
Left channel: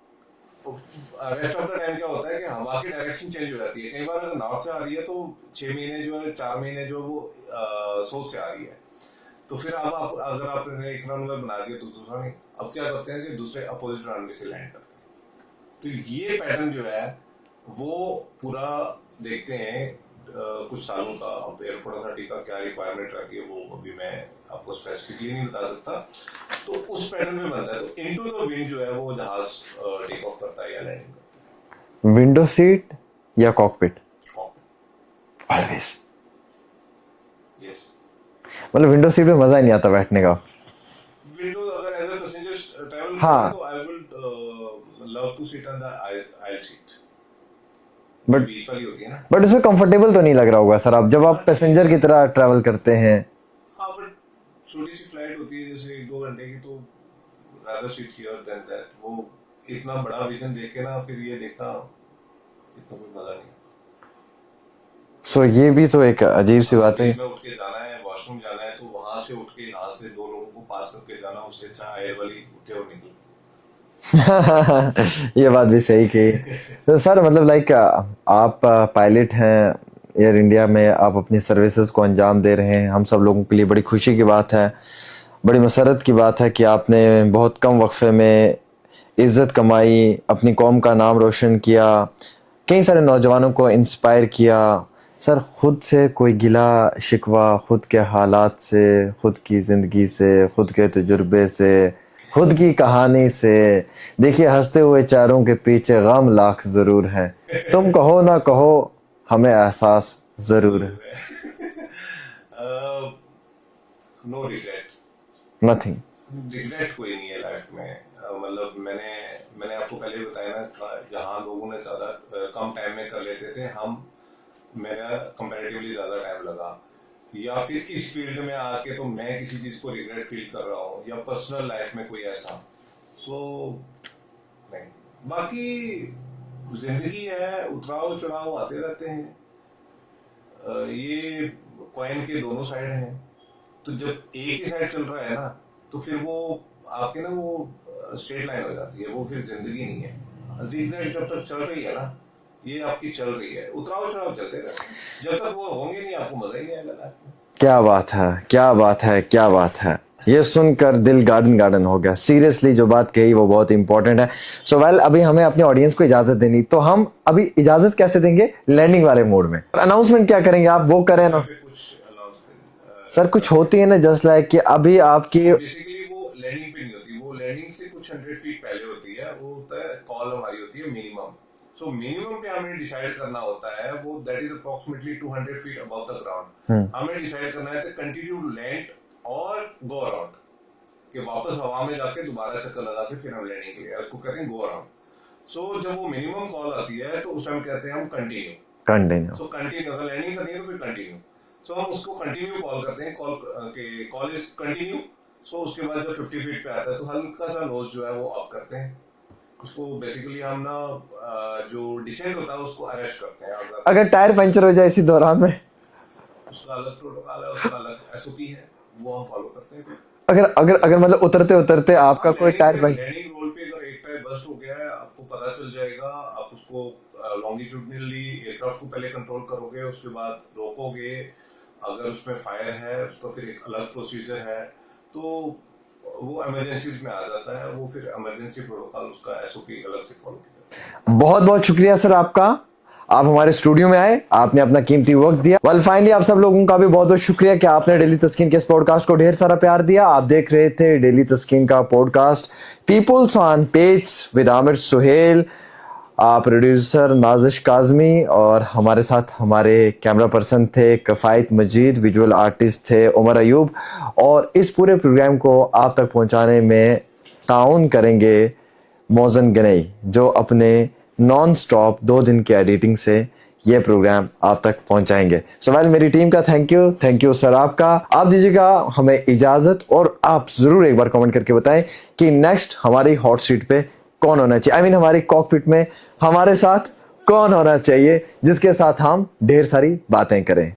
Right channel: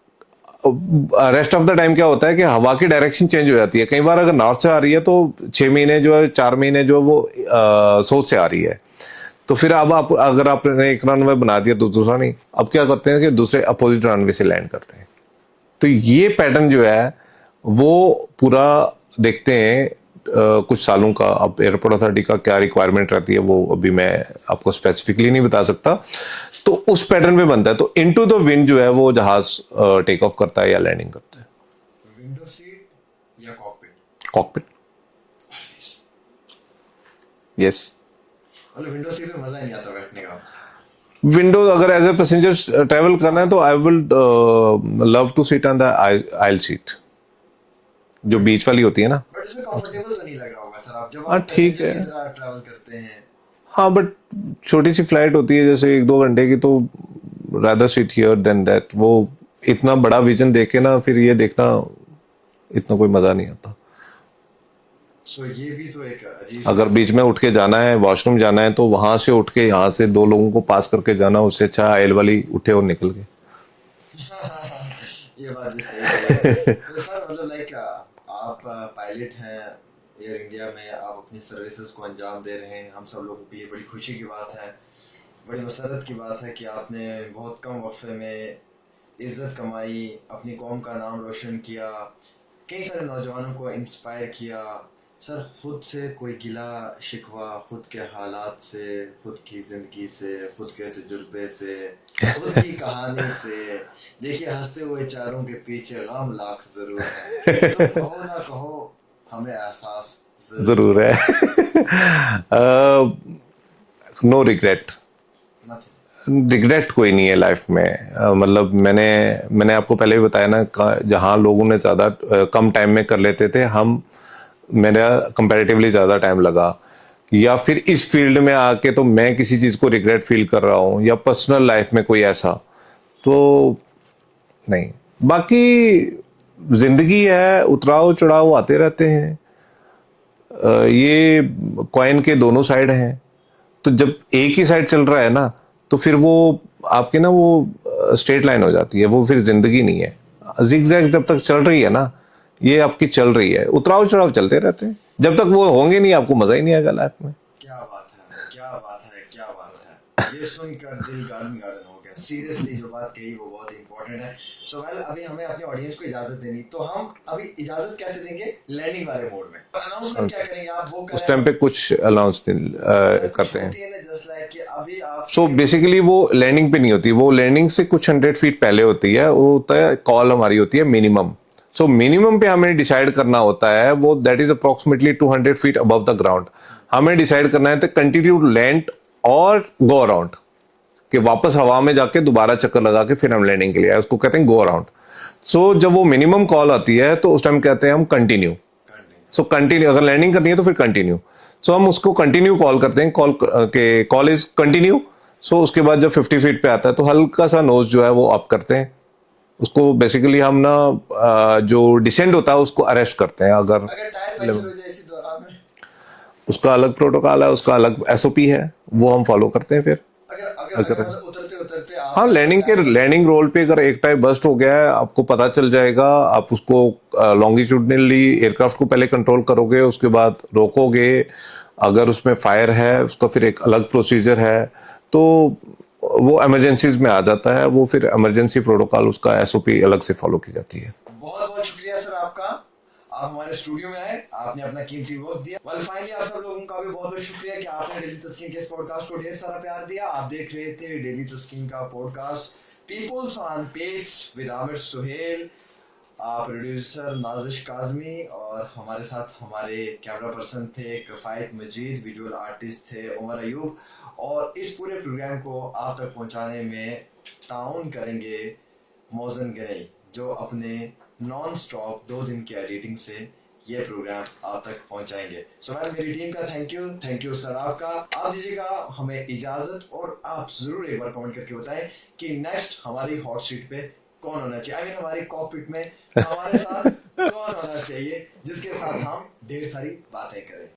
रेस्ट ऑफ द टाइम क्या होता है कि हवा की डायरेक्शन चेंज हो जाती है। कई बार अगर नॉर्थ से आ रही है तो 6 महीने जो है, 4 महीने जो है वो साउथ से आ रही है, तो फिर अब आप अगर आपने एक रनवे बना दिया तो दूसरा नहीं, अब क्या करते हैं कि दूसरे अपोजिट रनवे से लैंड करते हैं। तो ये पैटर्न जो है वो पूरा देखते हैं कुछ सालों का। अब एयरपोर्ट अथॉरिटी का क्या रिक्वायरमेंट रहती है वो अभी मैं आपको स्पेसिफिकली नहीं बता सकता, तो उस पैटर्न पे बनता है। तो इनटू द विंड जो है वो जहाज टेक ऑफ करता है या लैंडिंग करता है। विंडो सीट या कॉकपिट? Cockpit always. यस। मतलब विंडो सीट में मजा ही नहीं आता बैठने का। विंडो अगर एज ए पैसेंजर ट्रेवल करना है तो I will love to sit on the aisle seat, जो बीच वाली होती है ना। बट उसमें कंफर्टेबल तो नहीं लग रहा होगा सर, आप जब आप ठीक पैसेंजर है। की तरह ट्रैवल करते हैं। हाँ, बट छोटी सी फ्लाइट होती है जैसे 1-2 घंटे की, तो rather sit here than that. वो इतना बड़ा विजन देख के ना फिर ये देखना इतना कोई मजा नहीं आता। सो ये भी तो एक अजीब सी अगर बात बीच है। में उठ के जाना है, वॉशरूम जाना है, तो वहां से उठ के यहाँ से 2 लोगों को पास करके जाना, उससे अच्छा आयल वाली उठे और निकल गए। ये बात भी सही कही। तो सर मतलब लाइक आप पायलट हैं एयर इंडिया में, आप अपनी सर्विसेज को अंजाम दे रहे हैं। हम सब लोगों के लिए बड़ी खुशी की बात है, बड़ी मसरत की बात है कि आपने बहुत कम वक्फे में इज्जत कमाई, अपनी कौम का नाम रोशन किया, कई सारे नौजवानों को इंस्पायर किया। सर खुद से कोई गिला शिकवा, खुद के हालात से, खुद की ज़िंदगी से, खुद के तजुर्बे से, खुद की कहानी से, देखिए हंसते हुए चेहरों के पीछे गम लाख जरूर है। तुम कहो ना कहो हमें एहसास जरूर है। No regret. नथिंग। रिग्रेट कोई नहीं है लाइफ में। मतलब मैंने आपको पहले भी बताया ना, जहाँ लोगों ने ज़्यादा कम टाइम में कर लेते थे, मेरा कंपैरेटिवली ज़्यादा टाइम लगा, या फिर इस फील्ड में आके तो मैं किसी चीज़ को रिग्रेट फील कर रहा हूँ, या पर्सनल लाइफ में कोई ऐसा तो नहीं। बाकी ज़िंदगी है, उतराव चढ़ाव आते रहते हैं, ये कॉइन के दोनों साइड हैं। तो जब एक ही साइड चल रहा है ना, तो फिर वो आपकी ना वो स्ट्रेट लाइन हो जाती है, वो फिर जिंदगी नहीं है। जिगजैग जब तक चल रही है ना, ये आपकी चल रही है, उतराव चढ़ाव चलते रहते हैं। जब तक वो होंगे नहीं, आपको मजा ही नहीं आएगा लाइफ में। क्या बात है, क्या बात है, क्या बात है। ये सुनकर दिल गार्डन गार्डन हो गया। सीरियसली जो बात कही वो बहुत इंपॉर्टेंट है। सो वेल अभी हमें अपने ऑडियंस को इजाजत देनी, तो हम अभी इजाजत कैसे देंगे? लैंडिंग वाले मोड में अनाउंसमेंट क्या करेंगे आप, वो करें टाइम पे कुछ अनाउंसमेंट सर कुछ होती है ना, जस्ट लाइक कि अभी आपकी तो बेसिकली वो लैंडिंग पे नहीं होती, वो लैंडिंग से कुछ 100 फीट पहले होती है। वो होता है कॉल हमारी होती है मिनिमम। सो मिनिमम पे हमें डिसाइड करना होता है, वो that is approximately 200 feet above the ground. हमें डिसाइड करना है तो कंटिन्यू लैंड और गो अराउंड, कि वापस हवा में जाके दोबारा चक्कर लगा के फिर हम लैंडिंग के लिए आए, उसको कहते हैं गो अराउंड। सो जब वो मिनिमम कॉल आती है तो उस टाइम कहते हैं हम कंटिन्यू। सो कंटिन्यू, अगर लैंडिंग करनी है तो फिर कंटिन्यू। सो हम उसको कंटिन्यू कॉल करते हैं, कॉल इज कंटिन्यू। सो उसके बाद जब 50 फीट पे आता है तो हल्का सा नोज जो है वो अप करते हैं। उसको बेसिकली हम ना जो डिसेंड होता है उसको अरेस्ट करते हैं। अगर टायर पंचर हो जाए इसी दौरान में, उसका अलग प्रोटोकॉल है, उसका अलग एसओपी है, वो हम फॉलो करते हैं। फिर अगर मतलब उतरते उतरते आप लैंडिंग रोल पे अगर एक टायर बस्ट हो गया है, आपको पता चल जाएगा। आप उसको लॉन्गिट्यूडनली एयरक्राफ्ट को पहले कंट्रोल करोगे, उसके बाद रोकोगे। अगर उसमें फायर है उसका फिर एक अलग प्रोसीजर है, तो वो इमरजेंसीज में आ जाता है। वो फिर इमरजेंसी प्रोटोकॉल उसका एसओपी अलग से फॉलो की जाती है। बहुत बहुत शुक्रिया सर आपका, आप हमारे स्टूडियो में आए, आपने अपना कीमती वक्त दिया। वेल फाइनली आप सब लोगों का भी बहुत बहुत शुक्रिया कि आपने डेली तस्कीन के इस पॉडकास्ट को ढेर सारा प्यार दिया। आप देख रहे थे डेली तस्कीन का podcast peoples on page with Aamir Suhail. Producer Nazish Kazmi, और हमारे साथ हमारे कैमरा पर्सन थे कफ़ायत मजीद, विजुअल आर्टिस्ट थे उमर अयूब, और इस पूरे प्रोग्राम को आप तक पहुंचाने में ताउन करेंगे मोज़न गनई, जो अपने नॉन स्टॉप 2 दिन की एडिटिंग से ये प्रोग्राम आप तक पहुंचाएंगे। सो वेल, मेरी टीम का थैंक यू सर आपका। आप दीजिएगा हमें इजाज़त, और आप ज़रूर एक बार कमेंट करके बताएं कि नेक्स्ट हमारी हॉट सीट पे कौन होना चाहिए, I mean, हमारी कॉकपिट में हमारे साथ कौन होना चाहिए जिसके साथ हम ढेर सारी बातें करें।